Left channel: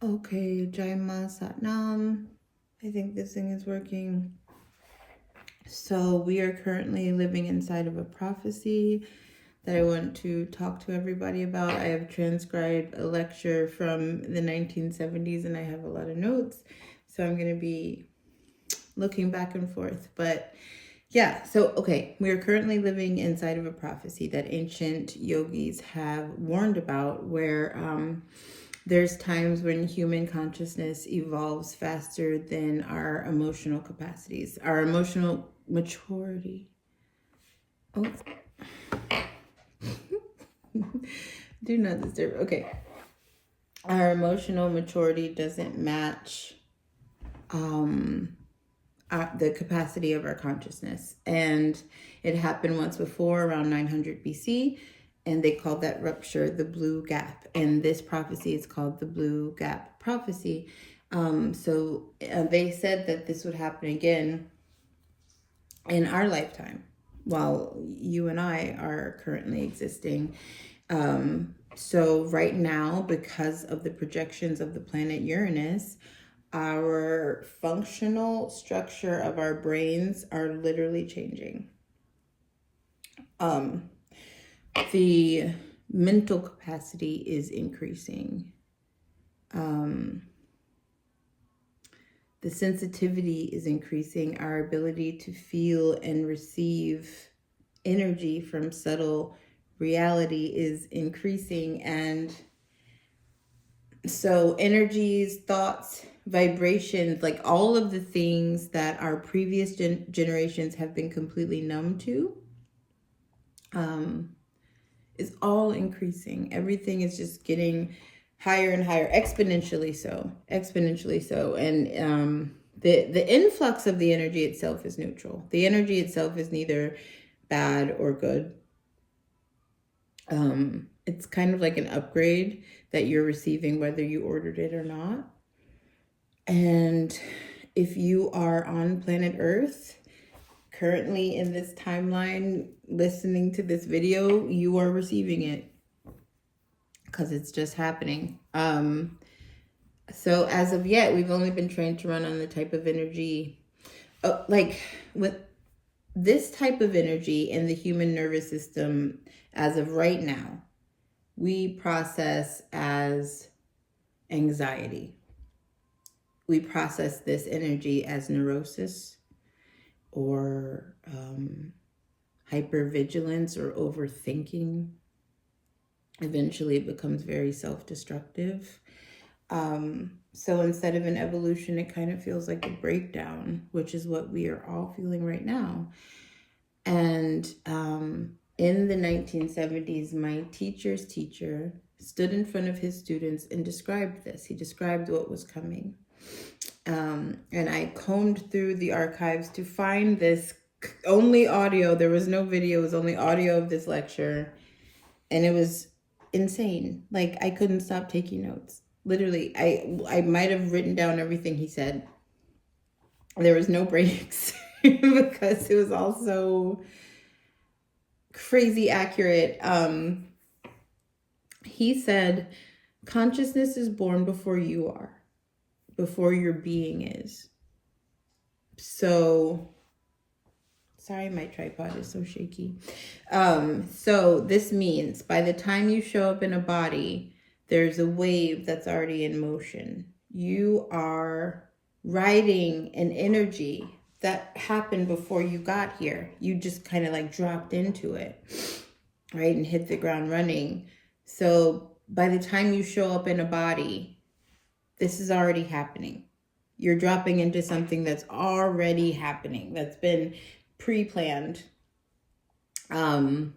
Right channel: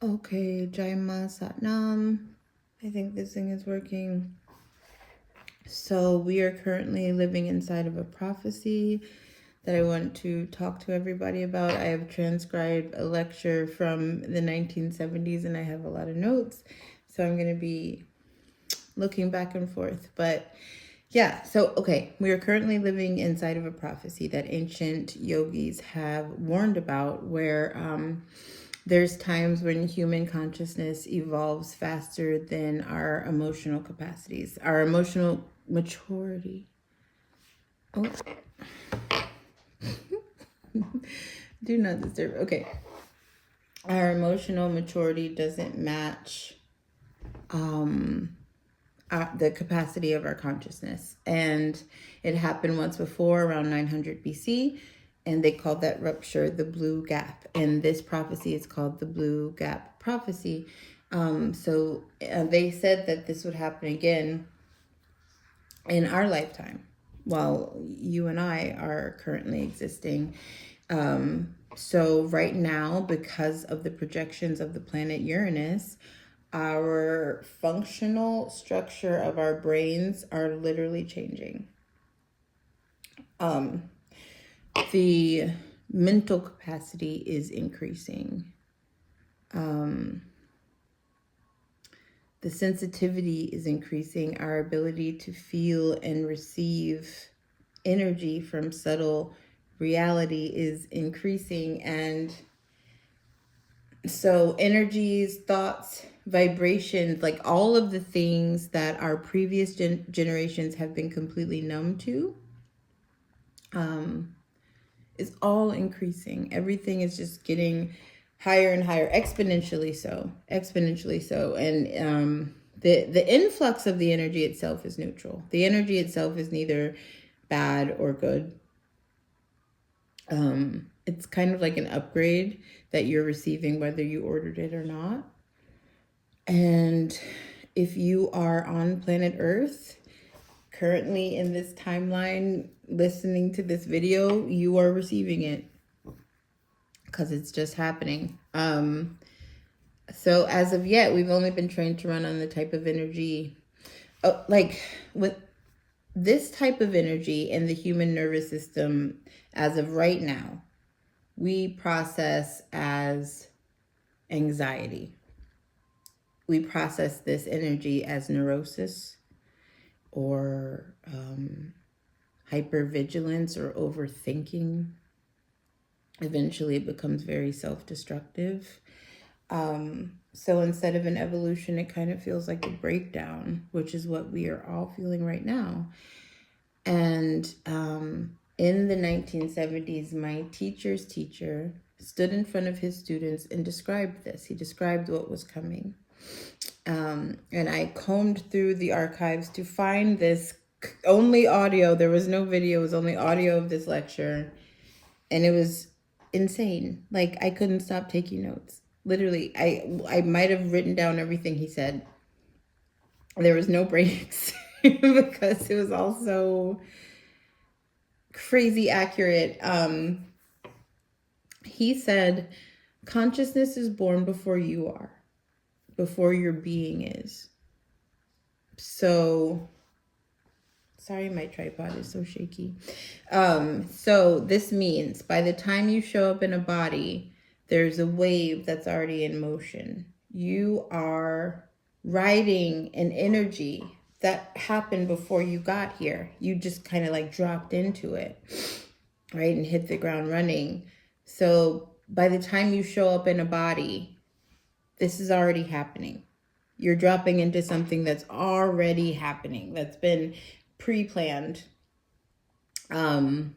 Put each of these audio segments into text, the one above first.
Okay, Jaima Satnam. I think this thing is working. So we are currently living inside of a prophecy that I want to talk to everybody about. I have transcribed a lecture from the 1970s and I have a lot of notes. So I'm going to be looking back and forth. But yeah, so okay, we are currently living inside of a prophecy that ancient yogis have warned about, where there's times when human consciousness evolves faster than our emotional capacities, our emotional maturity. Oh, do not disturb. Okay. Our emotional maturity doesn't match the capacity of our consciousness. And it happened once before, around 900 BC, and they called that rupture the blue gap. And this prophecy is called the blue gap prophecy. So they said that this would happen again in our lifetime while you and I are currently existing. So right now, because of the projections of the planet Uranus, our functional structure of our brains are literally changing. The mental capacity is increasing. The sensitivity is increasing. Our ability to feel and receive energy from subtle reality is increasing. And so energies, thoughts, vibrations, like all of the things that our previous generations have been completely numb to, is all increasing. Everything is just getting higher and higher, exponentially so. And the influx of the energy itself is neutral. The energy itself is neither bad or good. It's kind of like an upgrade that you're receiving whether you ordered it or not. And if you are on planet Earth currently in this timeline listening to this video, you are receiving it because it's just happening. So as of yet, we've only been trained to run on the type of energy, like with this type of energy in the human nervous system. As of right now, we process as anxiety. We process this energy as neurosis or hypervigilance or overthinking. Eventually it becomes very self-destructive. So instead of an evolution, it kind of feels like a breakdown, which is what we are all feeling right now. And in the 1970s, my teacher's teacher stood in front of his students and described this. He described what was coming. And I combed through the archives to find this only audio. There was no video. It was only audio of this lecture. And it was insane. Like, I couldn't stop taking notes. Literally, I might have written down everything he said. There was no breaks because it was all so crazy accurate. He said, consciousness is born before you are, before your being is. So, sorry, my tripod is so shaky. So this means by the time you show up in a body, there's a wave that's already in motion. You are riding an energy that happened before you got here. You just kind of like dropped into it, right? And hit the ground running. So by the time you show up in a body, this is already happening. You're dropping into something that's already happening, that's been pre-planned. You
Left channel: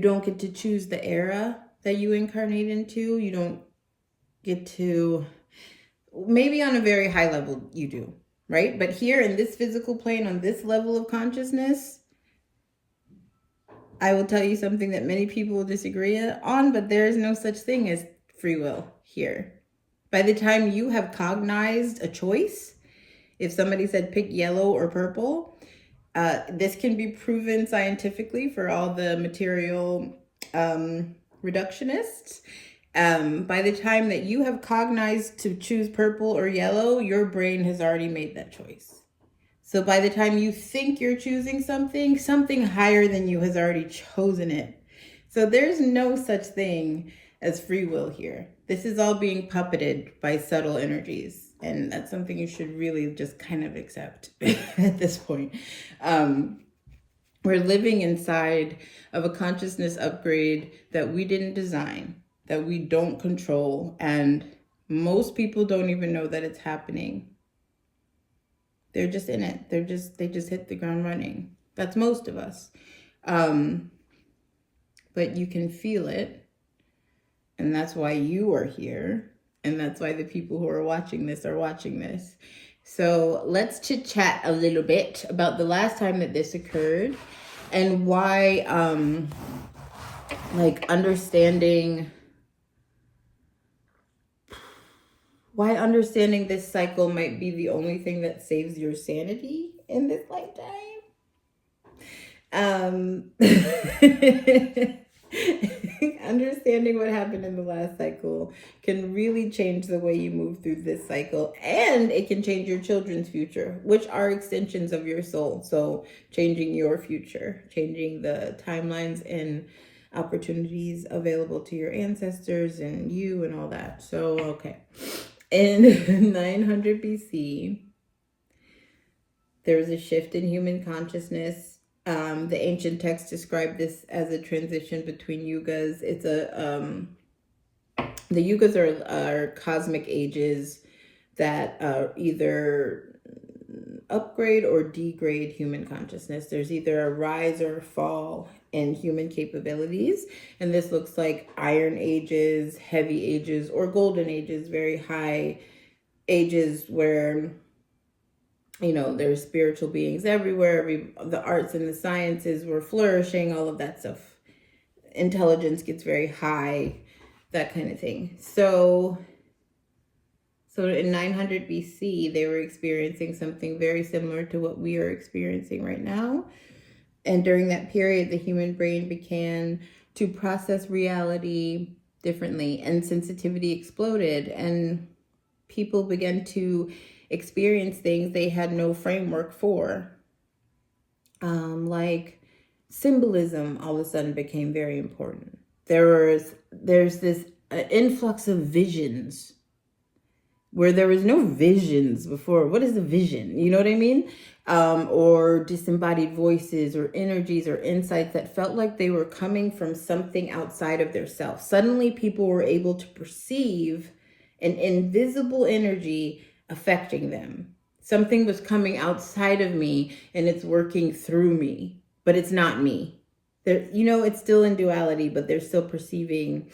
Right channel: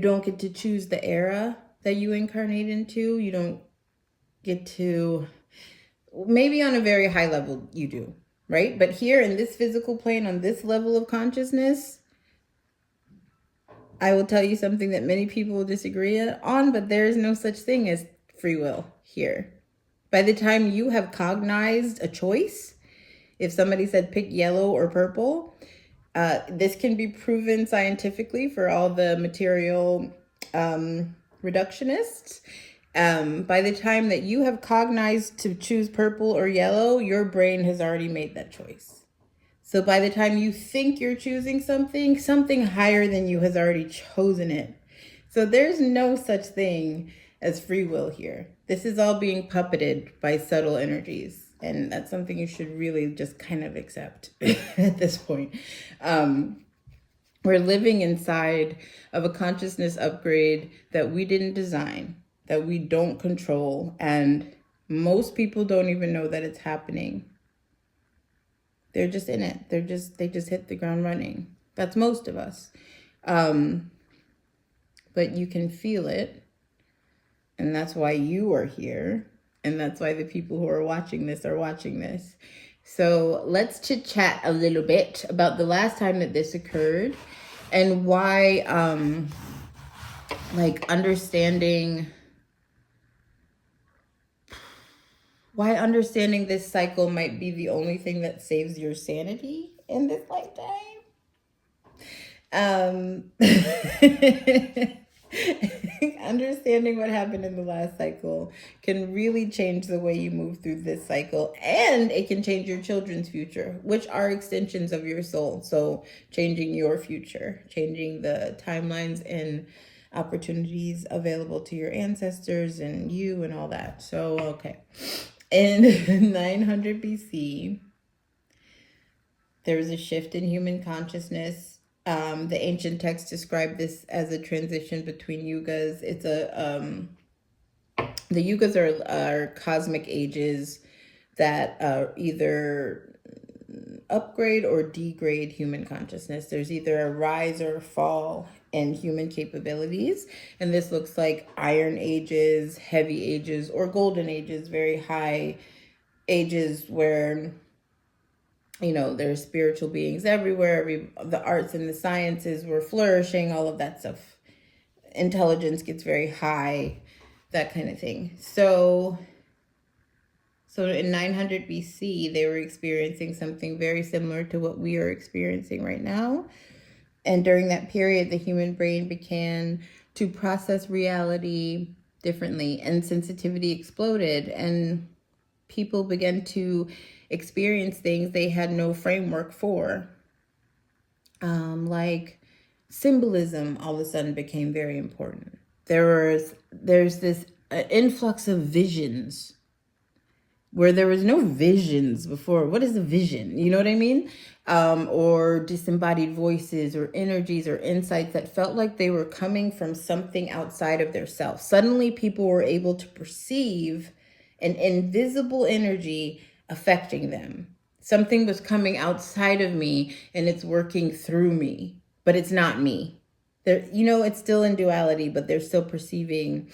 don't get to choose the era that you incarnate into. You don't get to, maybe on a very high level you do, right? But here in this physical plane, on this level of consciousness, I will tell you something that many people will disagree on, but there is no such thing as free will here. By the time you have cognized a choice, if somebody said pick yellow or purple, this can be proven scientifically for all the material reductionists. By the time that you have cognized to choose purple or yellow, your brain has already made that choice. So by the time you think you're choosing something, something higher than you has already chosen it. So there's no such thing as free will here. This is all being puppeted by subtle energies. And that's something you should really just kind of accept at this point. We're living inside of a consciousness upgrade that we didn't design, that we don't control. And most people don't even know that it's happening. They're just in it. They just hit the ground running. That's most of us. But you can feel it. And that's why you are here. And that's why the people who are watching this are watching this. So let's chit chat a little bit about the last time that this occurred and why, understanding this cycle might be the only thing that saves your sanity in this lifetime. Understanding what happened in the last cycle can really change the way you move through this cycle, and it can change your children's future, which are extensions of your soul. So changing your future, changing the timelines and opportunities available to your ancestors and you and all that. So, okay. In 900 BC, there was a shift in human consciousness. The ancient texts describe this as a transition between yugas. The yugas are cosmic ages that either upgrade or degrade human consciousness. There's either a rise or a fall in human capabilities. And this looks like iron ages, heavy ages, or golden ages, very high ages where, there's spiritual beings everywhere. The arts and the sciences were flourishing, all of that stuff. Intelligence gets very high, that kind of thing. So in 900 BC, they were experiencing something very similar to what we are experiencing right now. And during that period, the human brain began to process reality differently, and sensitivity exploded, and people began to experience things they had no framework for. Like symbolism all of a sudden became very important. There's this influx of visions where there was no visions before. What is a vision? You know what I mean? Or disembodied voices or energies or insights that felt like they were coming from something outside of their self. Suddenly people were able to perceive an invisible energy affecting them. Something was coming outside of me and it's working through me, but it's not me. It's still in duality, but they're still perceiving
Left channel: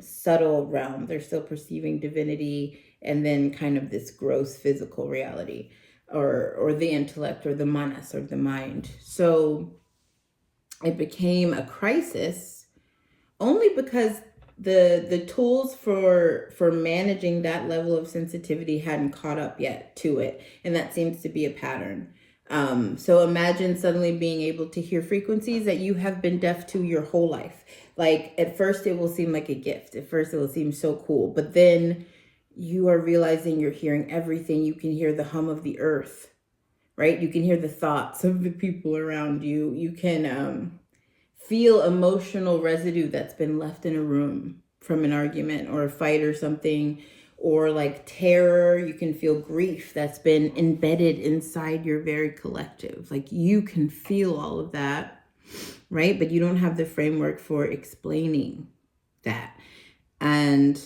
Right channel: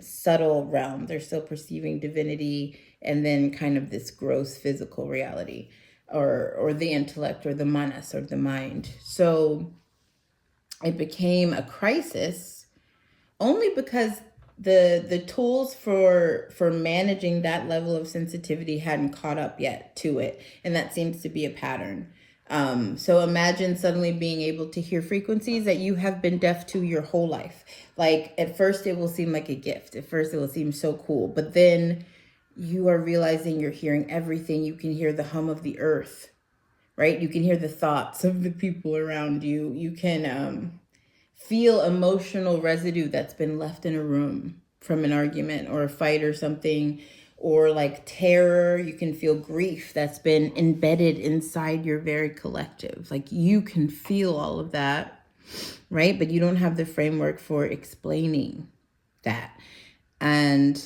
subtle realm. They're still perceiving divinity and then kind of this gross physical reality or the intellect or the manas or the mind. So it became a crisis only because the tools for managing that level of sensitivity hadn't caught up yet to it. And that seems to be a pattern. So imagine suddenly being able to hear frequencies that you have been deaf to your whole life. Like at first it will seem like a gift. At first it will seem so cool, but then you are realizing you're hearing everything. You can hear the hum of the earth, right? You can hear the thoughts of the people around you. You can, feel emotional residue that's been left in a room from an argument or a fight or something, or like terror. You can feel grief that's been embedded inside your very collective. Like you can feel all of that, right? But you don't have the framework for explaining that. And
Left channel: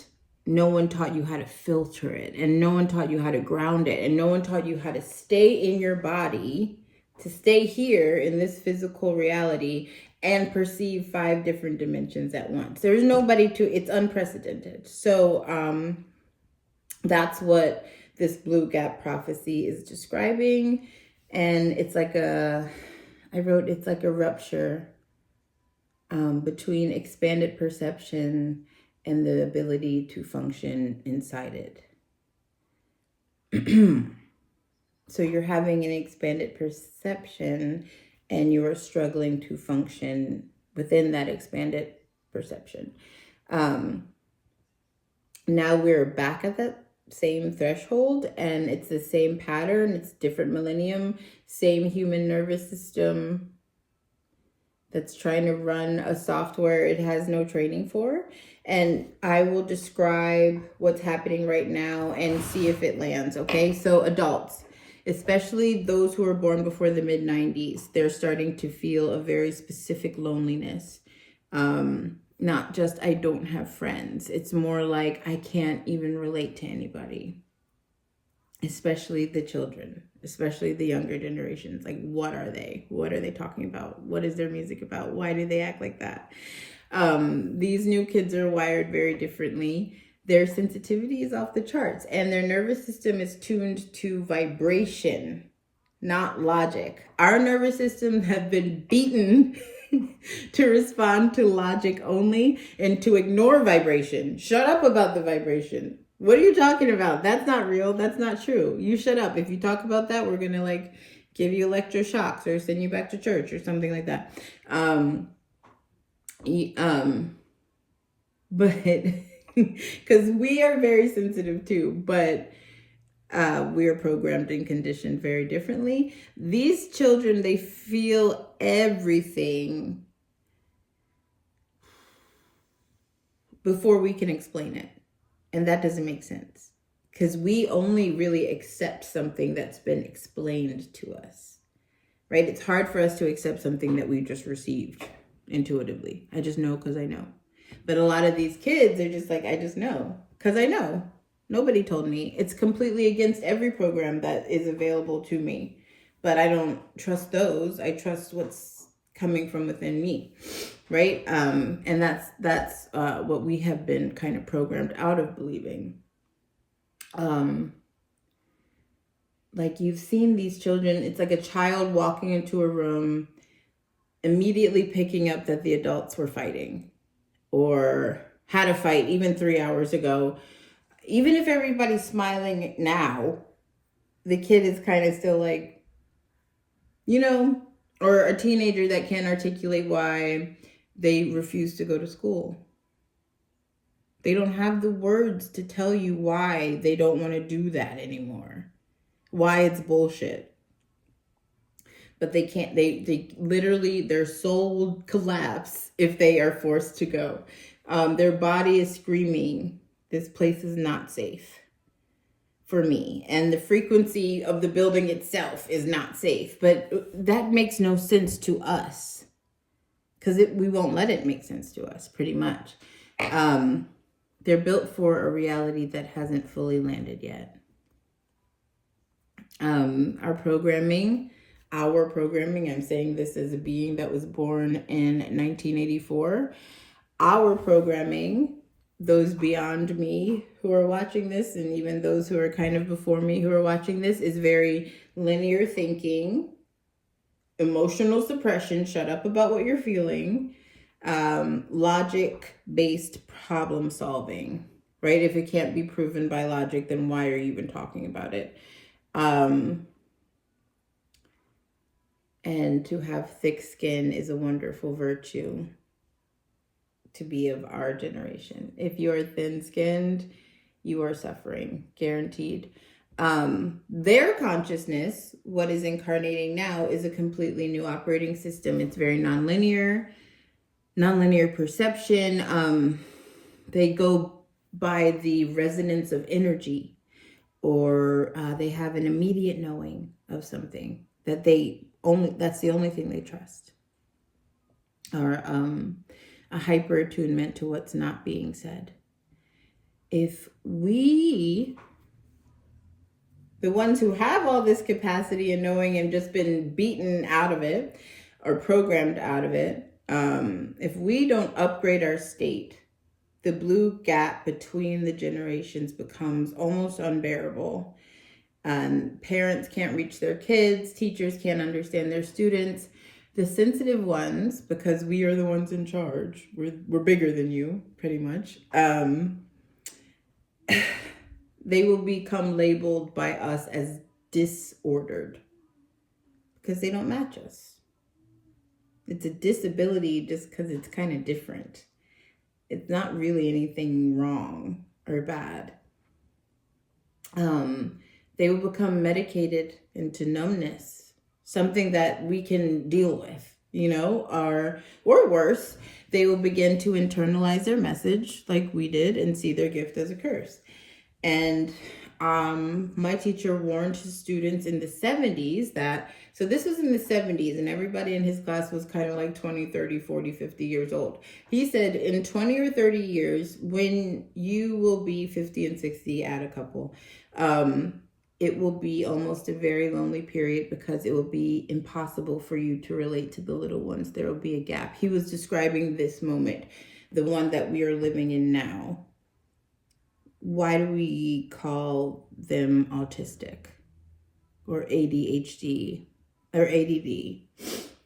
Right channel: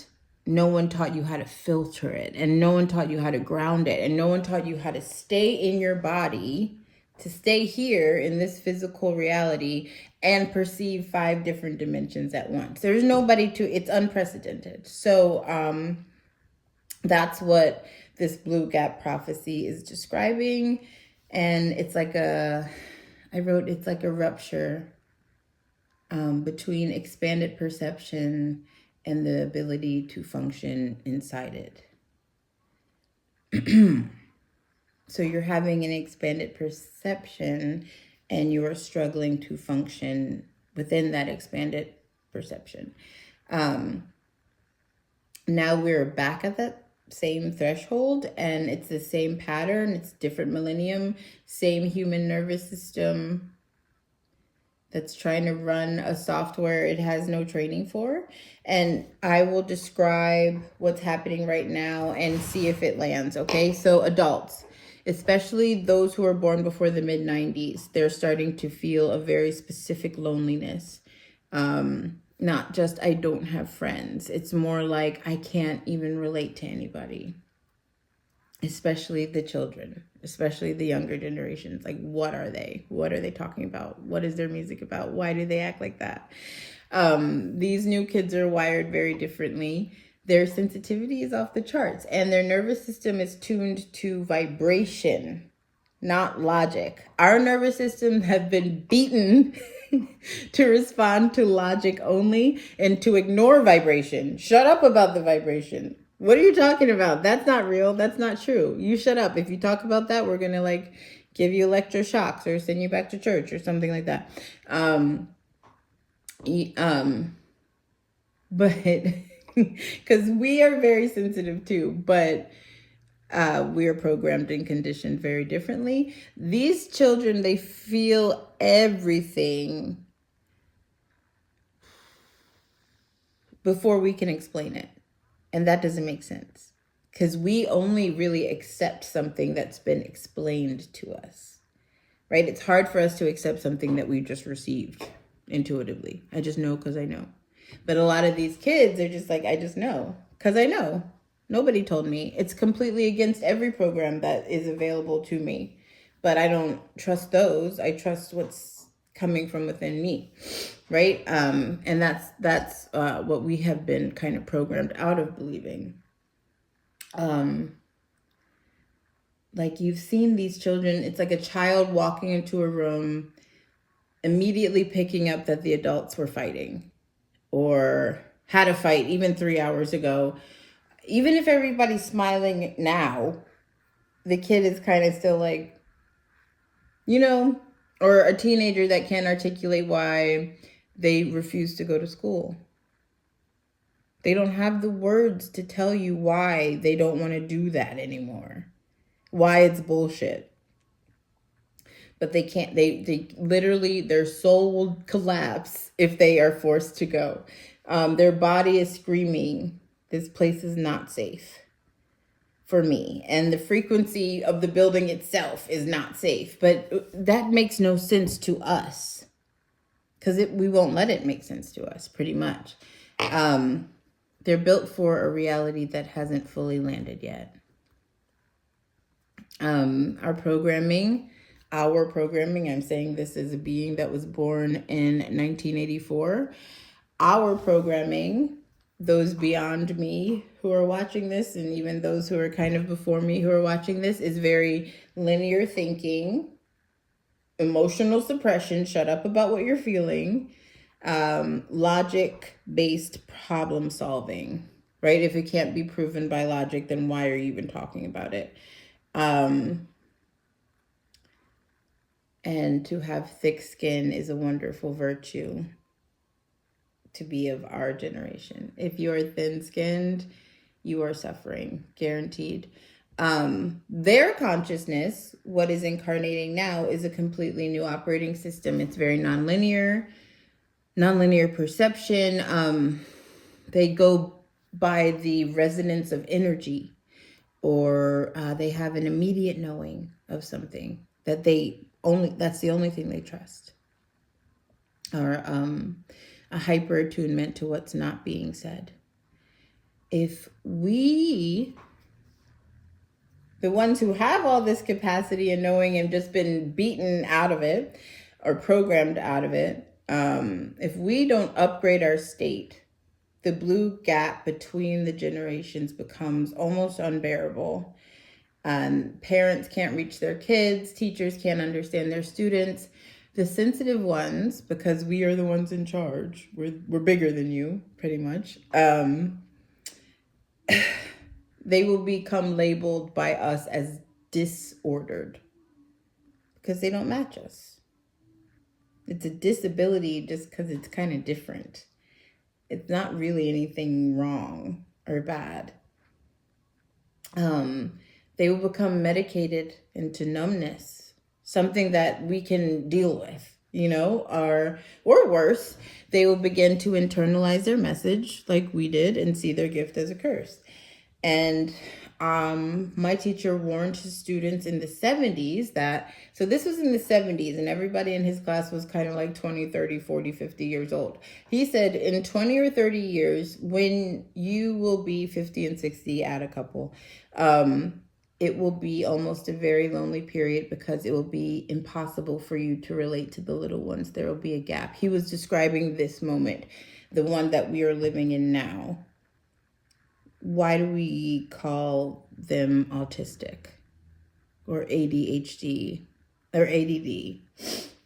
no one taught you how to filter it, and no one taught you how to ground it, and no one taught you how to stay in your body, to stay here in this physical reality and perceive 5 different dimensions at once. There's nobody it's unprecedented. So that's what this blue gap prophecy is describing. And it's like it's like a rupture between expanded perception and the ability to function inside it. So you're having an expanded perception and you are struggling to function within that expanded perception. Now we're back at that same threshold, and it's the same pattern. It's different millennium, same human nervous system that's trying to run a software it has no training for. And I will describe what's happening right now and see if it lands, okay? So adults, especially those who are born before the mid-90s, they're starting to feel a very specific loneliness. Not just I don't have friends. It's more like I can't even relate to anybody, especially the children, especially the younger generations. Like, what are they? What are they talking about? What is their music about? Why do they act like that? These new kids are wired very differently. Their sensitivity is off the charts, and their nervous system is tuned to vibration, not logic. Our nervous system have been beaten to respond to logic only and to ignore vibration. Shut up about the vibration. What are you talking about? That's not real. That's not true. You shut up. If you talk about that, we're going to like give you electroshocks or send you back to church or something like that. But because we are very sensitive too, but we are programmed and conditioned very differently. These children, they feel everything before we can explain it. And that doesn't make sense because we only really accept something that's been explained to us, right? It's hard for us to accept something that we just received intuitively. I just know because I know. But a lot of these kids are just like, I just know because I know. Nobody told me. It's completely against every program that is available to me. But I don't trust those. I trust what's coming from within me, right? And that's what we have been kind of programmed out of believing. Like you've seen these children, it's like a child walking into a room, immediately picking up that the adults were fighting or had a fight even 3 hours ago. Even if everybody's smiling now, the kid is kind of still like, you know, or a teenager that can't articulate why they refuse to go to school. They don't have the words to tell you why they don't want to do that anymore, why it's bullshit. But they can't, they literally, their soul will collapse if they are forced to go. Their body is screaming, this place is not safe for me. And the frequency of the building itself is not safe. But that makes no sense to us because we won't let it make sense to us, pretty much. They're built for a reality that hasn't fully landed yet. Our programming, I'm saying this as a being that was born in 1984. Our programming, those beyond me who are watching this, and even those who are kind of before me who are watching this, is very linear thinking, emotional suppression, shut up about what you're feeling, logic-based problem solving, right? If it can't be proven by logic, then why are you even talking about it? And to have thick skin is a wonderful virtue to be of our generation. If you are thin-skinned, you are suffering, guaranteed. Their consciousness, what is incarnating now, is a completely new operating system. It's very nonlinear perception. They go by the resonance of energy, or they have an immediate knowing of something that that's the only thing they trust, or a hyper attunement to what's not being said. If we, the ones who have all this capacity and knowing and just been beaten out of it or programmed out of it, if we don't upgrade our state, the blue gap between the generations becomes almost unbearable. Parents can't reach their kids, teachers can't understand their students. The sensitive ones, because we are the ones in charge, we're bigger than you, pretty much. They will become labeled by us as disordered because they don't match us. It's a disability just because it's kind of different. It's not really anything wrong. or bad. They will become medicated into numbness, something that we can deal with, or worse, they will begin to internalize their message like we did and see their gift as a curse. And my teacher warned his students in the 70s so this was in the 70s, and everybody in his class was kind of like 20, 30, 40, 50 years old. He said in 20 or 30 years, when you will be 50 and 60, add a couple, it will be almost a very lonely period because it will be impossible for you to relate to the little ones. There will be a gap. He was describing this moment, the one that we are living in now. Why do we call them autistic or ADHD or ADD?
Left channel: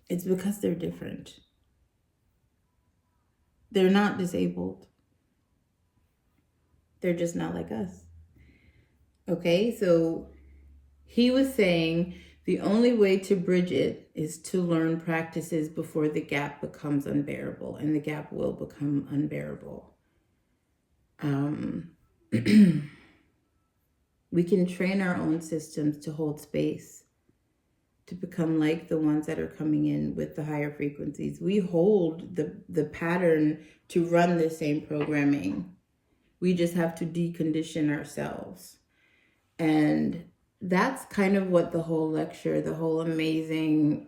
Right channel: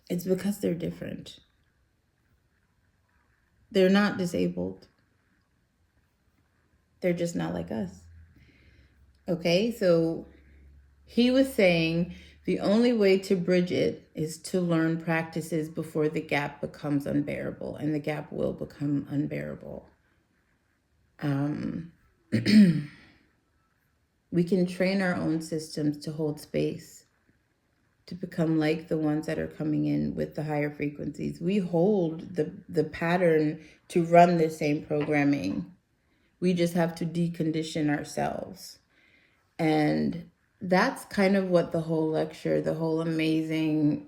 It's because they're different. They're not disabled. They're just not like us. Okay, so he was saying the only way to bridge it is to learn practices before the gap becomes unbearable, and the gap will become unbearable. We can train our own systems to hold space, to become like the ones that are coming in with the higher frequencies. We hold the pattern to run the same programming. We just have to decondition ourselves. And that's kind of what the whole lecture, the whole amazing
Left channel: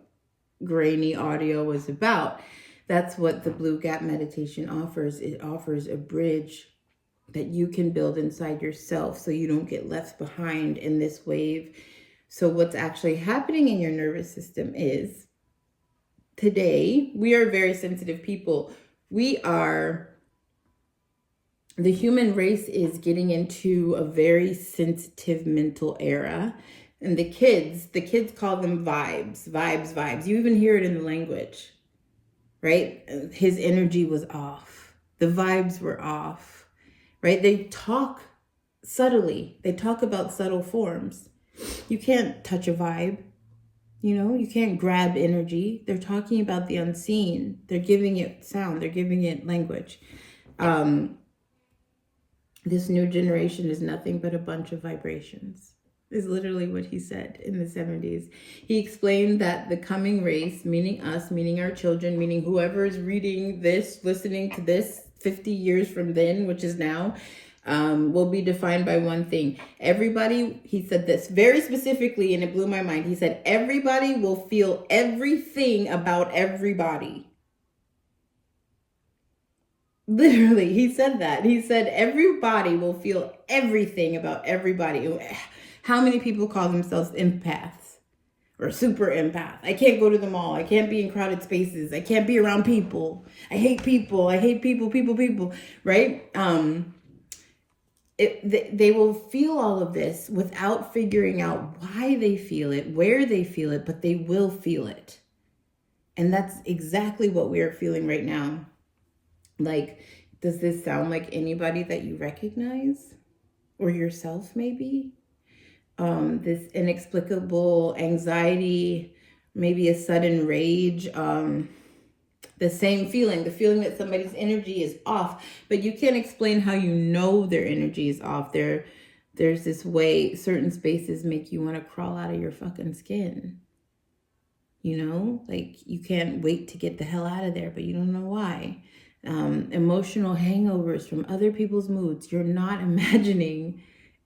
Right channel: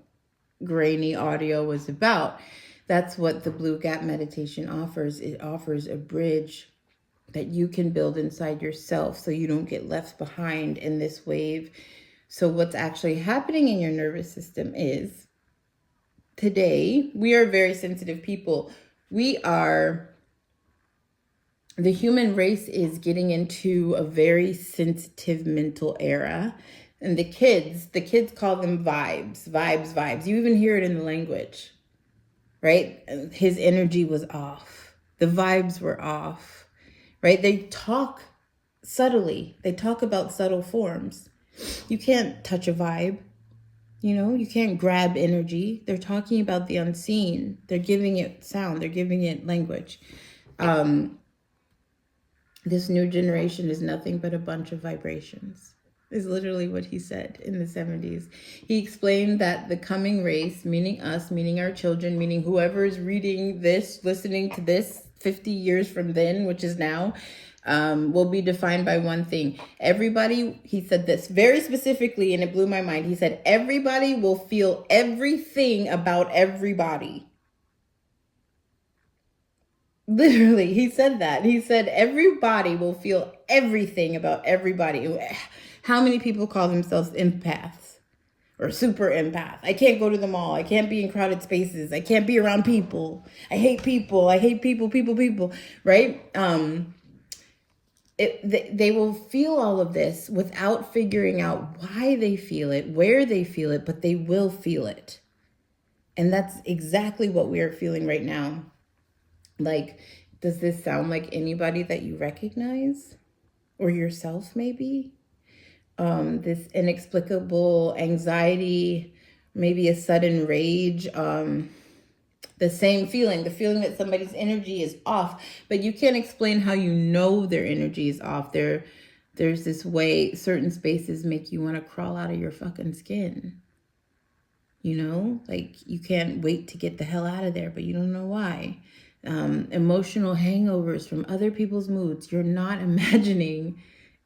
grainy audio was about. That's what the Blue Gap meditation offers. It offers a bridge that you can build inside yourself so you don't get left behind in this wave. So what's actually happening in your nervous system is, today, we are very sensitive people. The human race is getting into a very sensitive mental era. And the kids call them vibes. You even hear it in the language, right? His energy was off. The vibes were off, right? They talk subtly. They talk about subtle forms. You can't touch a vibe. You can't grab energy. They're talking about the unseen. They're giving it sound. They're giving it language. This new generation is nothing but a bunch of vibrations, is literally what he said in the 70s. He explained that the coming race, meaning us, meaning our children, meaning whoever is reading this, listening to this 50 years from then, which is now, will be defined by one thing. Everybody, he said this very specifically, and it blew my mind. He said, everybody will feel everything about everybody. Literally, he said that. He said everybody will feel everything about everybody. How many people call themselves empaths or super empath? I can't go to the mall. I can't be in crowded spaces. I can't be around people. I hate people. I hate people, right? They will feel all of this without figuring out why they feel it, where they feel it, but they will feel it. And that's exactly what we are feeling right now. Like, does this sound like anybody that you recognize? Or yourself, maybe? This inexplicable anxiety, maybe a sudden rage, the same feeling, the feeling that somebody's energy is off, but you can't explain how you know their energy is off. There's this way certain spaces make you want to crawl out of your fucking skin. Like you can't wait to get the hell out of there, but you don't know why. Emotional hangovers from other people's moods. You're not imagining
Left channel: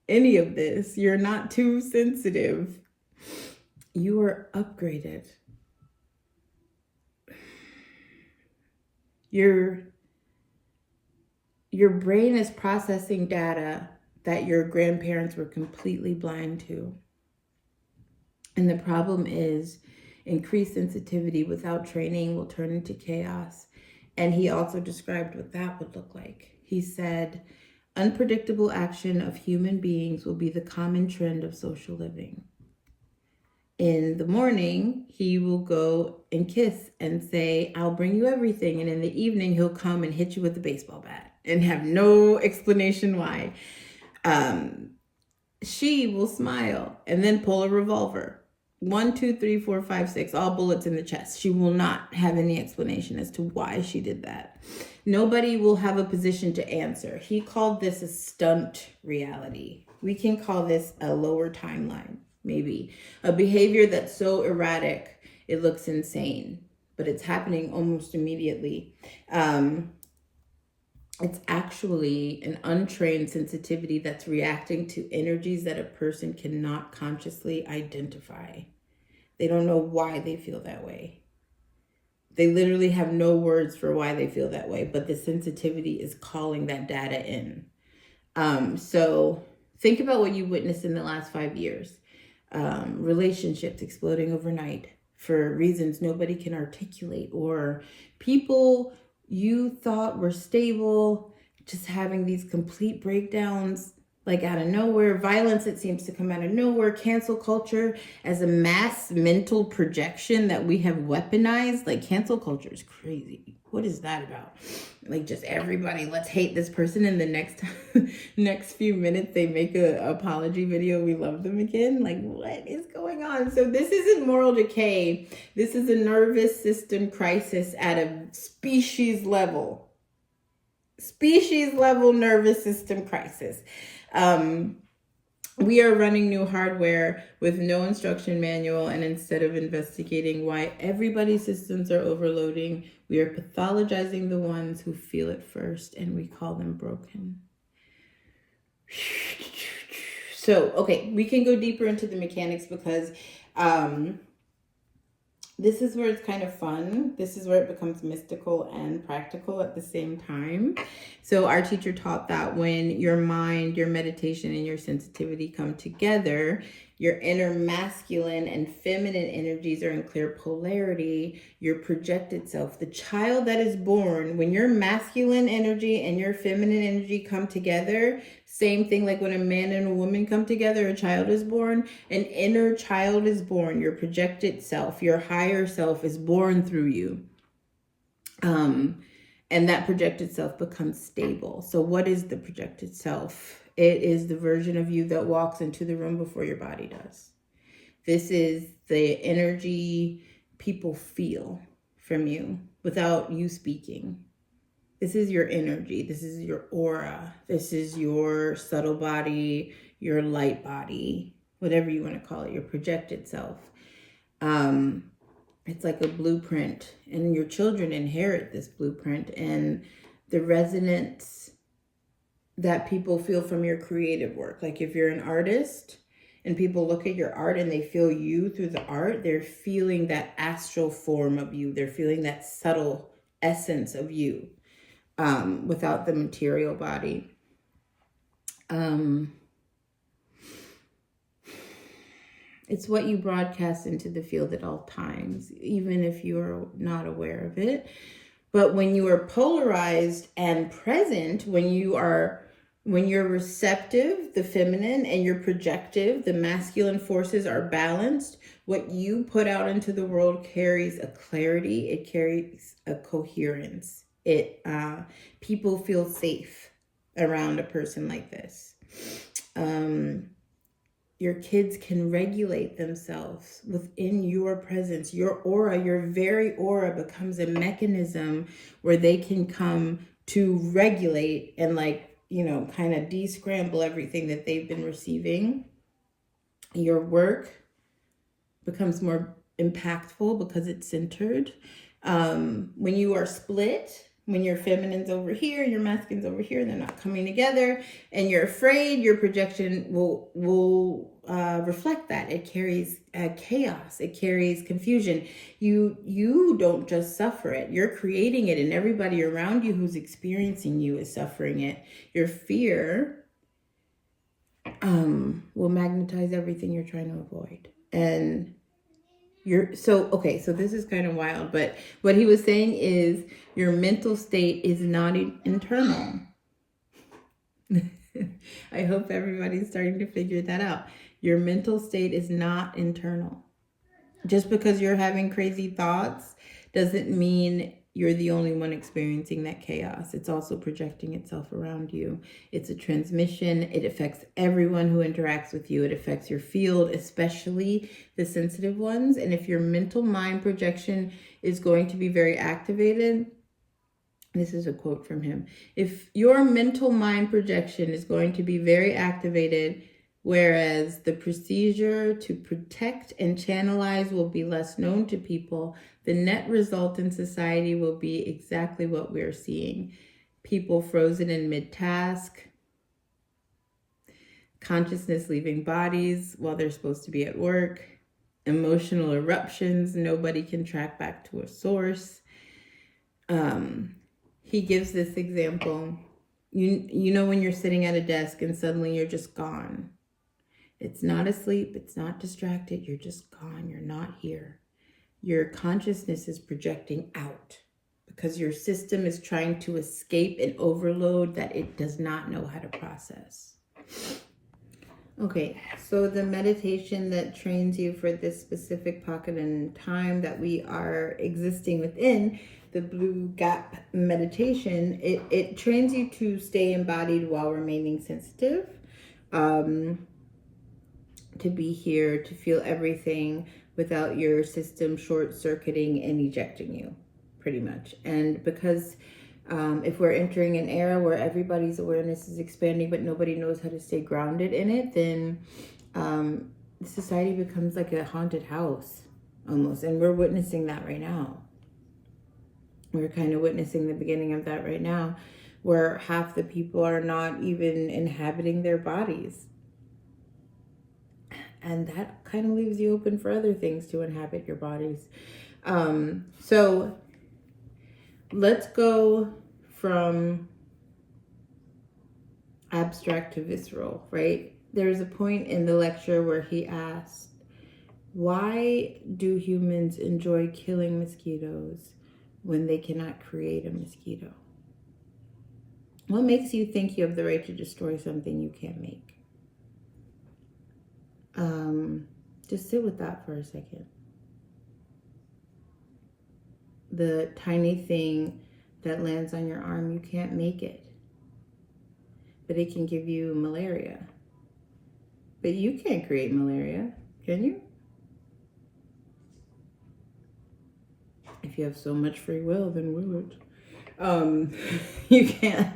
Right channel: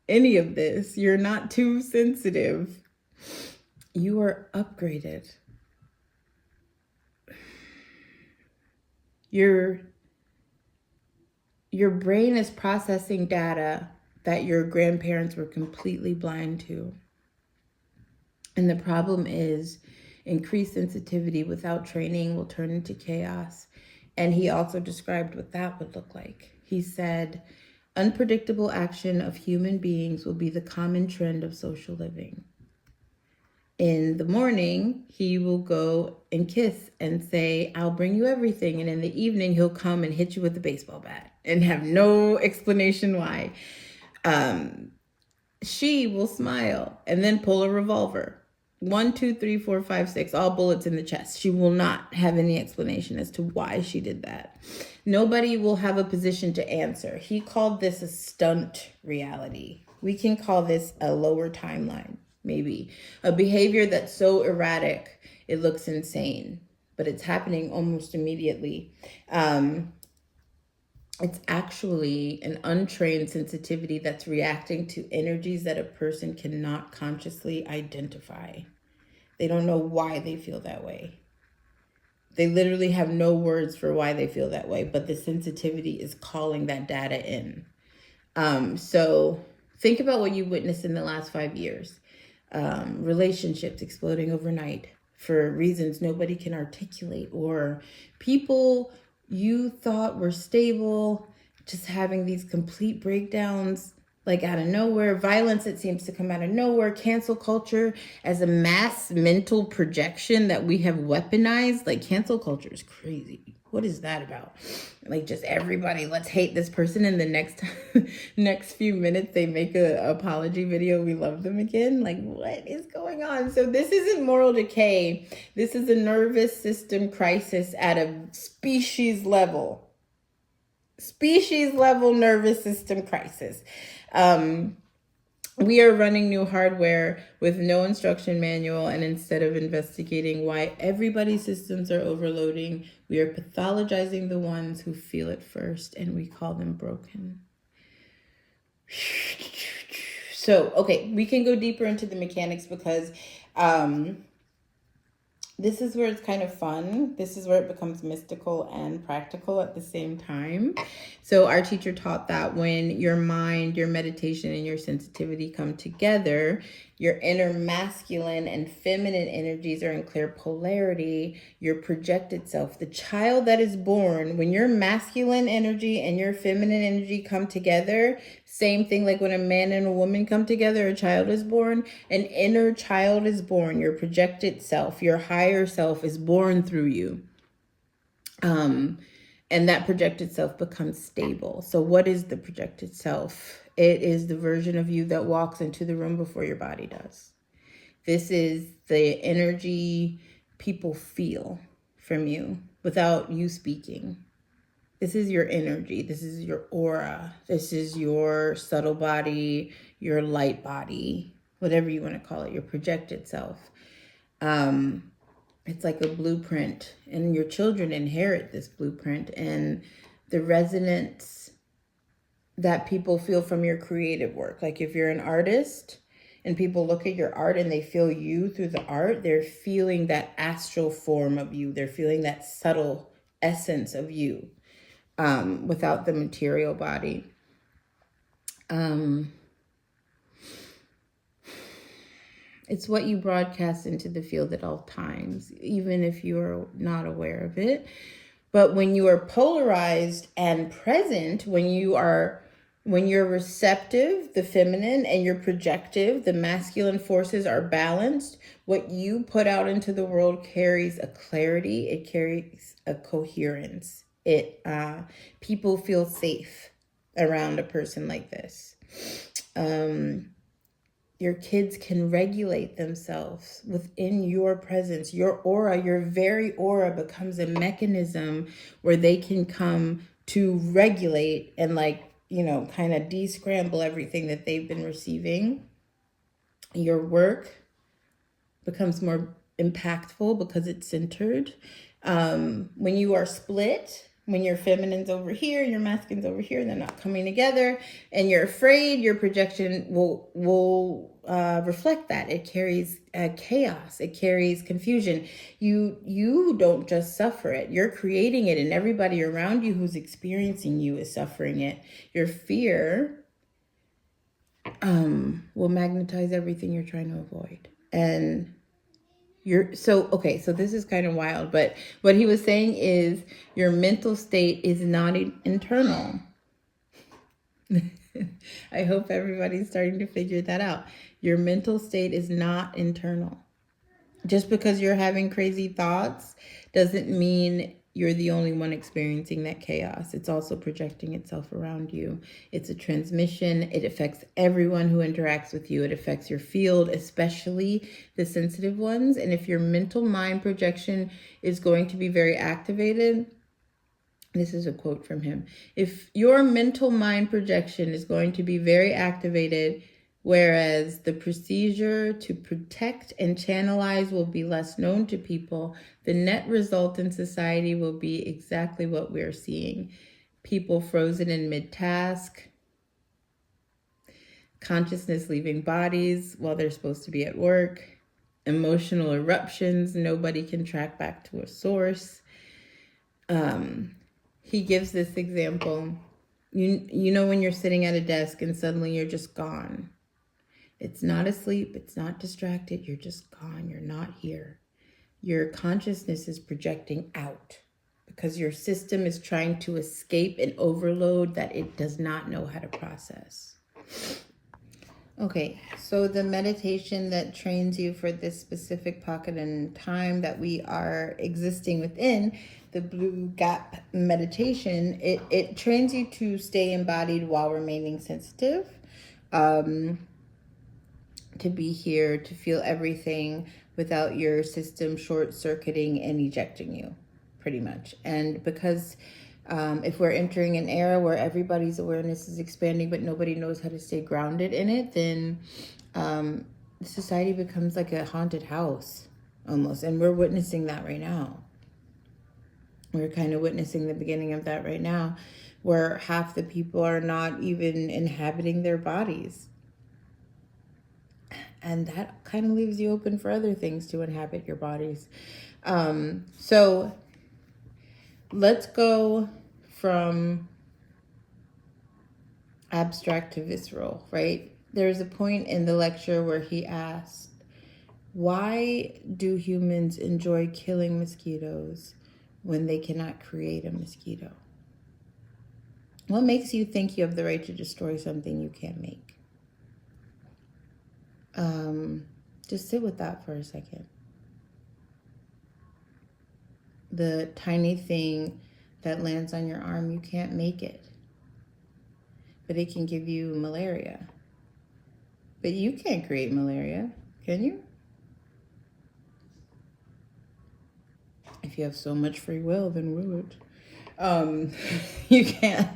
any of this. You're not too sensitive. You are upgraded. Your brain is processing data that your grandparents were completely blind to. And the problem is increased sensitivity without training will turn into chaos. And he also described what that would look like. He said, unpredictable action of human beings will be the common trend of social living. In the morning, he will go and kiss and say, I'll bring you everything. And in the evening, he'll come and hit you with a baseball bat and have no explanation why. She will smile and then pull a revolver. 1, 2, 3, 4, 5, 6, all bullets in the chest. She will not have any explanation as to why she did that. Nobody will have a position to answer. He called this a stunt reality. We can call this a lower timeline, maybe. A behavior that's so erratic, it looks insane, but it's happening almost immediately. It's actually an untrained sensitivity that's reacting to energies that a person cannot consciously identify. They don't know why they feel that way. They literally have no words for why they feel that way, but the sensitivity is calling that data in. So think about what you witnessed in the last 5 years. Relationships exploding overnight for reasons nobody can articulate, or people you thought were stable just having these complete breakdowns like out of nowhere. Violence that seems to come out of nowhere. Cancel culture as a mass mental projection that we have weaponized. Like, cancel culture is crazy. What is that about? Like, just everybody, let's hate this person, and the next few minutes they make a apology video, we love them again. Like, what is going on? So this isn't moral decay. This is a nervous system crisis at a species level nervous system crisis. We are running new hardware with no instruction manual, and instead of investigating why everybody's systems are overloading, we are pathologizing the ones who feel it first, and we call them broken. So, okay, we can go deeper into the mechanics because this is where it's kind of fun. This is where it becomes mystical and practical at the same time. So our teacher taught that when your mind, your meditation, and your sensitivity come together, your inner masculine and feminine energies are in clear polarity. Your projected self, the child that is born, when your masculine energy and your feminine energy come together, same thing like when a man and a woman come together, a child is born, an inner child is born. Your projected self, your higher self is born through you. And that projected self becomes stable. So what is the projected self? It is the version of you that walks into the room before your body does. This is the energy people feel from you without you speaking. This is your energy. This is your aura. This is your subtle body, your light body, whatever you want to call it, your projected self. It's like a blueprint, and your children inherit this blueprint, and the resonance that people feel from your creative work. Like if you're an artist and people look at your art and they feel you through the art, they're feeling that astral form of you. They're feeling that subtle essence of you. Without the material body. It's what you broadcast into the field at all times, even if you're not aware of it. But when you are polarized and present, when you're receptive, the feminine, and you're projective, the masculine forces are balanced, what you put out into the world carries a clarity, it carries a coherence. People feel safe around a person like this. Your kids can regulate themselves within your presence. Your aura, your very aura becomes a mechanism where they can come to regulate and kind of de-scramble everything that they've been receiving. Your work becomes more impactful because it's centered. When you are split, when your feminine's over here, your masculine's over here, they're not coming together, and you're afraid, your projection will reflect that. It carries chaos. It carries confusion. You don't just suffer it. You're creating it, and everybody around you who's experiencing you is suffering it. Your fear will magnetize everything you're trying to avoid. And so this is kind of wild, but what he was saying is your mental state is not internal. I hope everybody's starting to figure that out. Your mental state is not internal. Just because you're having crazy thoughts doesn't mean you're the only one experiencing that chaos. It's also projecting itself around you. It's a transmission. It affects everyone who interacts with you. It affects your field, especially the sensitive ones. And if your mental mind projection is going to be very activated, this is a quote from him. If your mental mind projection is going to be very activated, whereas the procedure to protect and channelize will be less known to people, the net result in society will be exactly what we're seeing. People frozen in mid-task, consciousness leaving bodies while they're supposed to be at work, emotional eruptions, nobody can track back to a source. He gives this example. You know when you're sitting at a desk and suddenly you're just gone. It's not asleep. It's not distracted. You're just gone. You're not here. Your consciousness is projecting out because your system is trying to escape an overload that it does not know how to process. Okay, so the meditation that trains you for this specific pocket in time that we are existing within, the blue gap meditation, it trains you to stay embodied while remaining sensitive. To be here, to feel everything without your system short-circuiting and ejecting you, pretty much. And because if we're entering an era where everybody's awareness is expanding, but nobody knows how to stay grounded in it, then society becomes like a haunted house almost. And we're witnessing that right now. We're kind of witnessing the beginning of that right now, where half the people are not even inhabiting their bodies. And that kind of leaves you open for other things to inhabit your bodies. So let's go from abstract to visceral, right? There's a point in the lecture where he asked, why do humans enjoy killing mosquitoes when they cannot create a mosquito? What makes you think you have the right to destroy something you can't make? Just sit with that for a second. The tiny thing that lands on your arm, you can't make it, but it can give you malaria. But you can't create malaria, can you? If you have so much free will, then will it? You can't.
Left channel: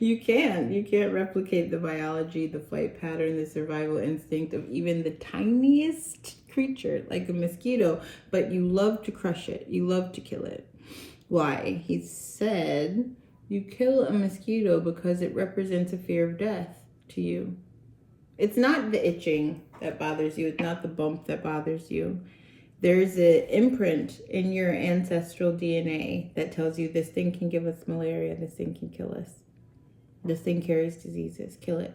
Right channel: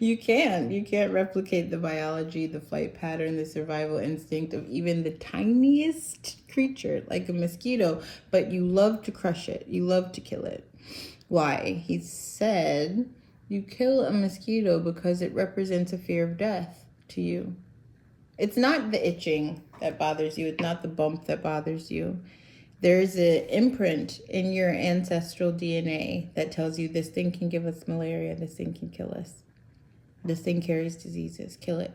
You can't replicate the biology, the flight pattern, the survival instinct of even the tiniest creature like a mosquito, but you love to crush it. You love to kill it. Why? He said you kill a mosquito because it represents a fear of death to you. It's not the itching that bothers you. It's not the bump that bothers you. There's an imprint in your ancestral DNA that tells you this thing can give us malaria, this thing can kill us. This thing carries diseases, kill it.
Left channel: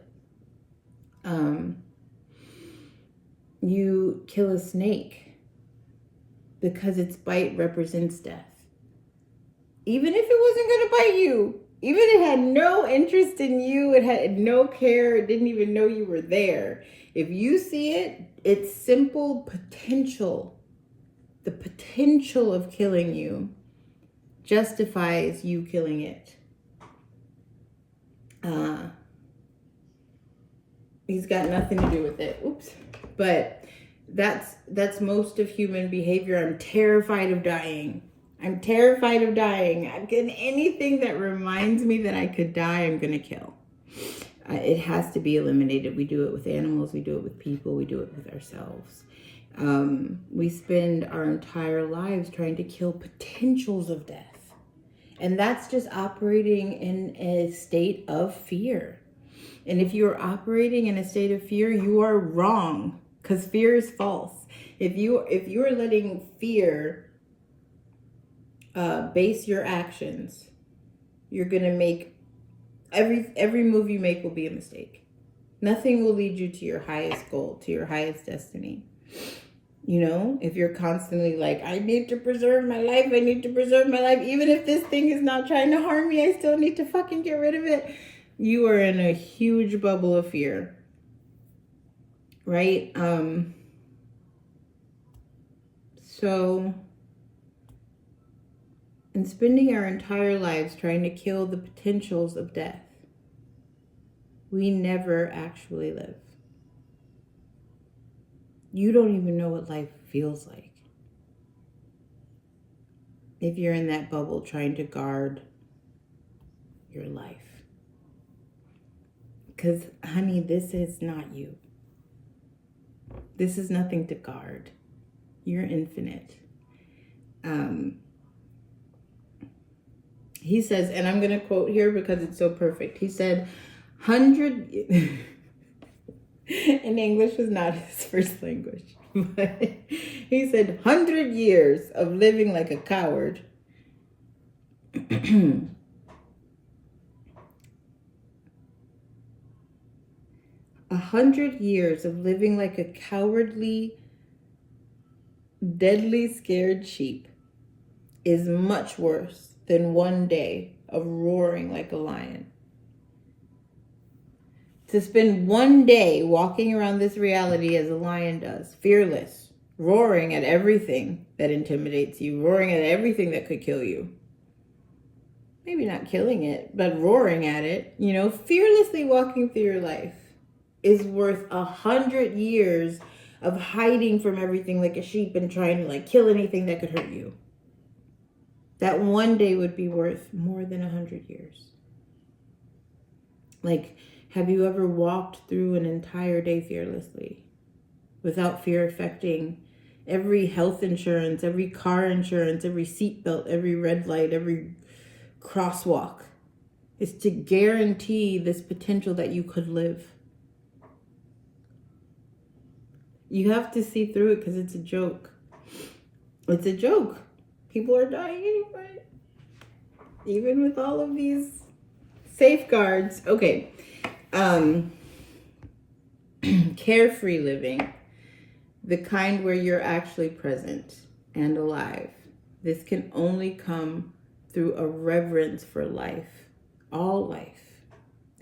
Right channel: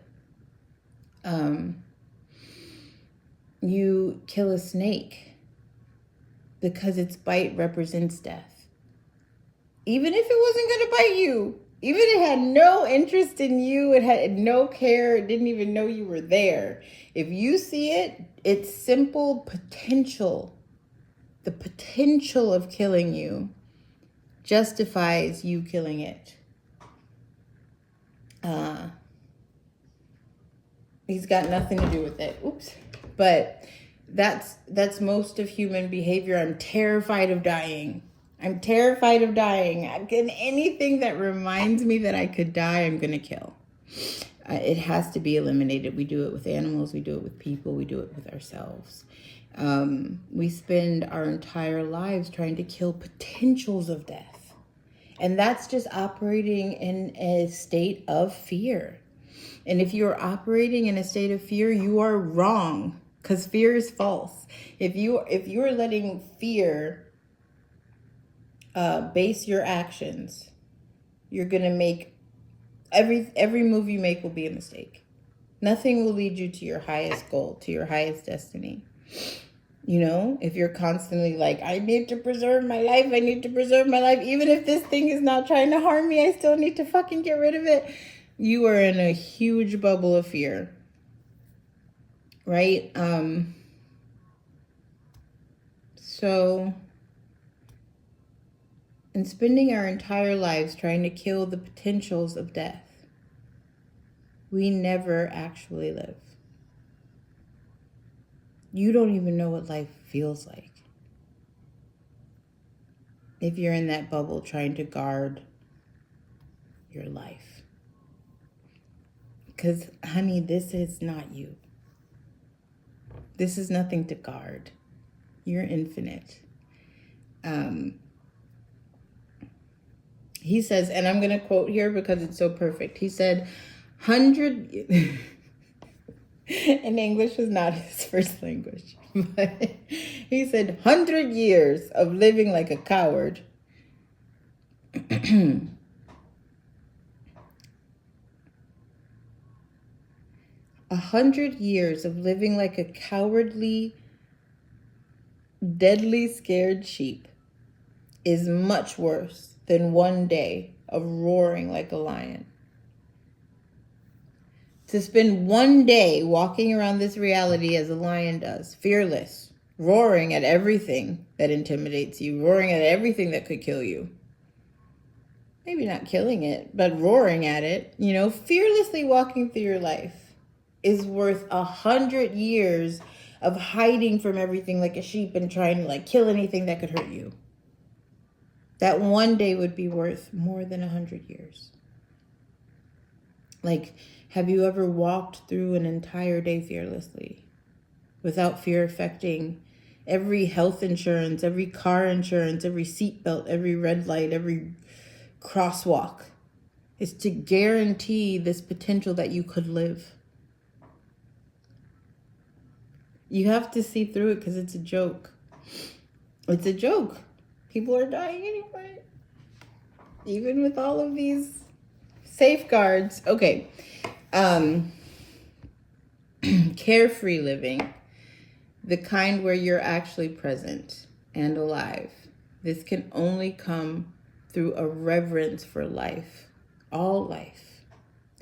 You kill a snake because its bite represents death. Even if it wasn't going to bite you, even if it had no interest in you, it had no care, it didn't even know you were there. If you see it, its simple potential, the potential of killing you, justifies you killing it. He's got nothing to do with it. Oops. But that's most of human behavior. I'm terrified of dying. I'm terrified of dying. And anything that reminds me that I could die, I'm going to kill. It has to be eliminated. We do it with animals. We do it with people. We do it with ourselves. We spend our entire lives trying to kill potentials of death. And that's just operating in a state of fear. And if you're operating in a state of fear, you are wrong, because fear is false. If you're letting fear base your actions, you're gonna make every move you make will be a mistake. Nothing will lead you to your highest goal, to your highest destiny. You know, if you're constantly like, I need to preserve my life, I need to preserve my life, even if this thing is not trying to harm me, I still need to fucking get rid of it. You are in a huge bubble of fear, right? So and spending our entire lives trying to kill the potentials of death. We never actually live. You don't even know what life feels like if you're in that bubble trying to guard your life. Because, honey, this is not you. This is nothing to guard. You're infinite. He says, and I'm going to quote here because it's so perfect. He said, 100... And English is not his first language. But he said, 100 years of living like a coward. 100 years of living like a cowardly, deadly scared sheep is much worse than one day of roaring like a lion. To spend one day walking around this reality as a lion does, fearless, roaring at everything that intimidates you, roaring at everything that could kill you. Maybe not killing it, but roaring at it, fearlessly walking through your life is worth 100 years of hiding from everything like a sheep and trying to kill anything that could hurt you. That one day would be worth more than 100 years. Have you ever walked through an entire day fearlessly without fear affecting every health insurance, every car insurance, every seatbelt, every red light, every crosswalk? It's to guarantee this potential that you could live. You have to see through it because it's a joke. It's a joke. People are dying anyway. Even with all of these safeguards. Okay. Carefree living. The kind where you're actually present and alive. This can only come through a reverence for life. All life.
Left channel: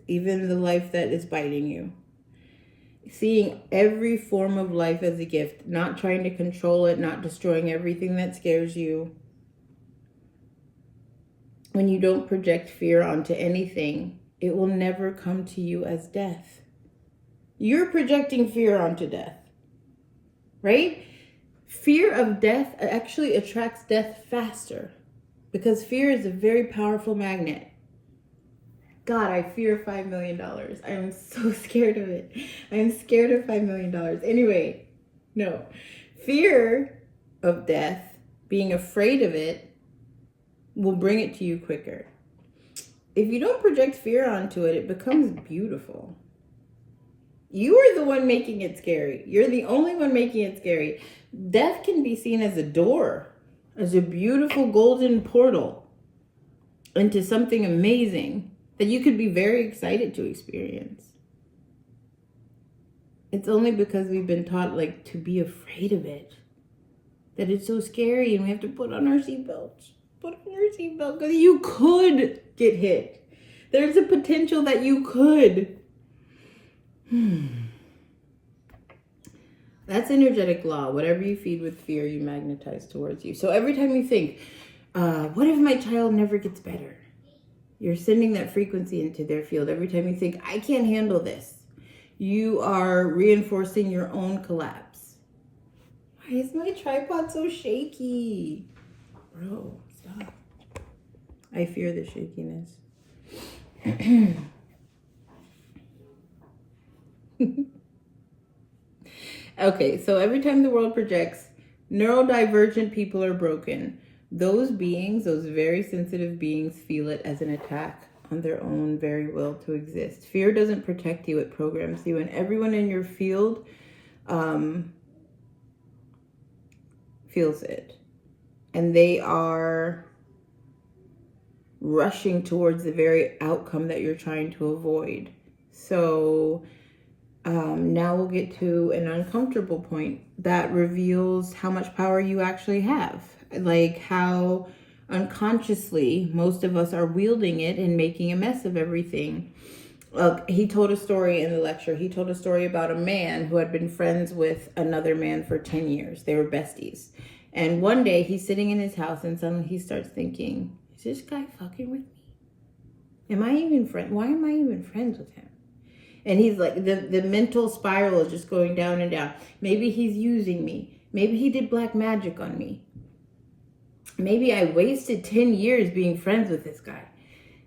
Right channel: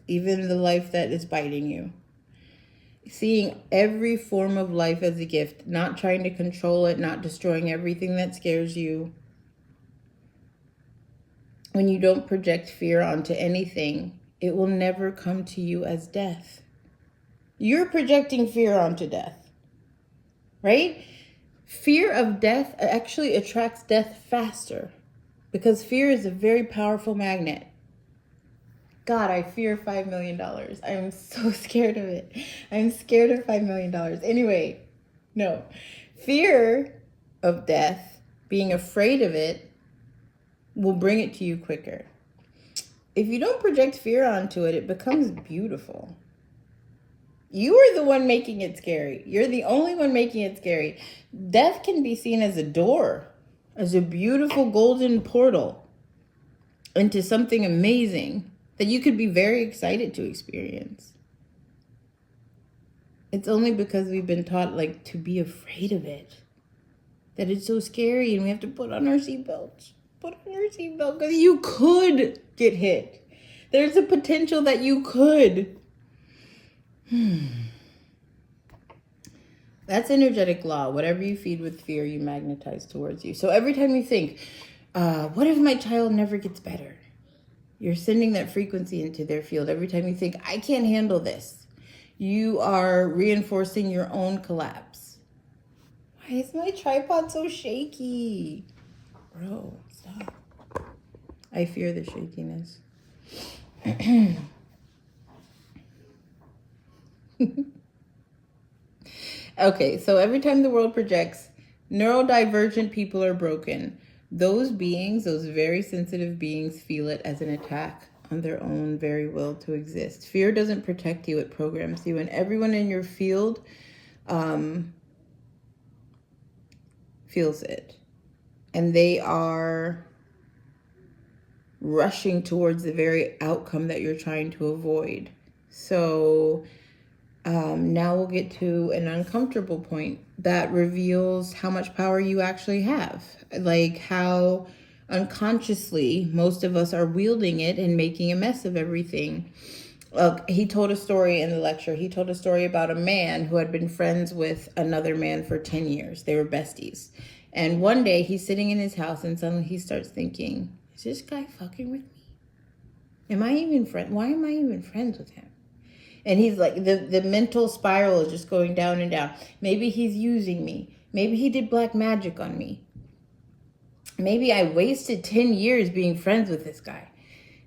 Even the life that is biting you. Seeing every form of life as a gift, not trying to control it, not destroying everything that scares you. When you don't project fear onto anything, it will never come to you as death. You're projecting fear onto death, right? Fear of death actually attracts death faster because fear is a very powerful magnet. God, I fear $5 million. I'm so scared of it. I'm scared of $5 million. Anyway, no. Fear of death, being afraid of it, will bring it to you quicker. If you don't project fear onto it, it becomes beautiful. You are the one making it scary. You're the only one making it scary. Death can be seen as a door, as a beautiful golden portal into something amazing that you could be very excited to experience. It's only because we've been taught to be afraid of it that it's so scary and we have to put on our seatbelts. Put on your seatbelt because you could get hit. There's a potential that you could. That's energetic law. Whatever you feed with fear, you magnetize towards you. So every time you think, what if my child never gets better? You're sending that frequency into their field. Every time you think, I can't handle this, you are reinforcing your own collapse. Why is my tripod so shaky? Bro, stop. I fear the shakiness. Okay, so every time the world projects, neurodivergent people are broken. Those beings, those very sensitive beings, feel it as an attack on their own very will to exist. Fear doesn't protect you, it programs you. And everyone in your field feels it. And they are rushing towards the very outcome that you're trying to avoid. So now we'll get to an uncomfortable point that reveals how much power you actually have. How unconsciously most of us are wielding it and making a mess of everything. He told a story in the lecture. He told a story about a man who had been friends with another man for 10 years. They were besties. And one day he's sitting in his house and suddenly he starts thinking, is this guy fucking with me? Am I even friend? Why am I even friends with him? And he's like, the mental spiral is just going down and down. Maybe he's using me. Maybe he did black magic on me. Maybe I wasted 10 years being friends with this guy.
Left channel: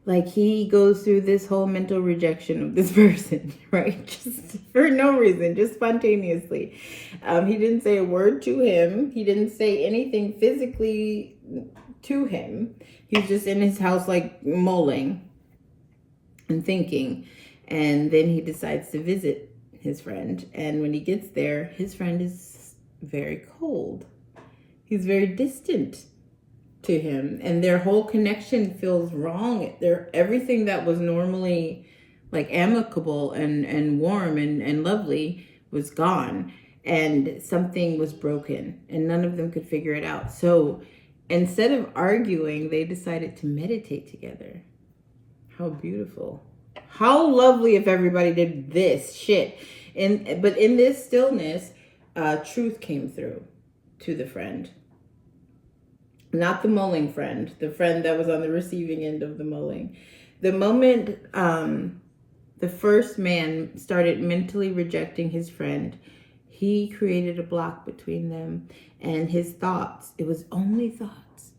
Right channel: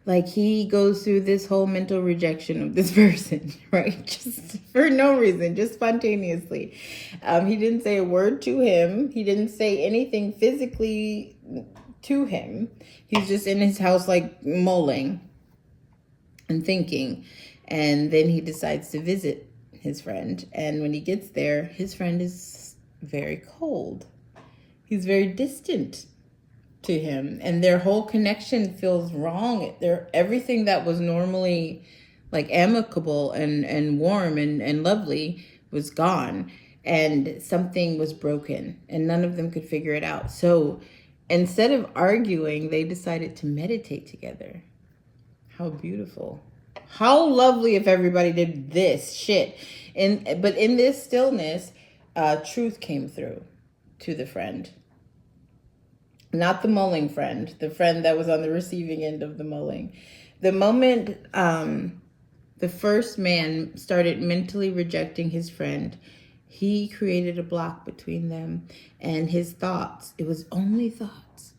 Like, he goes through this whole mental rejection of this person, right? Just for no reason, just spontaneously. He didn't say a word to him. He didn't say anything physically to him. He's just in his house, like, mulling and thinking. And then he decides to visit his friend. And when he gets there, his friend is very cold. He's very distant to him, and their whole connection feels wrong. Everything that was normally like amicable and warm and lovely was gone, and something was broken, and none of them could figure it out. So instead of arguing, they decided to meditate together. How beautiful. How lovely if everybody did this shit. But in this stillness, truth came through to the friend. Not the mulling friend, the friend that was on the receiving end of the mulling. The moment the first man started mentally rejecting his friend, he created a block between them and his thoughts. It was only thoughts.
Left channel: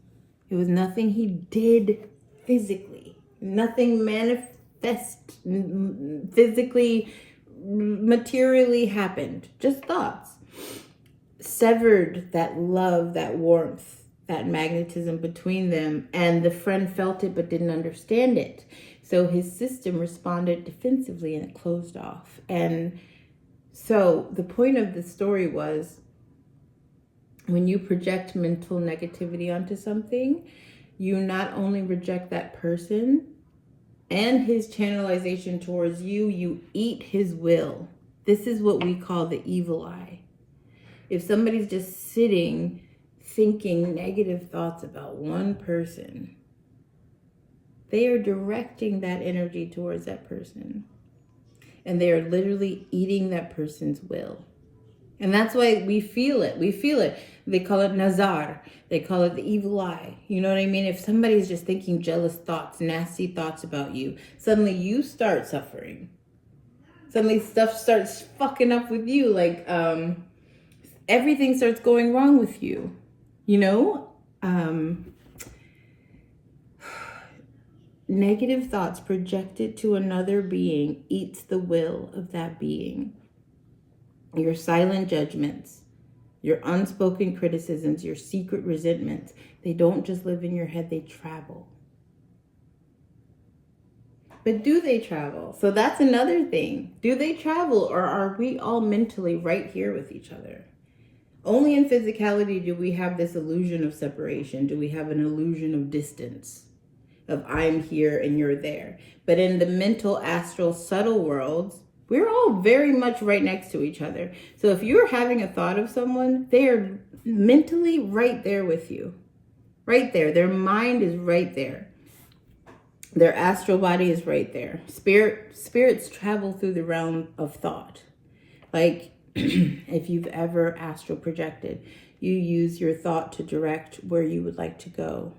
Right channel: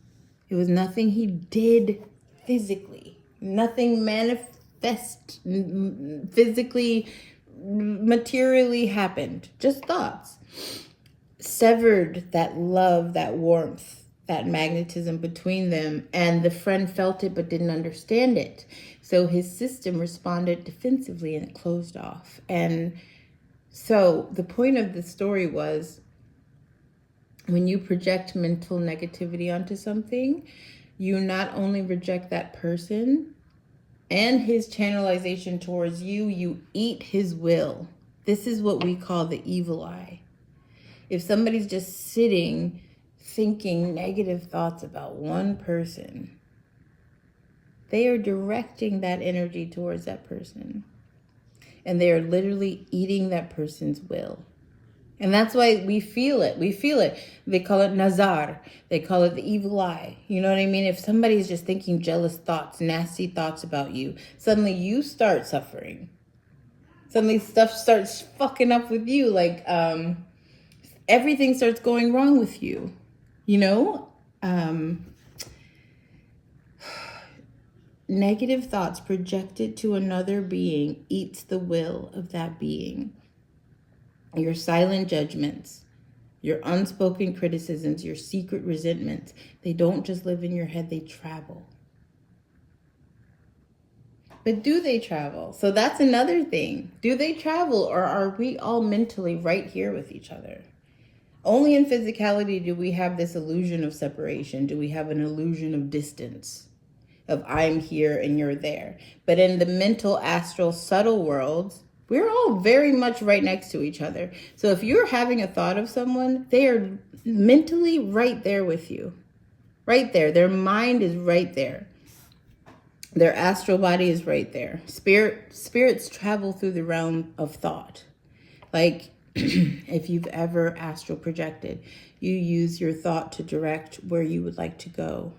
It was nothing he did physically. Nothing manifest physically, materially happened. Just thoughts. Severed that love, that warmth, that magnetism between them, and the friend felt it but didn't understand it. So his system responded defensively and it closed off. And so the point of the story was, when you project mental negativity onto something, you not only reject that person and his channelization towards you, you eat his will. This is what we call the evil eye. If somebody's just sitting thinking negative thoughts about one person, they are directing that energy towards that person. And they are literally eating that person's will. And that's why we feel it. We feel it. They call it nazar. They call it the evil eye. You know what I mean? If somebody's just thinking jealous thoughts, nasty thoughts about you, suddenly you start suffering. Suddenly stuff starts fucking up with you. Like, everything starts going wrong with you. You know, negative thoughts projected to another being eats the will of that being. Your silent judgments, your unspoken criticisms, your secret resentments, they don't just live in your head, they travel. But do they travel? So that's another thing. Do they travel, or are we all mentally right here with each other? Only in physicality do we have this illusion of separation. Do we have an illusion of distance, of I'm here and you're there? But in the mental, astral, subtle worlds, we're all very much right next to each other. So if you're having a thought of someone, they are mentally right there with you. Right there. Their mind is right there. Their astral body is right there. Spirits travel through the realm of thought. Like, if you've ever astral projected, you use your thought to direct where you would like to go.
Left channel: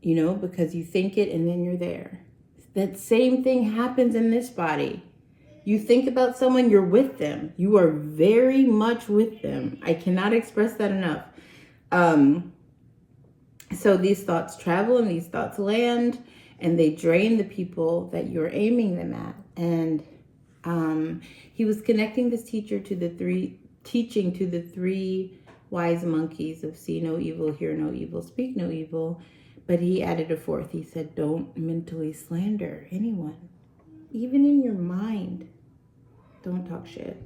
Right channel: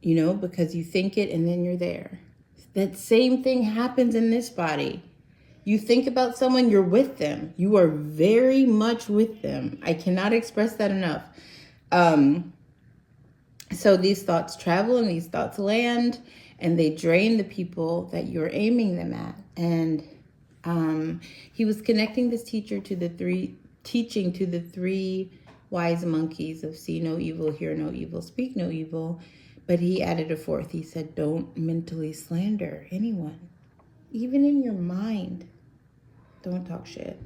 You know, because you think it and then you're there. That same thing happens in this body. You think about someone, you're with them. You are very much with them. I cannot express that enough. So these thoughts travel and these thoughts land, and they drain the people that you're aiming them at. And he was connecting this teaching to the three wise monkeys of see no evil, hear no evil, speak no evil. But he added a fourth. He said, don't mentally slander anyone. Even in your mind, don't talk shit.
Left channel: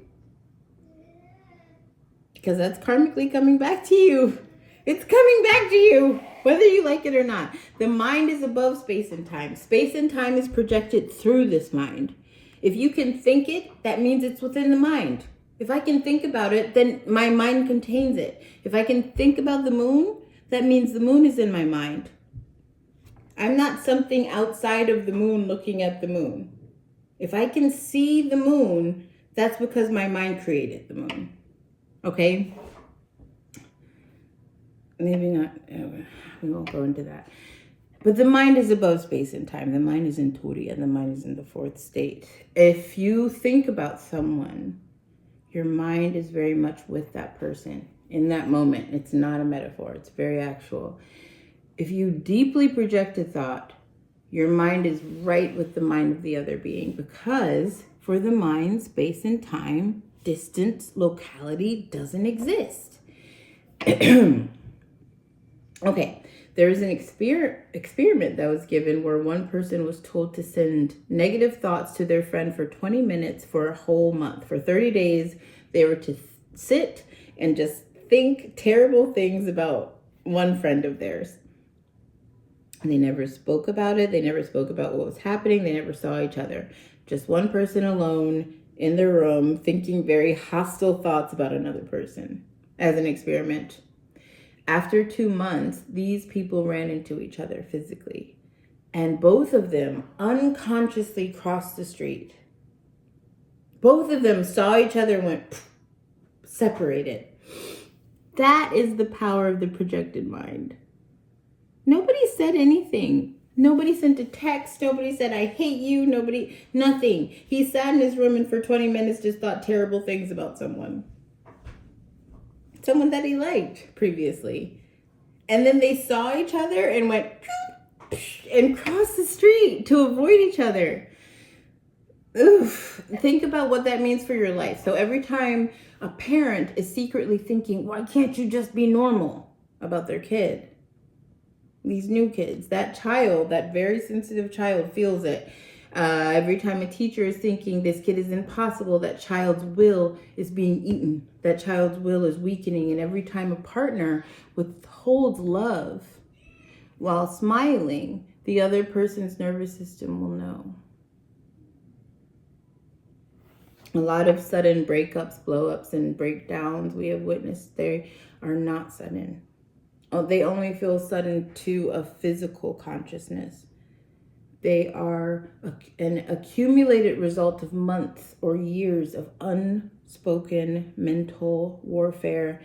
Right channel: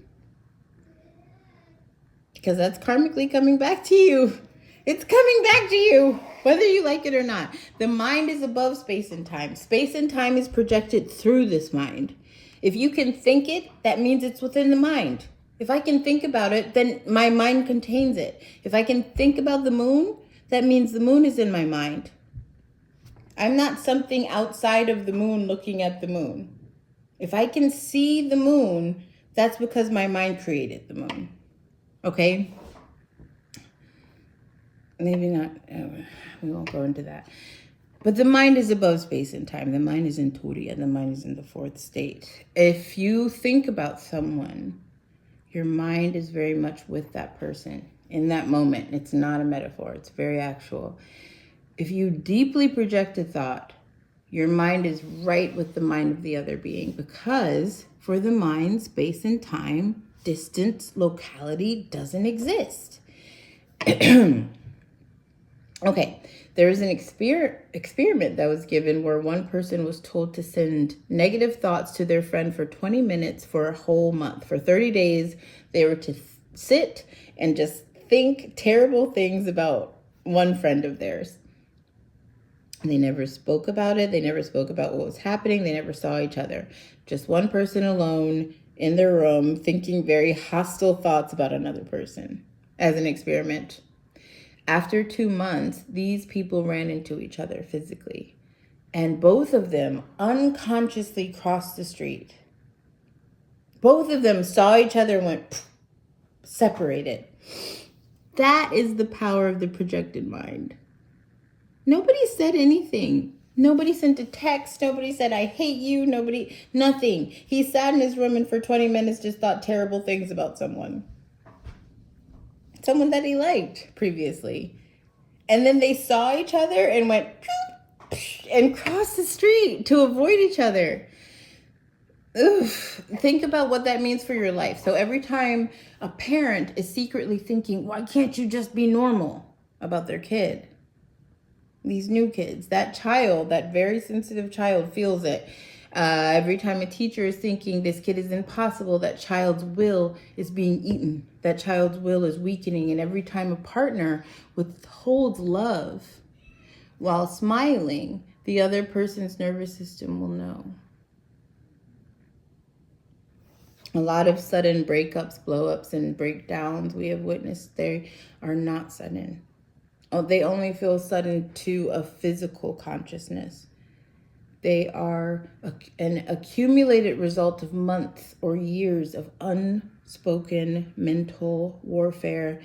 Because that's karmically coming back to you. It's coming back to you, whether you like it or not. The mind is above space and time. Space and time is projected through this mind. If you can think it, that means it's within the mind. If I can think about it, then my mind contains it. If I can think about the moon, that means the moon is in my mind. I'm not something outside of the moon looking at the moon. If I can see the moon, that's because my mind created the moon. Okay? maybe not, we won't go into that. But the mind is above space and time. The mind is in Turiya, the mind is in the fourth state. If you think about someone, your mind is very much with that person in that moment. It's not a metaphor, it's very actual. If you deeply project a thought, your mind is right with the mind of the other being, because for the mind, space and time, distance, locality doesn't exist. Okay, there was an experiment that was given where one person was told to send negative thoughts to their friend for 20 minutes for a whole month. For 30 days, they were to sit and just think terrible things about one friend of theirs. They never spoke about it. They never spoke about what was happening. They never saw each other. Just one person alone in their room thinking very hostile thoughts about another person as an experiment. After 2 months, these people ran into each other physically, and both of them unconsciously crossed the street. Both of them saw each other and went separated. That is the power of the projected mind. Nobody said anything. Nobody sent a text. Nobody said, I hate you. Nothing. He sat in his room and for 20 minutes just thought terrible things about someone that he liked previously. And then they saw each other and went and crossed the street to avoid each other. Oof. Think about what that means for your life. So every time a parent is secretly thinking, why can't you just be normal about their kid? These new kids, that child, that very sensitive child feels it. Every time a teacher is thinking this kid is impossible, that child's will is being eaten. That child's will is weakening. And every time a partner withholds love while smiling, the other person's nervous system will know. A lot of sudden breakups, blow-ups, and breakdowns we have witnessed, they are not sudden. They only feel sudden to a physical consciousness. They are an accumulated result of months or years of unspoken mental warfare.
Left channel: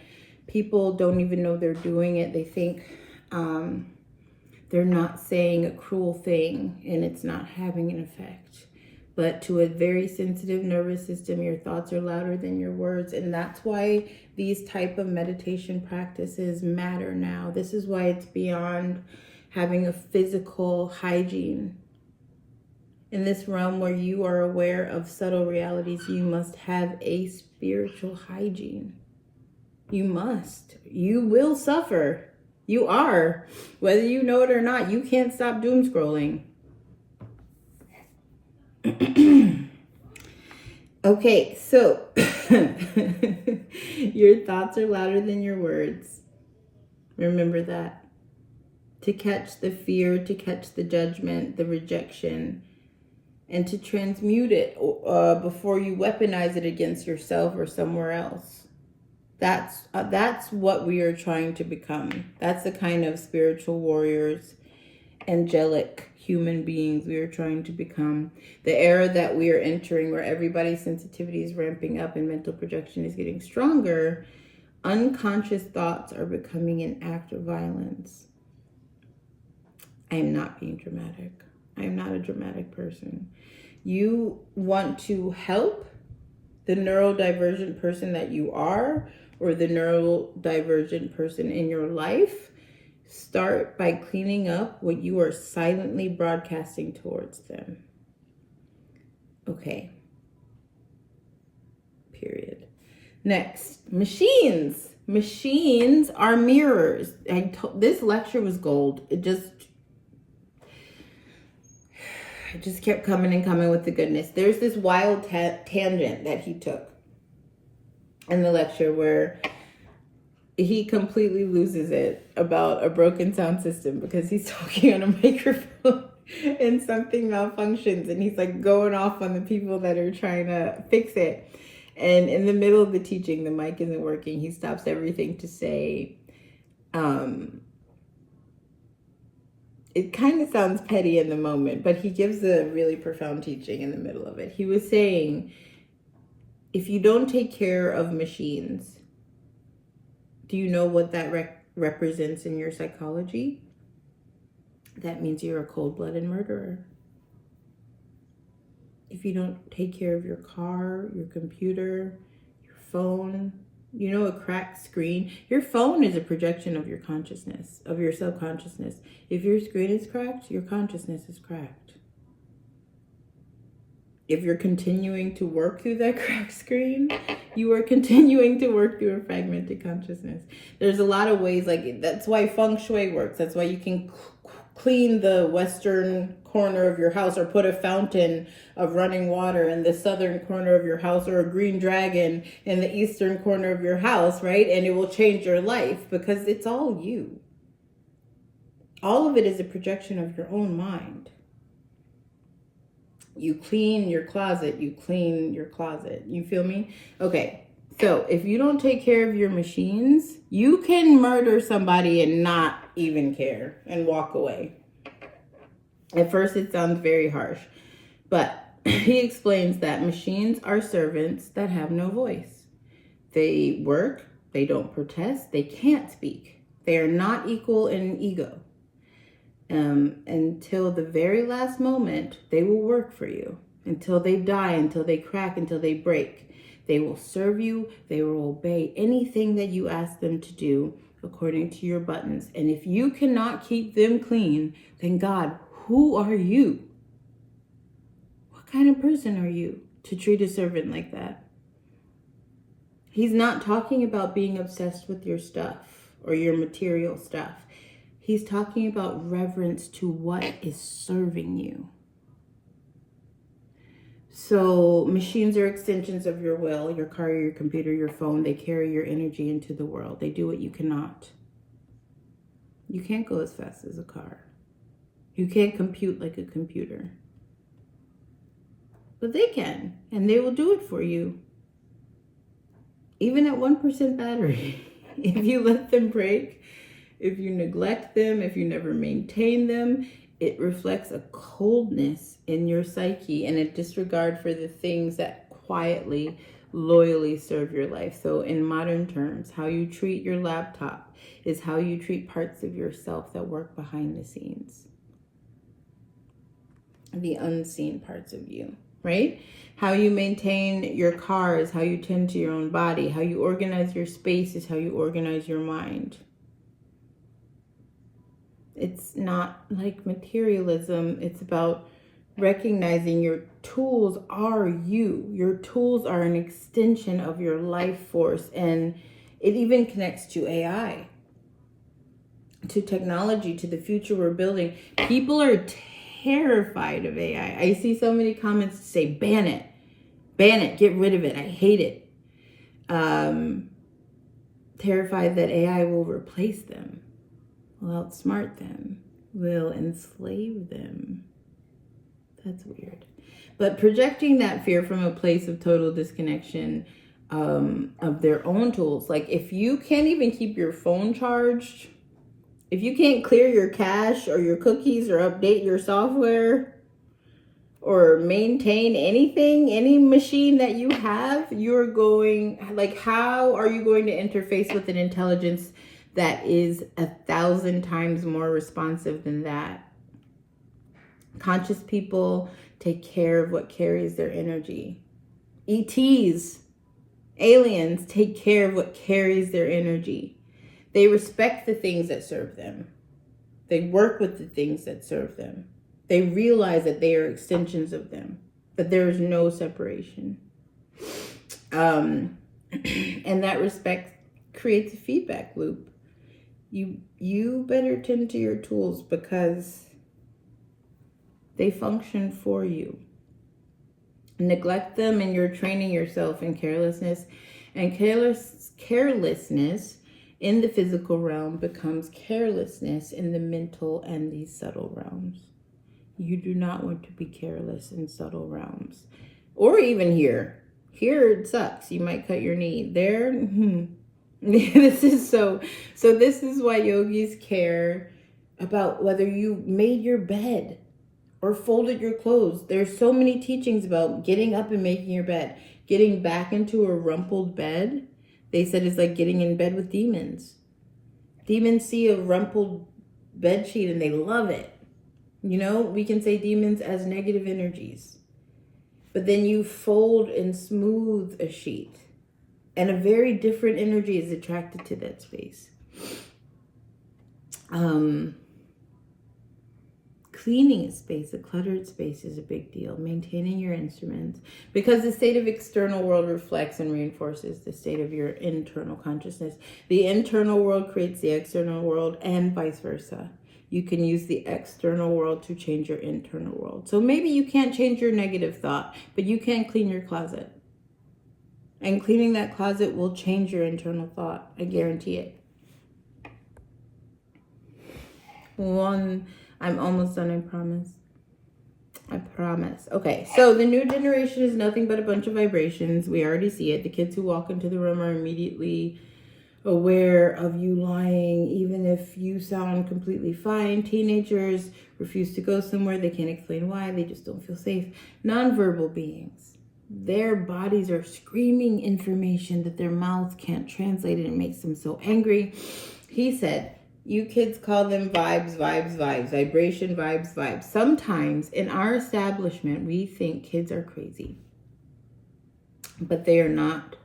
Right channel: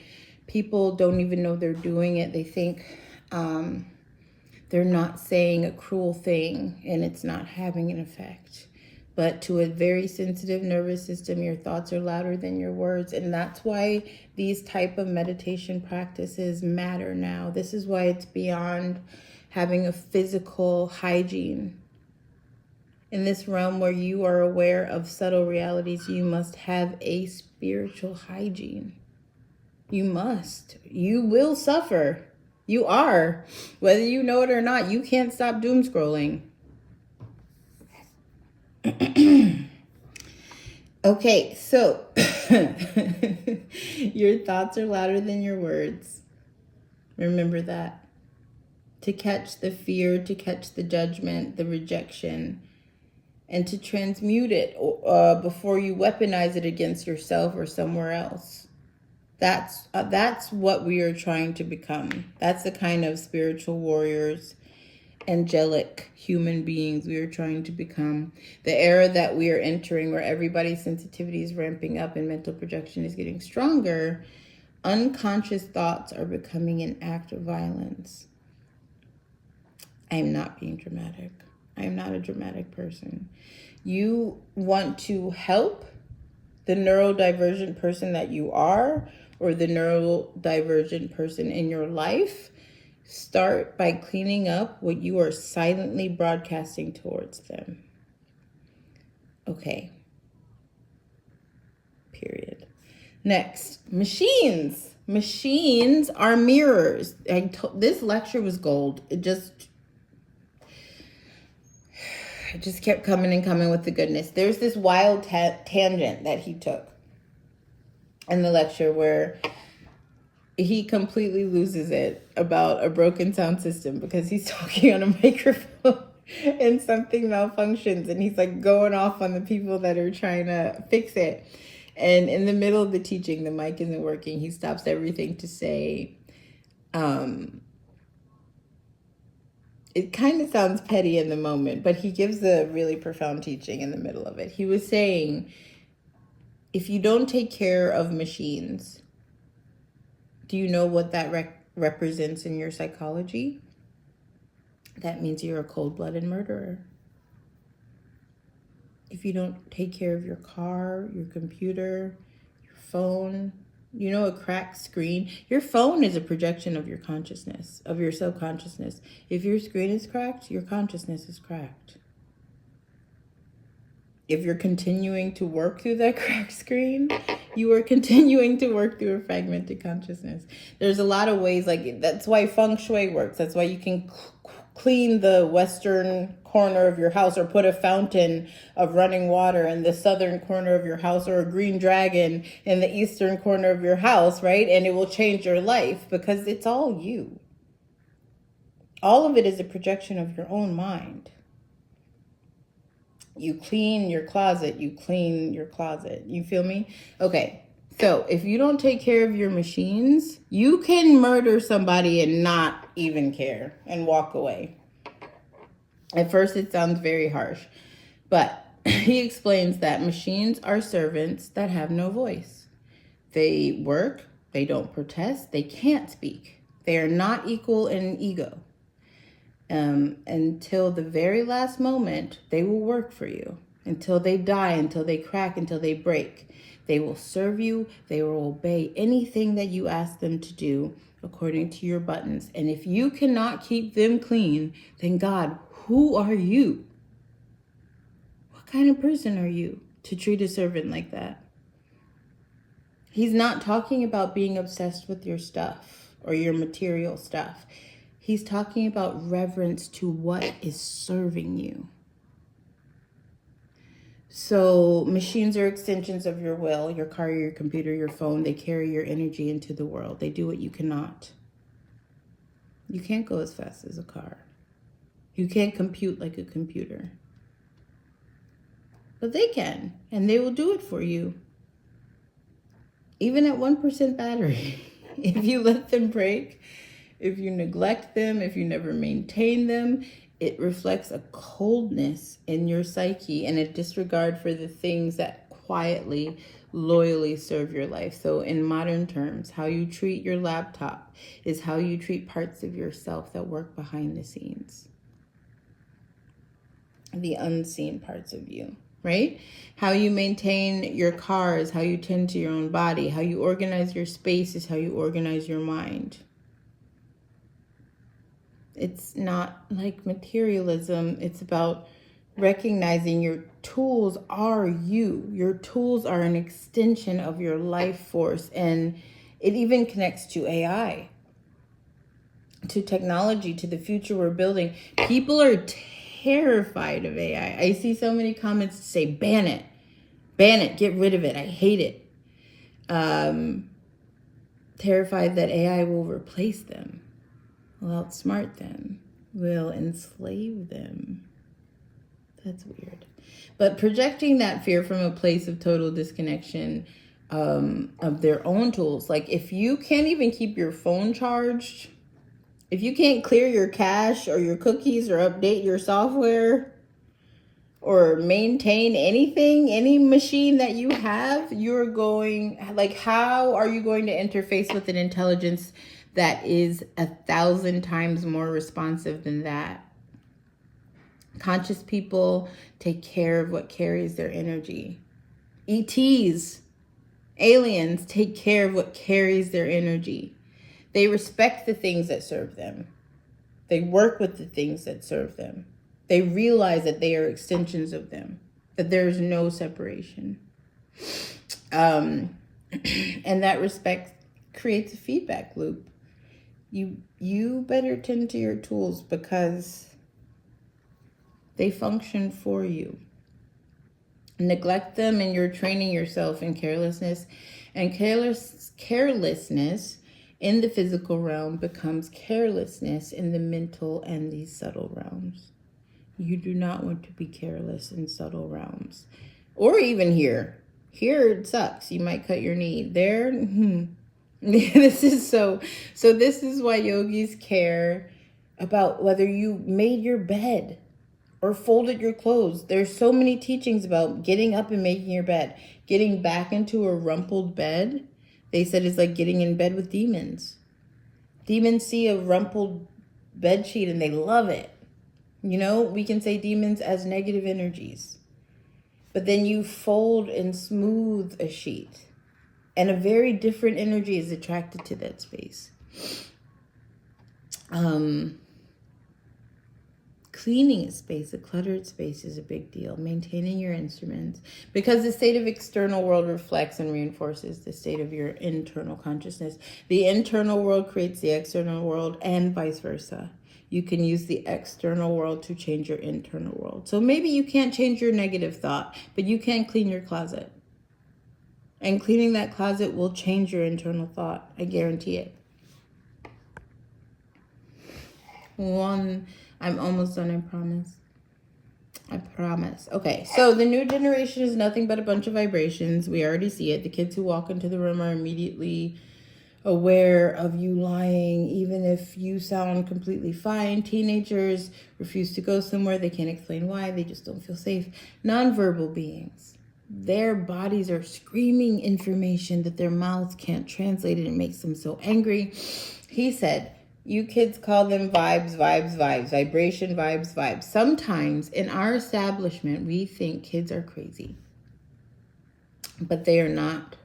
People don't even know they're doing it. They think they're not saying a cruel thing and it's not having an effect. But to a very sensitive nervous system, your thoughts are louder than your words. And that's why these type of meditation practices matter now. This is why it's beyond having a physical hygiene. In this realm where you are aware of subtle realities, you must have a spiritual hygiene. You must. You will suffer. You are. Whether you know it or not, you can't stop doom scrolling. Okay, so your thoughts are louder than your words. Remember that. To catch the fear, to catch the judgment, the rejection, and to transmute it before you weaponize it against yourself or somewhere else. That's what we are trying to become. That's the kind of spiritual warriors, angelic human beings we are trying to become. The era that we are entering, where everybody's sensitivity is ramping up and mental projection is getting stronger, unconscious thoughts are becoming an act of violence. I am not being dramatic. I am not a dramatic person. You want to help the neurodivergent person that you are, or the neurodivergent person in your life, start by cleaning up what you are silently broadcasting towards them. Okay. Period. Next, machines. Machines are mirrors. This lecture was gold. It just kept coming and coming with the goodness. There's this wild tangent that he took in the lecture where he completely loses it about a broken sound system because he's talking on a microphone and something malfunctions and he's like going off on the people that are trying to fix it. And in the middle of the teaching, the mic isn't working. He stops everything to say, it kind of sounds petty in the moment, but he gives a really profound teaching in the middle of it. He was saying, if you don't take care of machines, do you know what that represents in your psychology, that means you're a cold-blooded murderer. If you don't take care of your car, your computer, your phone, you know, a cracked screen. Your phone is a projection of your consciousness, of your subconsciousness. If your screen is cracked, your consciousness is cracked. If you're continuing to work through that cracked screen, you are continuing to work through a fragmented consciousness. There's a lot of ways, like, that's why feng shui works. That's why you can clean the western corner of your house, or put a fountain of running water in the southern corner of your house, or a green dragon in the eastern corner of your house, right? And it will change your life, because it's all you. All of it is a projection of your own mind. You clean your closet, you clean your closet. You feel me? Okay, so if you don't take care of your machines, you can murder somebody and not even care and walk away. At first, it sounds very harsh, but he explains that machines are servants that have no voice. They work, they don't protest, they can't speak. They are not equal in ego. Until the very last moment, they will work for you. Until they die, until they crack, until they break. They will serve you. They will obey anything that you ask them to do according to your buttons. And if you cannot keep them clean, then God, who are you? What kind of person are you to treat a servant like that? He's not talking about being obsessed with your stuff or your material stuff. He's talking about reverence to what is serving you. So machines are extensions of your will, your car, your computer, your phone. They carry your energy into the world. They do what you cannot. You can't go as fast as a car. You can't compute like a computer. But they can, and they will do it for you. Even at 1% battery, if you let them break, if you neglect them, if you never maintain them, it reflects a coldness in your psyche and a disregard for the things that quietly, loyally serve your life. So in modern terms, how you treat your laptop is how you treat parts of yourself that work behind the scenes. The unseen parts of you, right? How you maintain your car is how you tend to your own body. How you organize your space is how you organize your mind. It's not like materialism. It's about recognizing your tools are you. Your tools are an extension of your life force. And it even connects to AI, to technology, to the future we're building. People are terrified of AI. I see so many comments say, ban it, get rid of it. I hate it. Terrified that AI will replace them, will outsmart them, will enslave them. That's weird. But projecting that fear from a place of total disconnection of their own tools. Like if you can't even keep your phone charged, if you can't clear your cache or your cookies or update your software or maintain anything, any machine that you have, you're going, like, how are you going to interface with an intelligence that is 1,000 times more responsive than that? Conscious people take care of what carries their energy. ETs, aliens, take care of what carries their energy. They respect the things that serve them. They work with the things that serve them. They realize that they are extensions of them, that there is no separation. And that respect creates a feedback loop. You better tend to your tools because they function for you. Neglect them and you're training yourself in carelessness. And carelessness in the physical realm becomes carelessness in the mental and the subtle realms. You do not want to be careless in subtle realms. Or even here. Here it sucks. You might cut your knee. There, this is so this is why yogis care about whether you made your bed or folded your clothes. There's so many teachings about getting up and making your bed. Getting back into a rumpled bed, they said, is like getting in bed with demons. Demons see a rumpled bed sheet and they love it. You know, we can say demons as negative energies. But then you fold and smooth a sheet, and a very different energy is attracted to that space. Cleaning a space, a cluttered space, is a big deal. Maintaining your instruments, because the state of external world reflects and reinforces the state of your internal consciousness. The internal world creates the external world, and vice versa. You can use the external world to change your internal world. So maybe you can't change your negative thought, but you can clean your closet. And cleaning that closet will change your internal thought. I guarantee it. I'm almost done, I promise. I promise. Okay, so the new generation is nothing but a bunch of vibrations. We already see it. The kids who walk into the room are immediately aware of you lying, even if you sound completely fine. Teenagers refuse to go somewhere. They can't explain why. They just don't feel safe. Nonverbal beings. Their bodies are screaming information that their mouths can't translate, and it makes them so angry. He said, you kids call them vibes, vibration, vibes. Sometimes in our establishment, we think kids are crazy, but they are not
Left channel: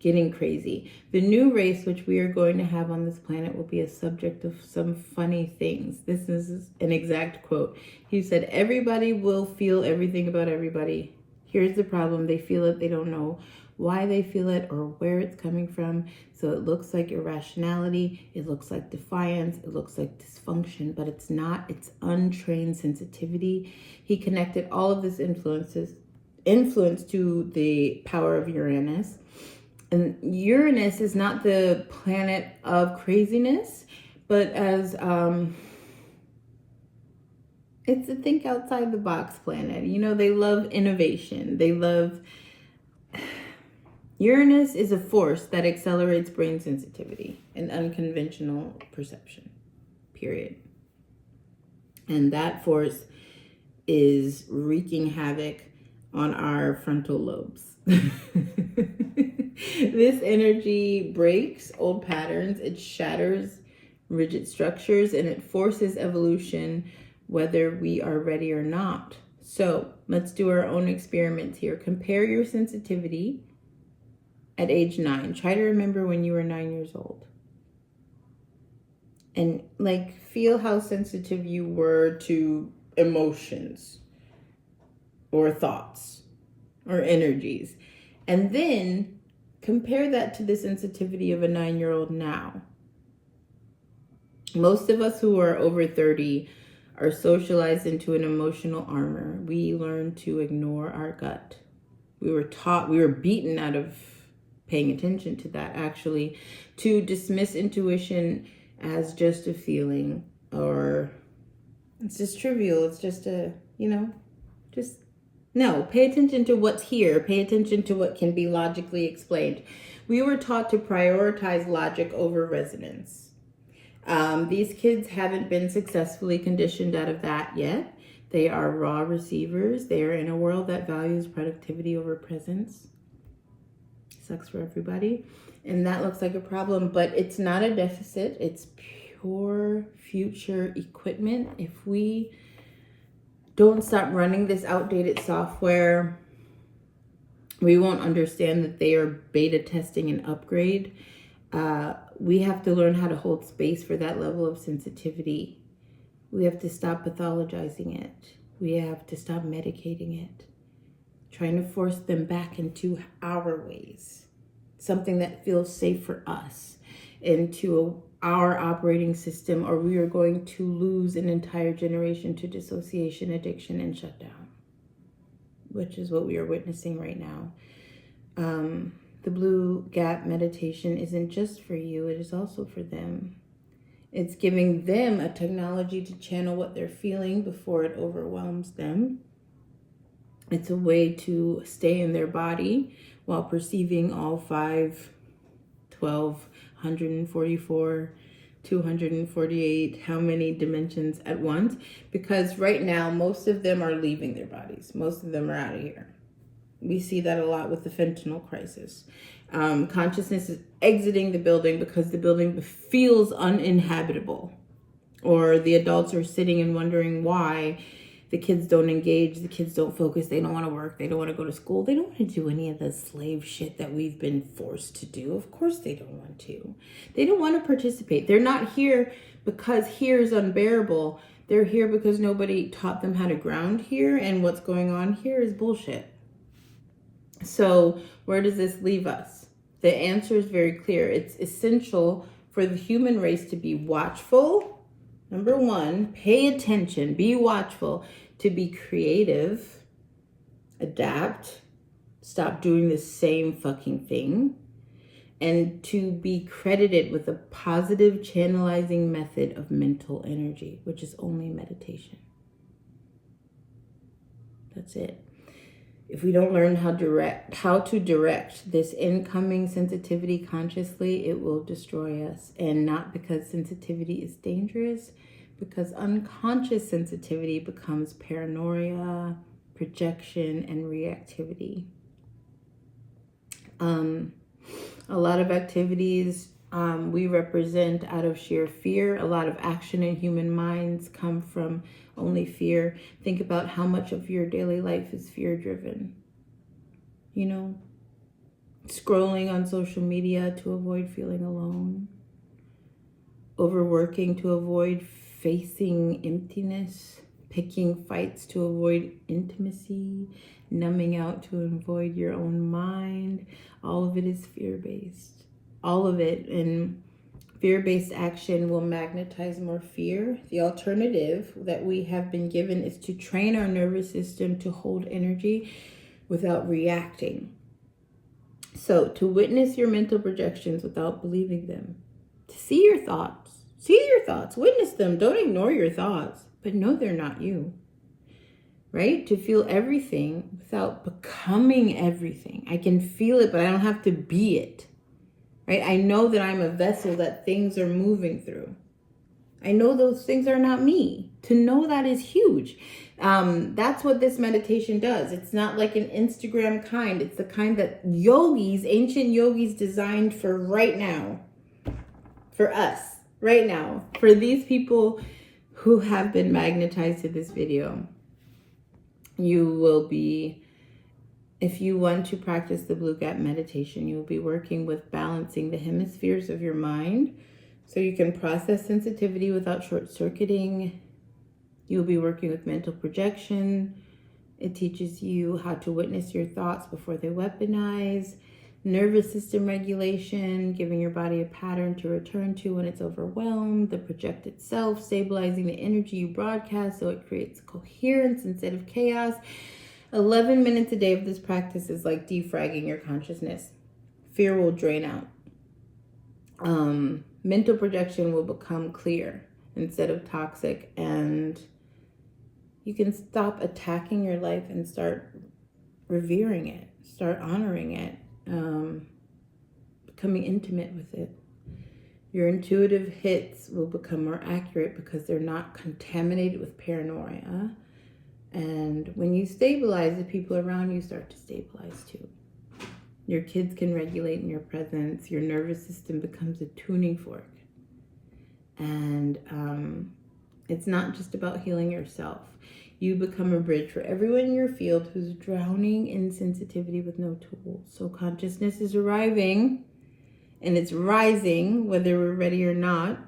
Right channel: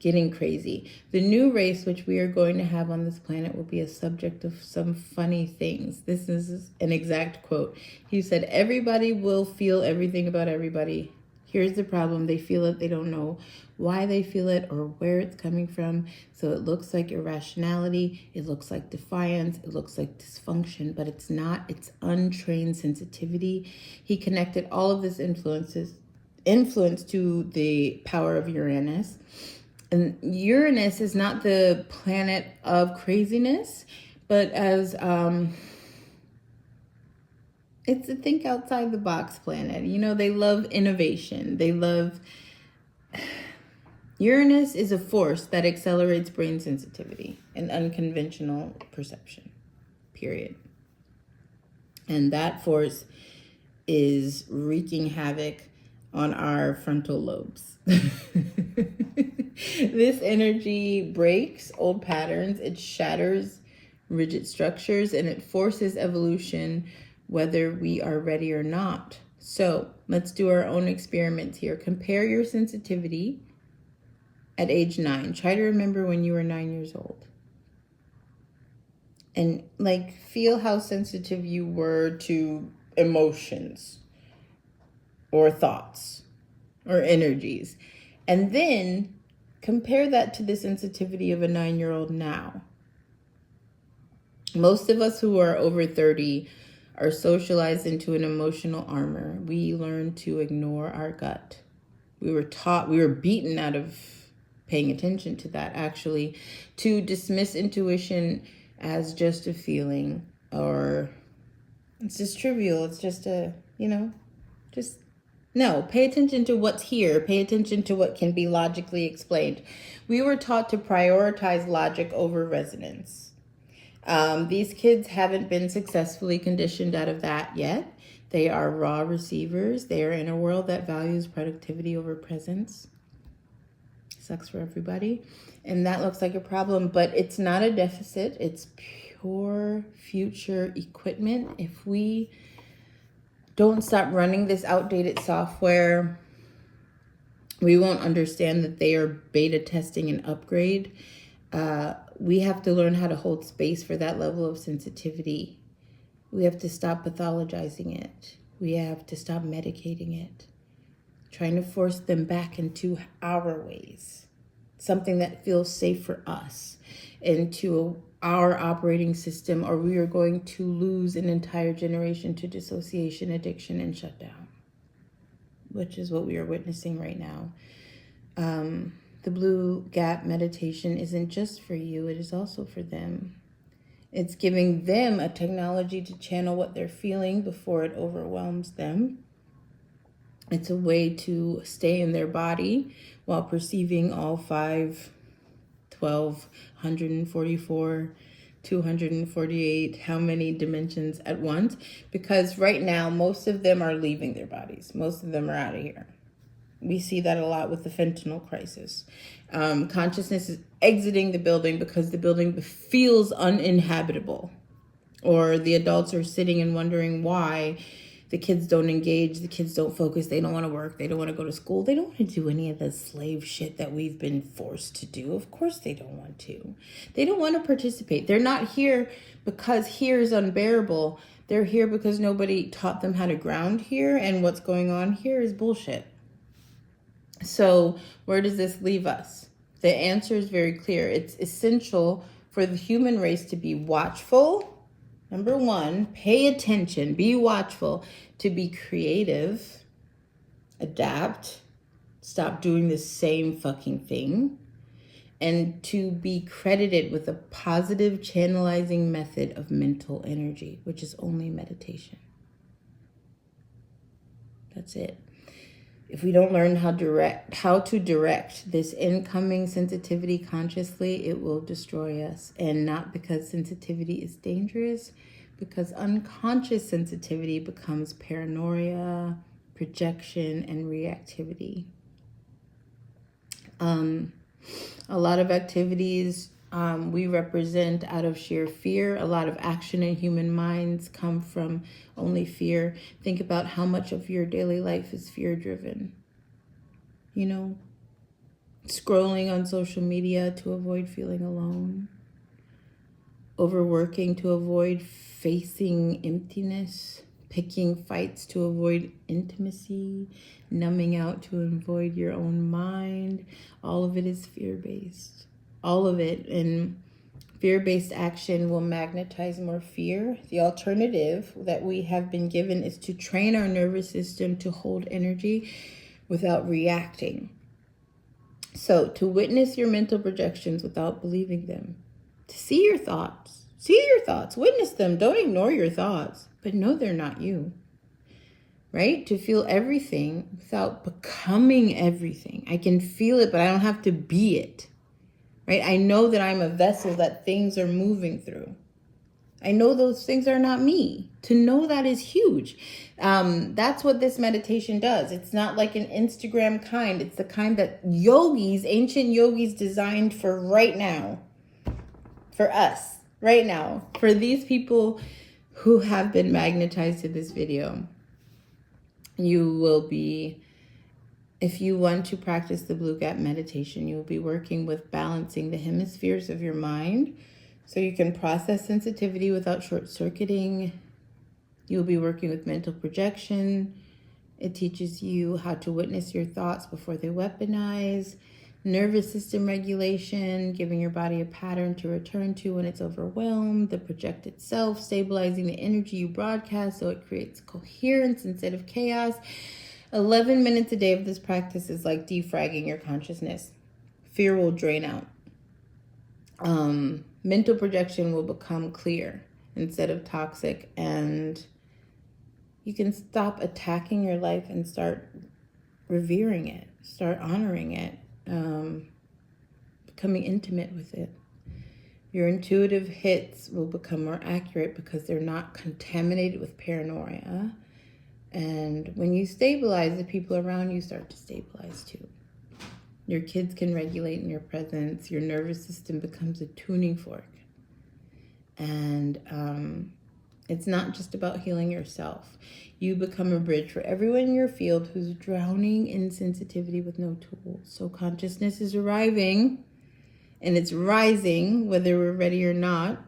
getting crazy. The new race, which we are going to have on this planet, will be a subject of some funny things. This is an exact quote. He said, everybody will feel everything about everybody. Here's the problem. They feel it. They don't know why they feel it or where it's coming from. So it looks like irrationality. It looks like defiance. It looks like dysfunction, but it's not. It's untrained sensitivity. He connected all of this influence to the power of Uranus. And Uranus is not the planet of craziness, but as it's a think outside the box planet. You know, they love innovation. They love... Uranus is a force that accelerates brain sensitivity and unconventional perception, period. And that force is wreaking havoc on our frontal lobes. This energy breaks old patterns, it shatters rigid structures, and it forces evolution whether we are ready or not. So let's do our own experiments here. Compare your sensitivity at age 9. Try to remember when you were 9 years old. And feel how sensitive you were to emotions or thoughts or energies. And then compare that to the sensitivity of a 9-year-old now. Most of us who are over 30 are socialized into an emotional armor. We learn to ignore our gut. We were beaten out of paying attention to that, actually, to dismiss intuition as just a feeling, or it's just trivial. It's just no, pay attention to what's here. Pay attention to what can be logically explained. We were taught to prioritize logic over resonance. These kids haven't been successfully conditioned out of that yet. They are raw receivers. They are in a world that values productivity over presence. Sucks for everybody. And that looks like a problem, but it's not a deficit. It's pure future equipment. If we don't stop running this outdated software, we won't understand that they are beta testing an upgrade. We have to learn how to hold space for that level of sensitivity. We have to stop pathologizing it. We have to stop medicating it, trying to force them back into our ways, something that feels safe for us, into our operating system, or we are going to lose an entire generation to dissociation, addiction, and shutdown, which is what we are witnessing right now. The Blue Gap meditation isn't just for you, it is also for them. It's giving them a technology to channel what they're feeling before it overwhelms them. It's a way to stay in their body while perceiving all 5, 12, 144, 248, how many dimensions at once. Because right now, most of them are leaving their bodies. Most of them are out of here. We see that a lot with the fentanyl crisis. Consciousness is exiting the building because the building feels uninhabitable, or the adults are sitting and wondering why the kids don't engage, the kids don't focus, they don't want to work, they don't want to go to school, they don't want to do any of the slave shit that we've been forced to do. Of course they don't want to. They don't want to participate. They're not here because here is unbearable. They're here because nobody taught them how to ground here, and what's going on here is bullshit. So where does this leave us? The answer is very clear. It's essential for the human race to be watchful. Number one, pay attention, be watchful, to be creative, adapt, stop doing the same fucking thing, and to be credited with a positive channelizing method of mental energy, which is only meditation. That's it. If we don't learn how to direct this incoming sensitivity consciously, it will destroy us. And not because sensitivity is dangerous, because unconscious sensitivity becomes paranoia, projection, and reactivity. A lot of activities we represent out of sheer fear. A lot of action in human minds come from only fear. Think about how much of your daily life is fear-driven. You know, scrolling on social media to avoid feeling alone. Overworking to avoid facing emptiness. Picking fights to avoid intimacy. Numbing out to avoid your own mind. All of it is fear-based. All of it. And fear-based action will magnetize more fear. The alternative that we have been given is to train our nervous system to hold energy without reacting. So to witness your mental projections without believing them. To see your thoughts, witness them. Don't ignore your thoughts, but know they're not you. Right? To feel everything without becoming everything. I can feel it, but I don't have to be it. Right? I know that I'm a vessel that things are moving through. I know those things are not me. To know that is huge. That's what this meditation does. It's not like an Instagram kind. It's the kind that ancient yogis designed for right now. For us, right now. For these people who have been magnetized to this video. You will be, if you want to practice the Blue Gap meditation, you will be working with balancing the hemispheres of your mind so you can process sensitivity without short-circuiting. You will be working with mental projection. It teaches you how to witness your thoughts before they weaponize. Nervous system regulation, giving your body a pattern to return to when it's overwhelmed. The projected self, stabilizing the energy you broadcast so it creates coherence instead of chaos. 11 minutes a day of this practice is like defragging your consciousness. Fear will drain out. Mental projection will become clear instead of toxic, and you can stop attacking your life and start revering it, start honoring it. Becoming intimate with it. Your intuitive hits will become more accurate because they're not contaminated with paranoia. And when you stabilize, the people around you start to stabilize too. Your kids can regulate in your presence. Your nervous system becomes a tuning fork. And it's not just about healing yourself. You become a bridge for everyone in your field who's drowning in sensitivity with no tools. So consciousness is arriving and it's rising, whether we're ready or not.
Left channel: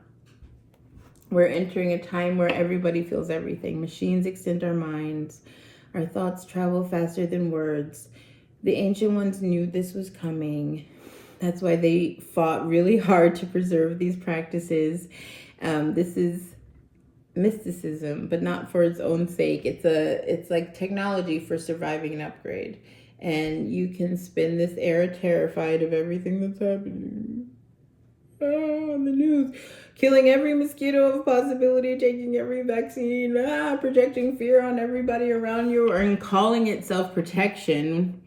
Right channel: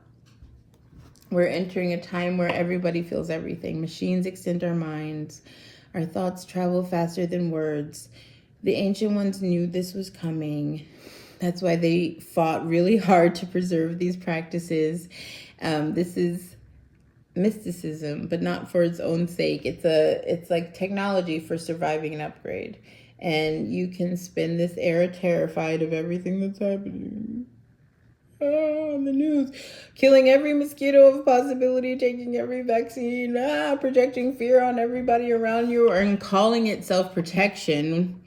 We're entering a time where everybody feels everything. Machines extend our minds. Our thoughts travel faster than words. The ancient ones knew this was coming. That's why they fought really hard to preserve these practices. This is mysticism, but not for its own sake. It's like technology for surviving an upgrade. And you can spend this era terrified of everything that's happening. On the news, killing every mosquito of possibility, taking every vaccine, projecting fear on everybody around you, and calling it self-protection,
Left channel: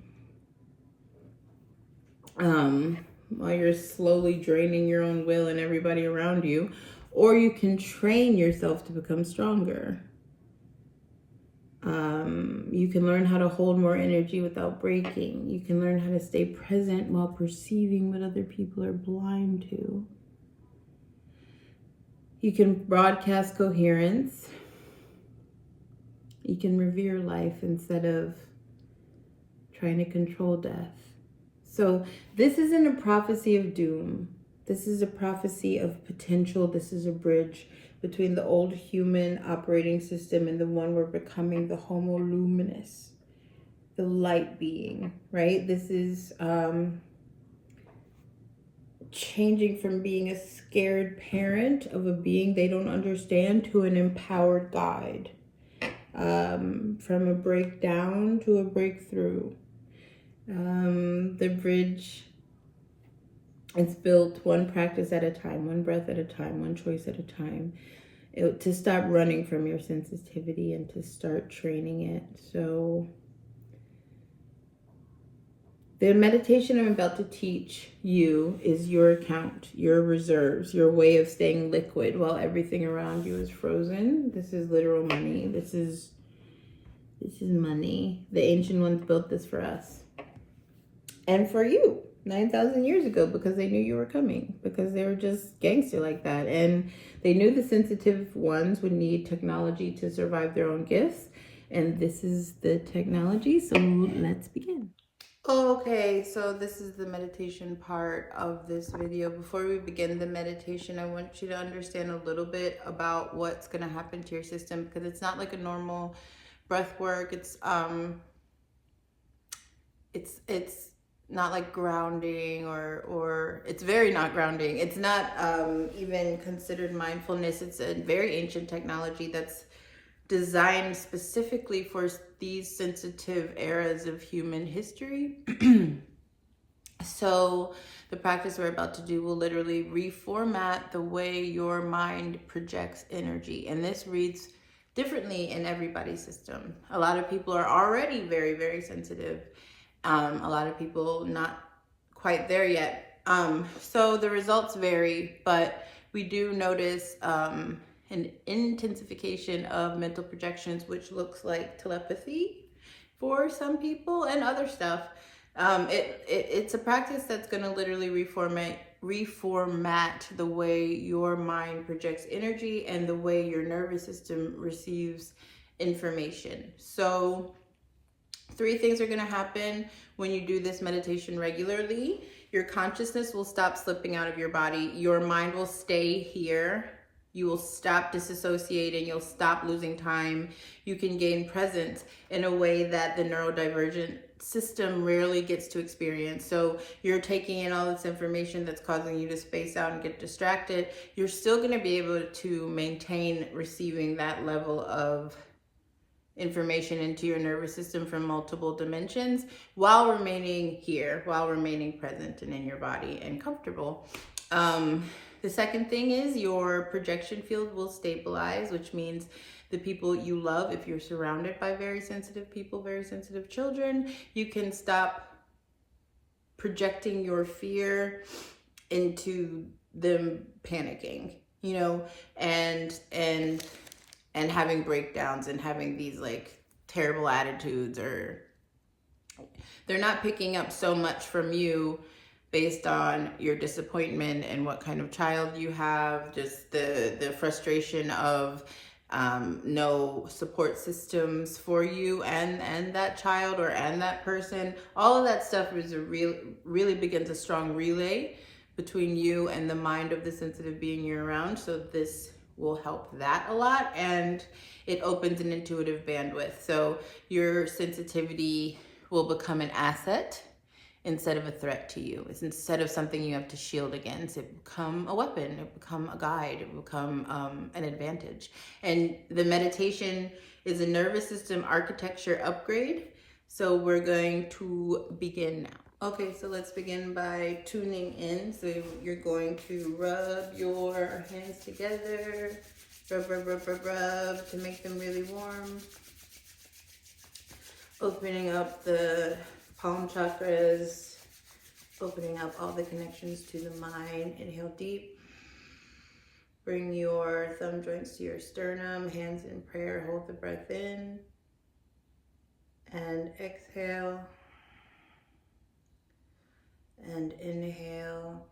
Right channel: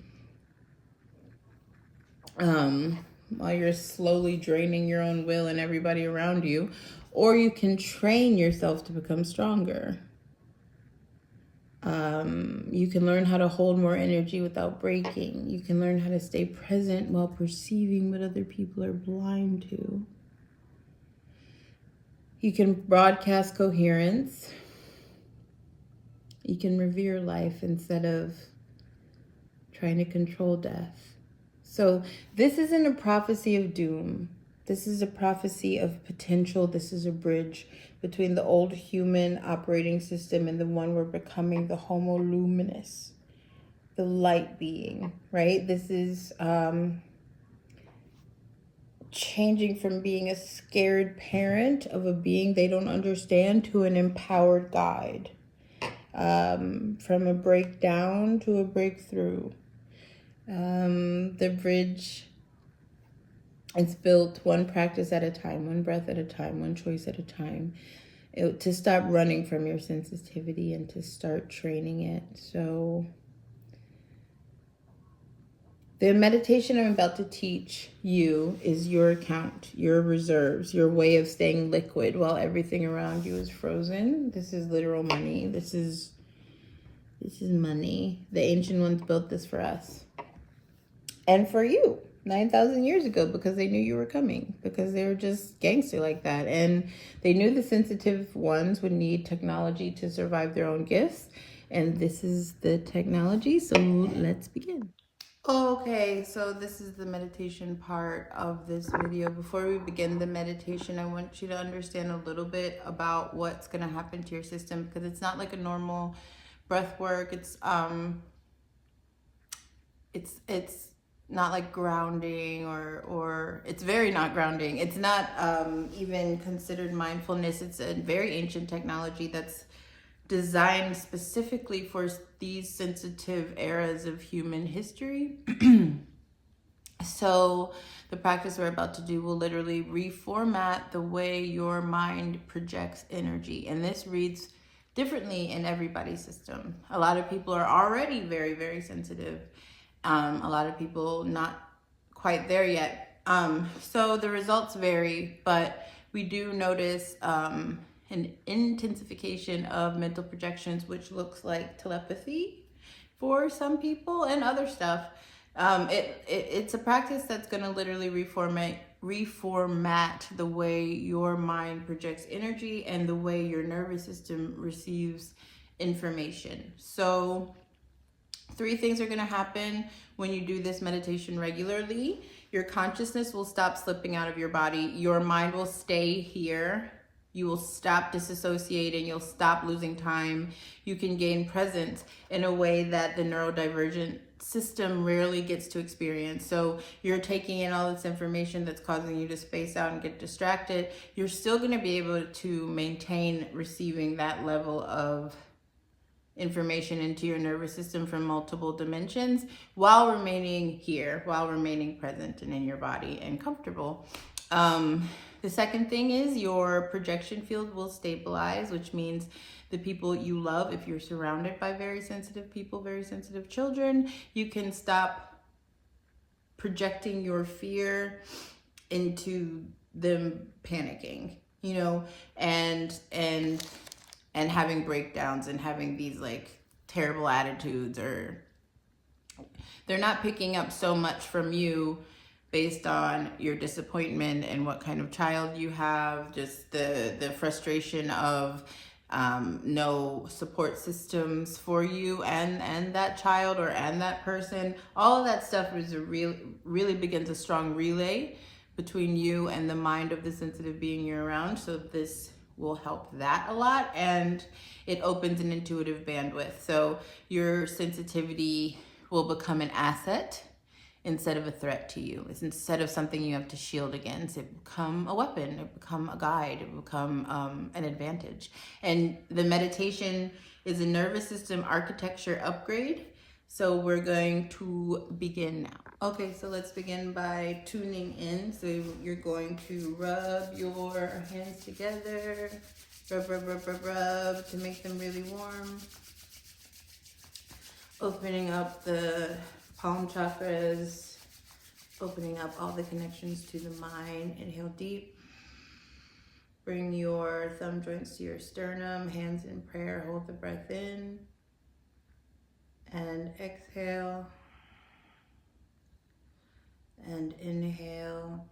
while you're slowly draining your own will and everybody around you. Or you can train yourself to become stronger. You can learn how to hold more energy without breaking. You can learn how to stay present while perceiving what other people are blind to. You can broadcast coherence. You can revere life instead of trying to control death. So this isn't a prophecy of doom. This is a prophecy of potential. This is a bridge between the old human operating system and the one we're becoming, the Homo luminous, the light being, right? This is changing from being a scared parent of a being they don't understand to an empowered guide, from a breakdown to a breakthrough. The bridge is built one practice at a time, one breath at a time, one choice at a time, to stop running from your sensitivity and to start training it. So the meditation I'm about to teach you is your account, your reserves, your way of staying liquid while everything around you is frozen. This is literal money. This is money. The ancient ones built this for us and for you 9,000 years ago, because they knew you were coming, because they were just gangster like that. And they knew the sensitive ones would need technology to survive their own gifts. And this is the technology. So let's begin. Okay, so this is the meditation part of this video. Before we begin the meditation, I want you to understand a little bit about what's going to happen to your system, because it's not like a normal breath work. It's not like grounding, or it's very not grounding. It's not even considered mindfulness. It's a very ancient technology that's designed specifically for these sensitive eras of human history. So the practice we're about to do will literally reformat the way your mind projects energy. And this reads differently in everybody's system. A lot of people are already very, very sensitive. A lot of people not quite there yet. So the results vary, but we do notice an intensification of mental projections, which looks like telepathy for some people and other stuff. It's a practice that's going to literally reformat the way your mind projects energy and the way your nervous system receives information. So 3 things are going to happen when you do this meditation regularly. Your consciousness will stop slipping out of your body. Your mind will stay here. You will stop disassociating. You'll stop losing time. You can gain presence in a way that the neurodivergent system rarely gets to experience. So you're taking in all this information that's causing you to space out and get distracted. You're still going to be able to maintain receiving that level of information into your nervous system from multiple dimensions while remaining here, while remaining present and in your body and comfortable. The second thing is your projection field will stabilize, which means the people you love, if you're surrounded by very sensitive people, very sensitive children, you can stop projecting your fear into them panicking, you know, and having breakdowns and having these like terrible attitudes, or they're not picking up so much from you based on your disappointment and what kind of child you have, just the frustration of no support systems for you and that child and that person. All of that stuff is really begins a strong relay between you and the mind of the sensitive being you're around. So this will help that a lot, and it opens an intuitive bandwidth. So your sensitivity will become an asset instead of a threat to you. It's instead of something you have to shield against, it become a weapon, it become a guide, it become an advantage. And the meditation is a nervous system architecture upgrade. So we're going to begin now. Okay, so let's begin by tuning in. So you're going to rub your hands together, rub to make them really warm. Opening up the palm chakras, opening up all the connections to the mind. Inhale deep. Bring your thumb joints to your sternum, hands in prayer. Hold the breath in. And exhale. And inhale.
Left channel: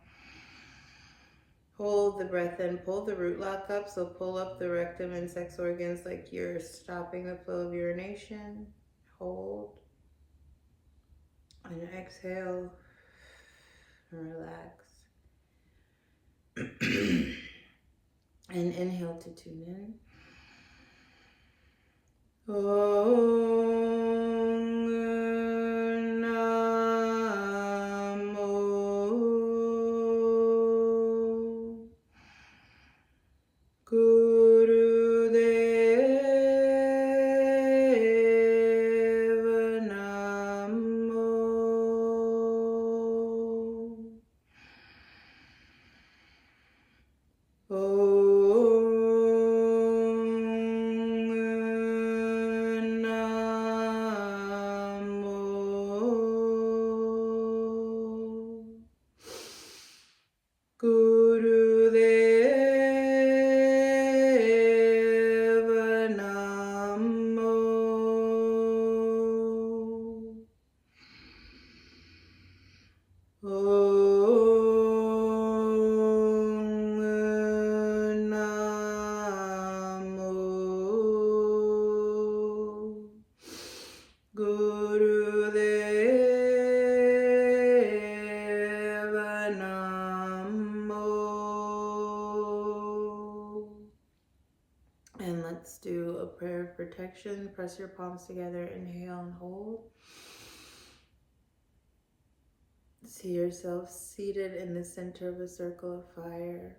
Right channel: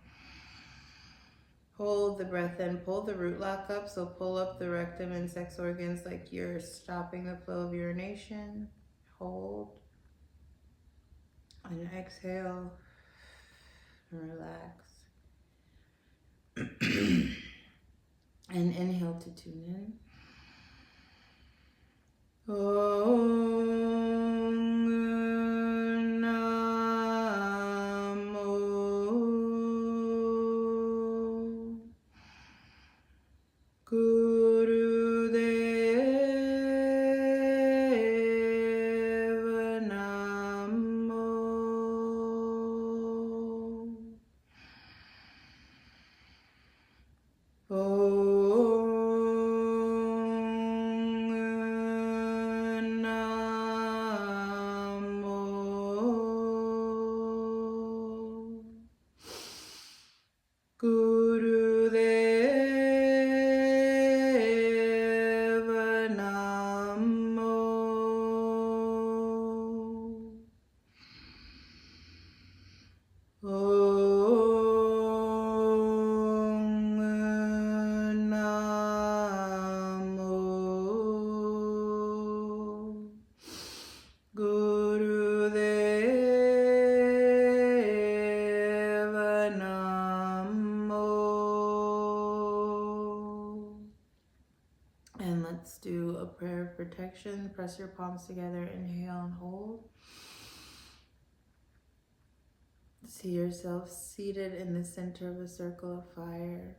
Hold the breath in, pull the root lock up, so pull up the rectum and sex organs like you're stopping the flow of urination. Hold. And exhale. And relax. And inhale to tune in. And let's do a prayer of protection. Press your palms together, inhale and hold. See yourself seated in the center of a circle of fire,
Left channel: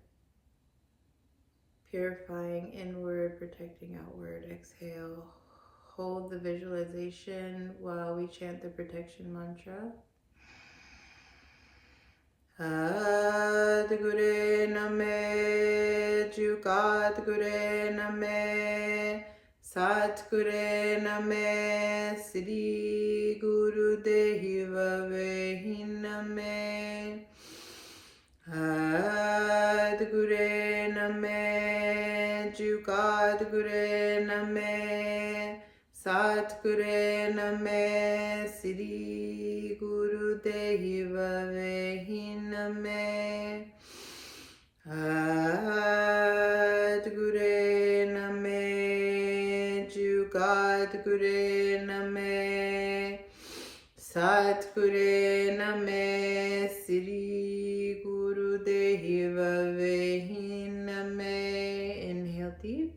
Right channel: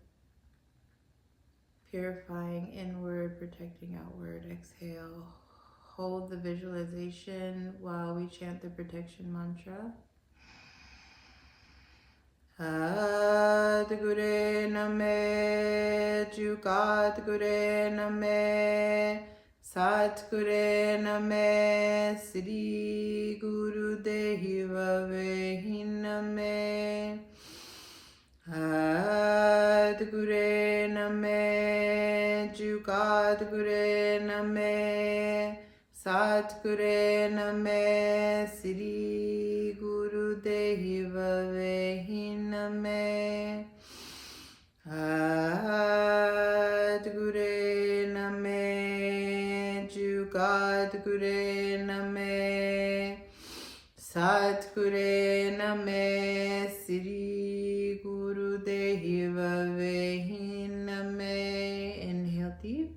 purifying inward, protecting outward. Exhale. Hold the visualization while we chant the protection mantra. Adgure name, Jugat gure name, Satgure name, Sri Guru Deva Vehi name. Adgure name, Jugat gure name, Satgure name, Sri Guru Deva Vehi name. Adgure name, Jugat gure name, Satgure name, Sri Guru Deva Vehi name. Inhale deep.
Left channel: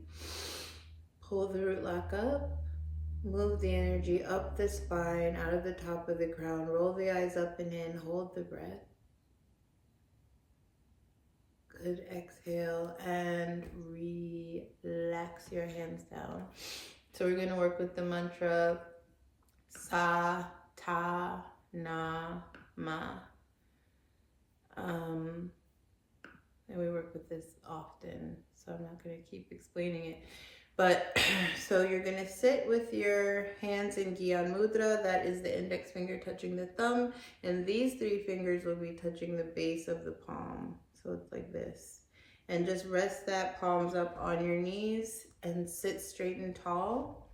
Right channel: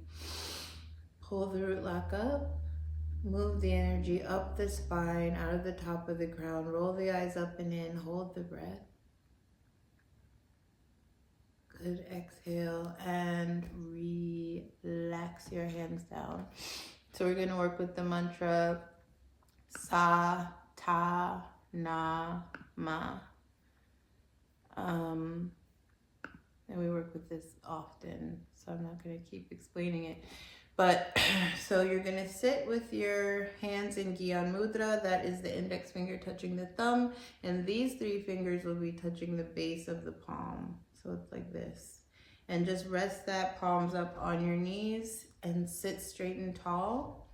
Pull the root lock up. Move the energy up the spine, out of the top of the crown. Roll the eyes up and in. Hold the breath. Good. Exhale and relax your hands down. So we're going to work with the mantra Sa, Ta, Na, Ma. And we work with this often, so I'm not going to keep explaining it. But so you're going to sit with your hands in Gyan Mudra. That is the index finger touching the thumb. And these three fingers will be touching the base of the palm. So it's like this. And just rest that palms up on your knees and sit straight and tall.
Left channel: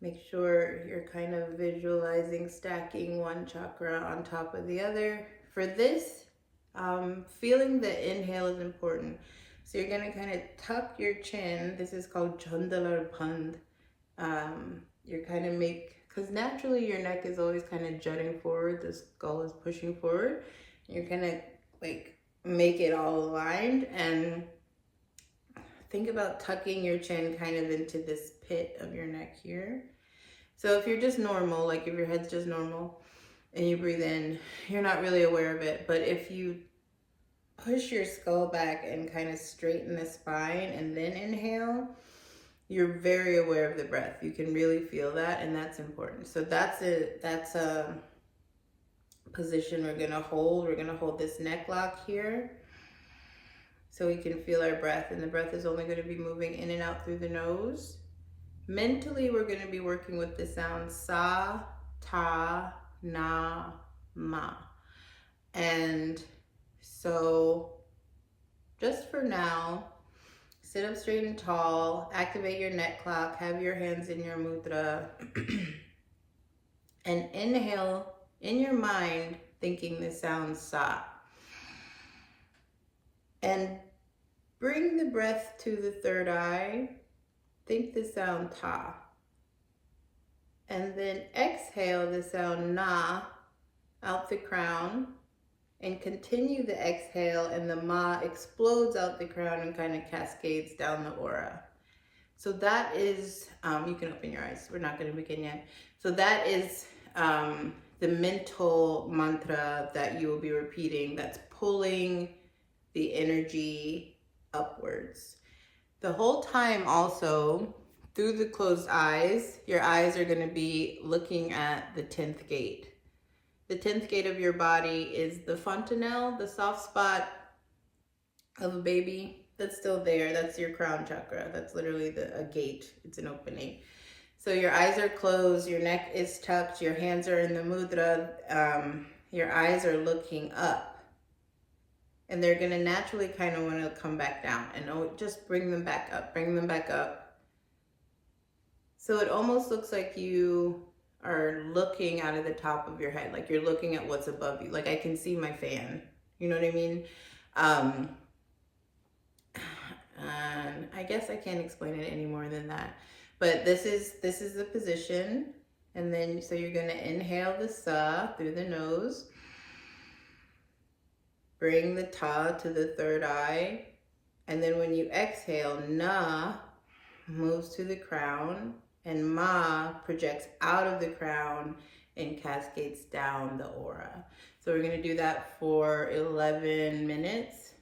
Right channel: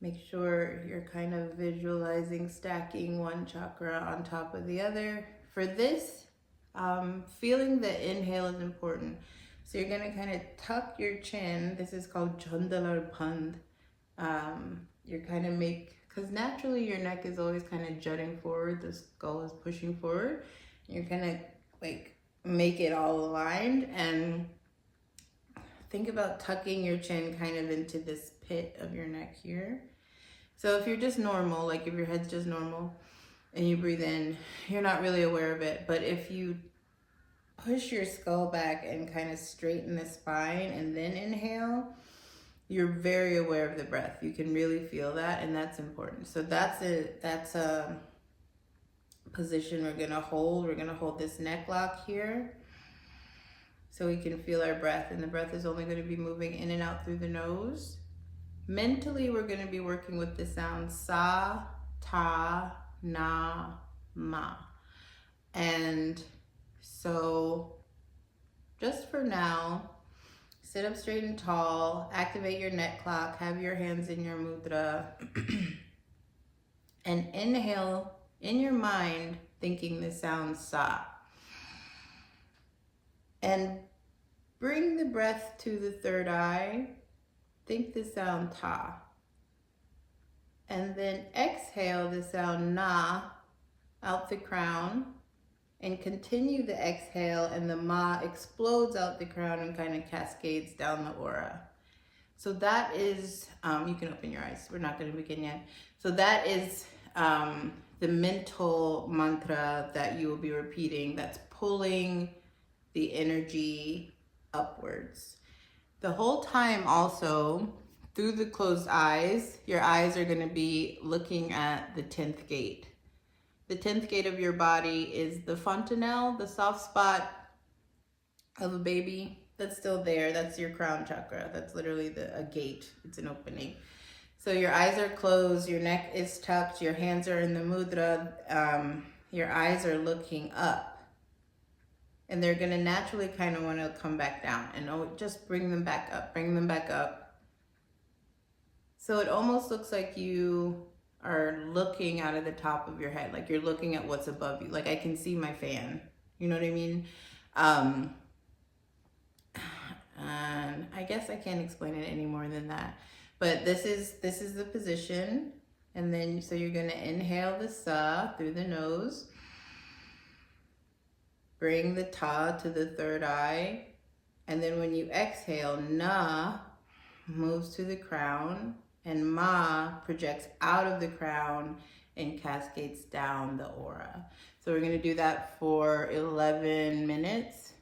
Make sure you're kind of visualizing stacking one chakra on top of the other. For this, feeling the inhale is important. So you're going to kind of tuck your chin. This is called Chandalar Pand. You're kind of because naturally your neck is always kind of jutting forward. The skull is pushing forward. You're going to like make it all aligned and think about tucking your chin kind of into this pit of your neck here. So if you're just normal, like if your head's just normal and you breathe in, you're not really aware of it. But if you push your skull back and kind of straighten the spine and then inhale, you're very aware of the breath. You can really feel that, and that's important. So that's a position we're gonna hold. We're gonna hold this neck lock here so we can feel our breath, and the breath is only gonna be moving in and out through the nose. Mentally, we're gonna be working with the sound Sa, Ta, Na, Ma. And so just for now, sit up straight and tall, activate your neck clock, have your hands in your mudra, And inhale in your mind, thinking the sound sa. And bring the breath to the third eye. Think the sound ta. And then exhale the sound na out the crown. And continue the exhale, and the ma explodes out the crown and kind of cascades down the aura. So that is, you can open your eyes. We're not going to begin yet. So that is the mental mantra that you will be repeating that's pulling the energy upwards. The whole time also, through the closed eyes, your eyes are going to be looking at the 10th gate. The 10th gate of your body is the fontanelle, the soft spot of a baby. That's still there. That's your crown chakra. That's literally a gate. It's an opening. So your eyes are closed, your neck is tucked, your hands are in the mudra, your eyes are looking up. And they're going to naturally kind of want to come back down. And just bring them back up, bring them back up. So it almost looks like you are looking out of the top of your head, like you're looking at what's above you. Like I can see my fan, you know what I mean? And I guess I can't explain it any more than that. But this is the position. And then, so you're gonna inhale the sa through the nose. Bring the ta to the third eye. And then when you exhale, na moves to the crown. And ma projects out of the crown and cascades down the aura. So we're going to do that for 11 minutes.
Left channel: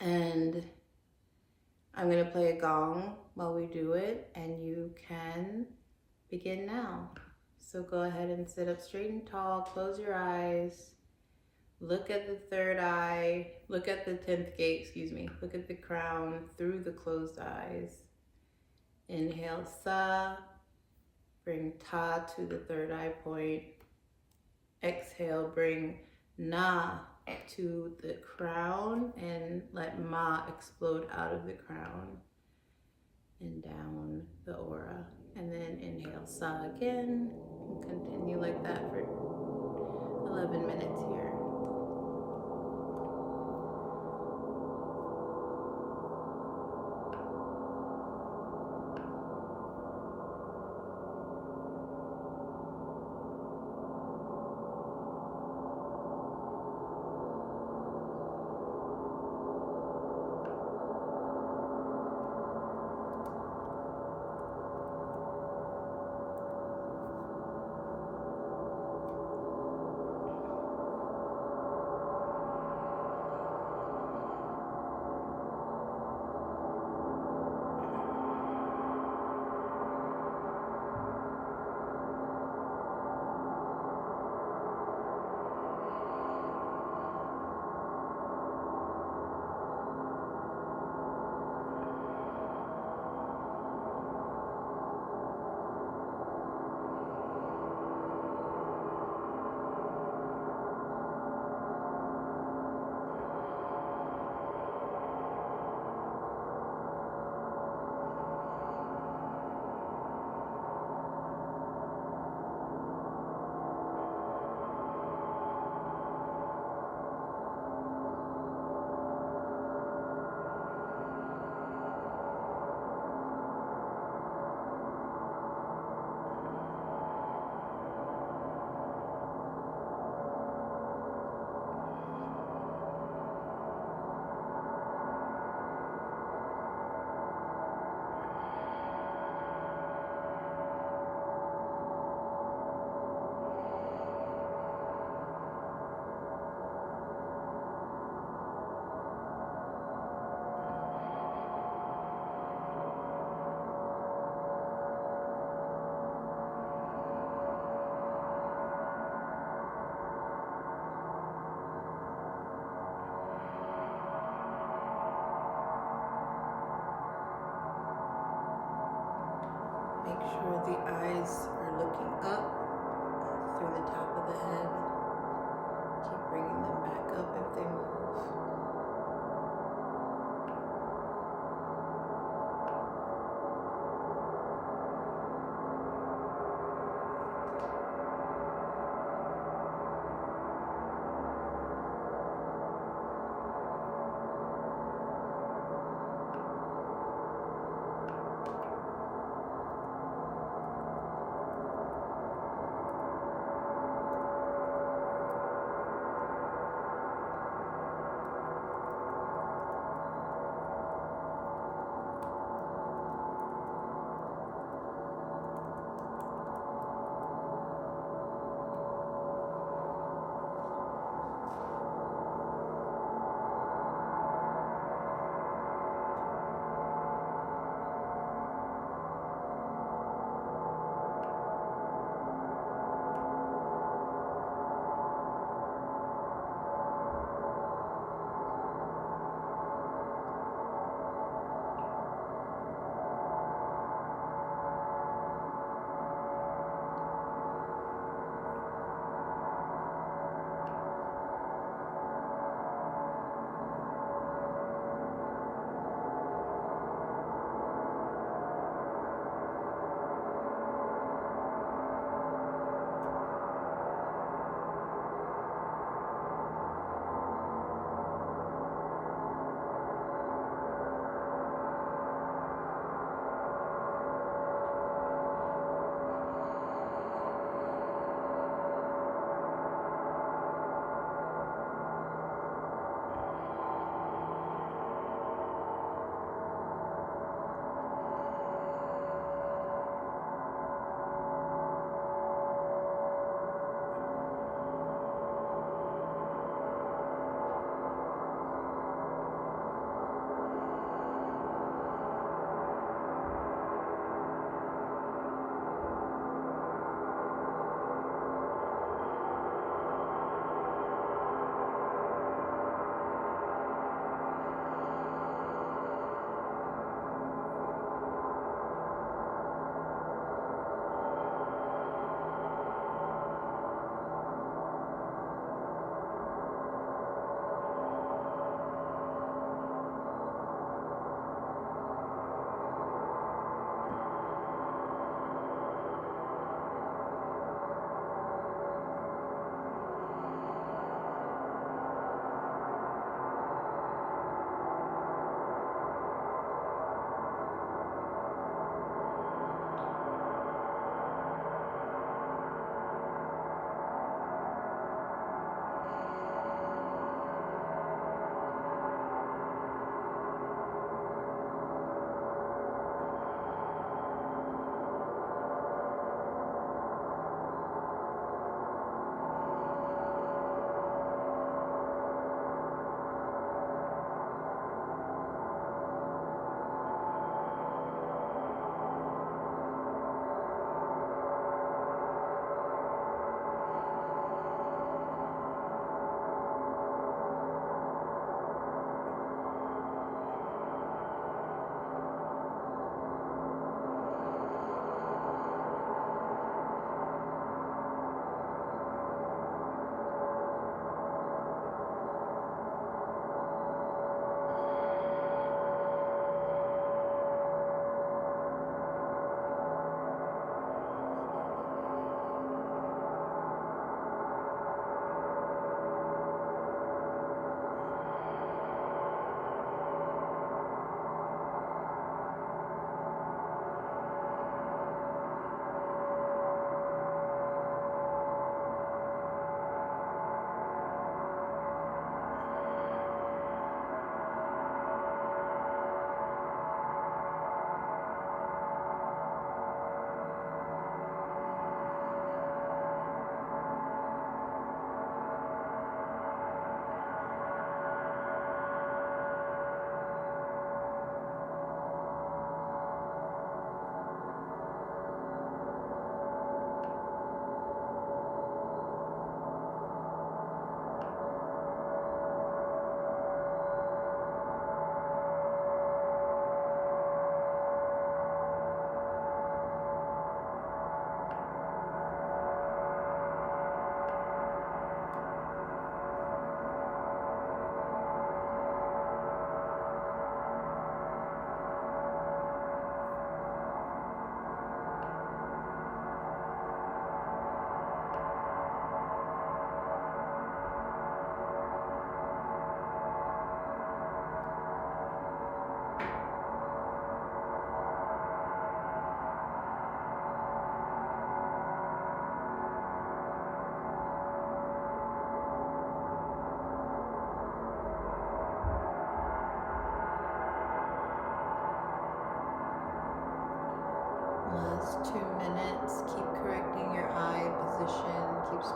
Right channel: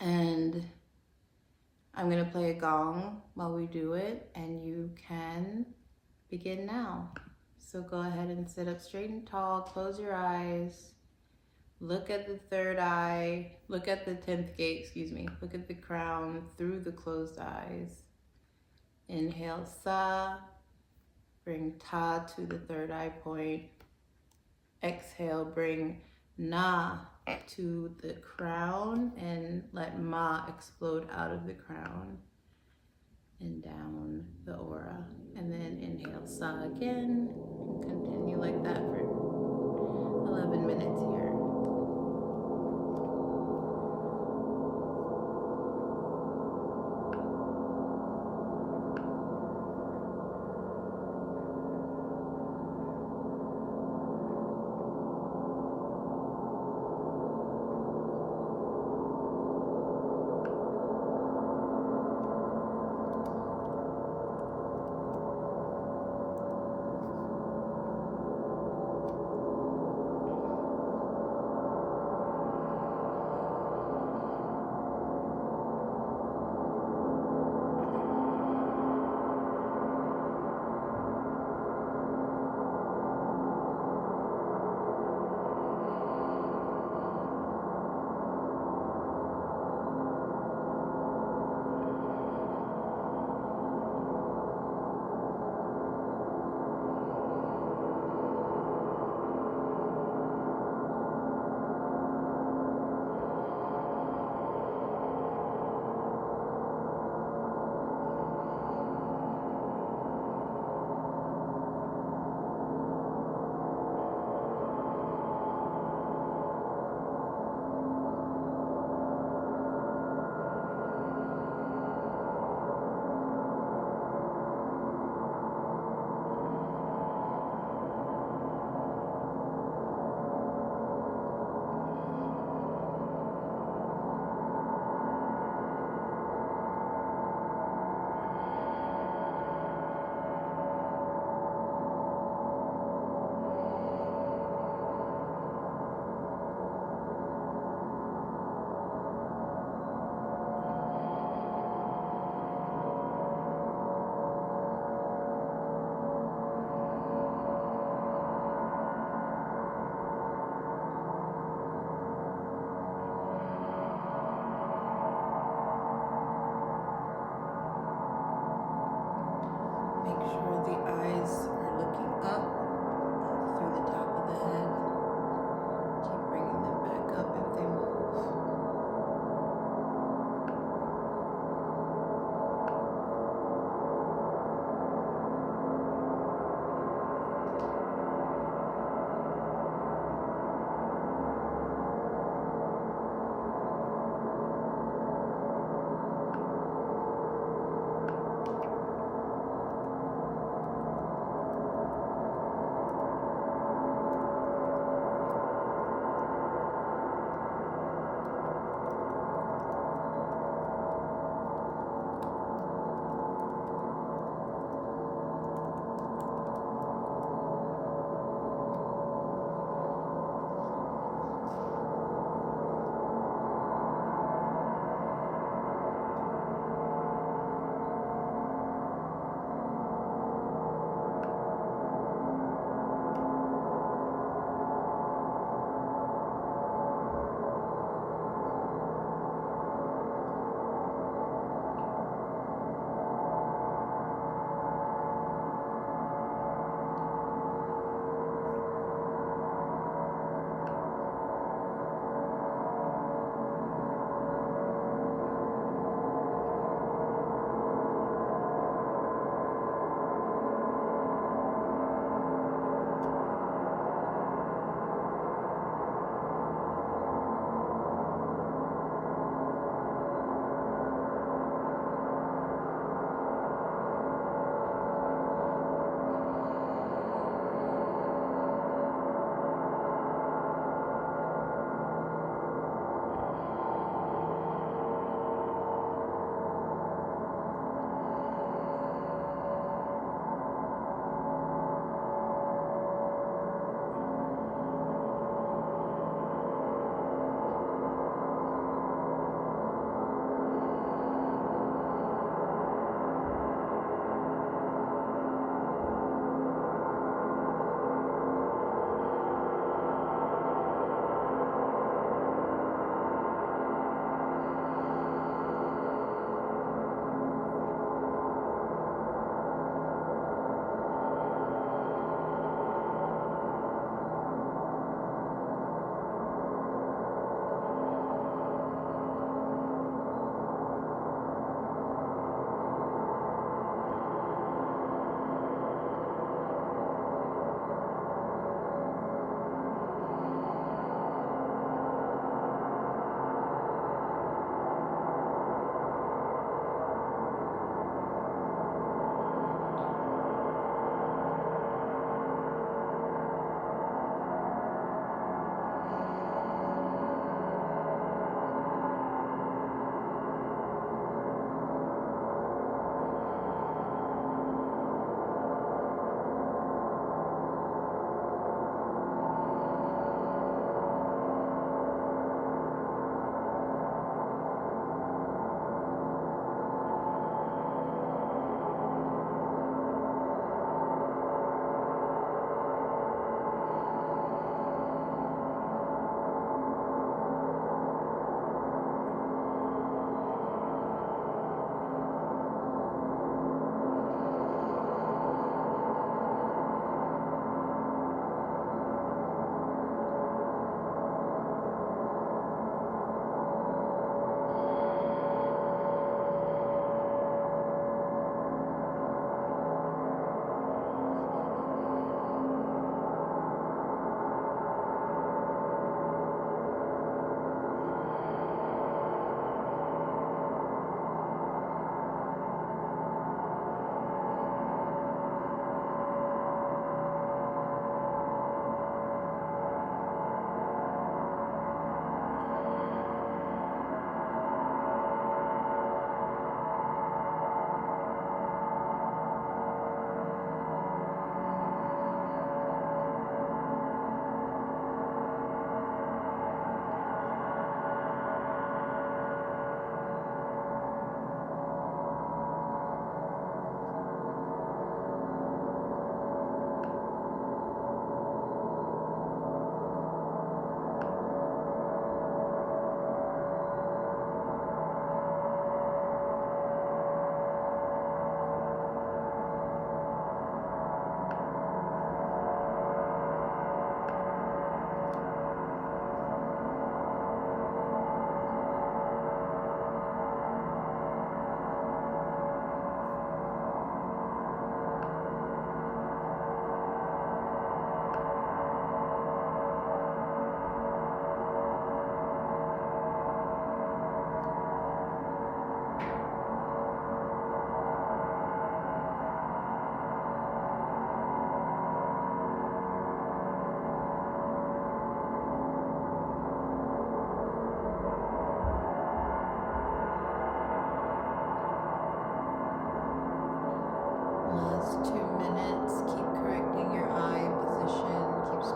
And I'm going to play a gong while we do it, and you can begin now. So go ahead and sit up straight and tall, close your eyes. Look at the third eye, look at the 10th gate, look at the crown through the closed eyes. Inhale sa, bring ta to the third eye point. Exhale, bring na to the crown and let ma explode out of the crown and down the aura. And then inhale sa again and continue like that for 11 minutes here. Make sure the eyes are looking up through the top of the head. Keep bringing them back up if they move.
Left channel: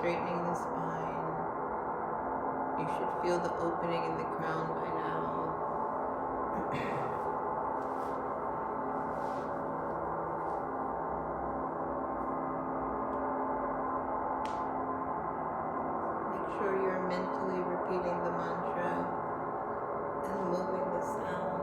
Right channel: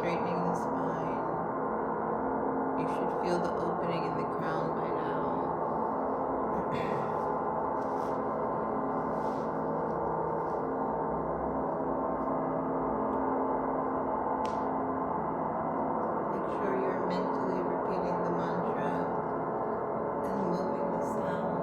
straightening the spine. You should feel the opening in the crown by now. Make sure you're mentally repeating the mantra and moving the sound.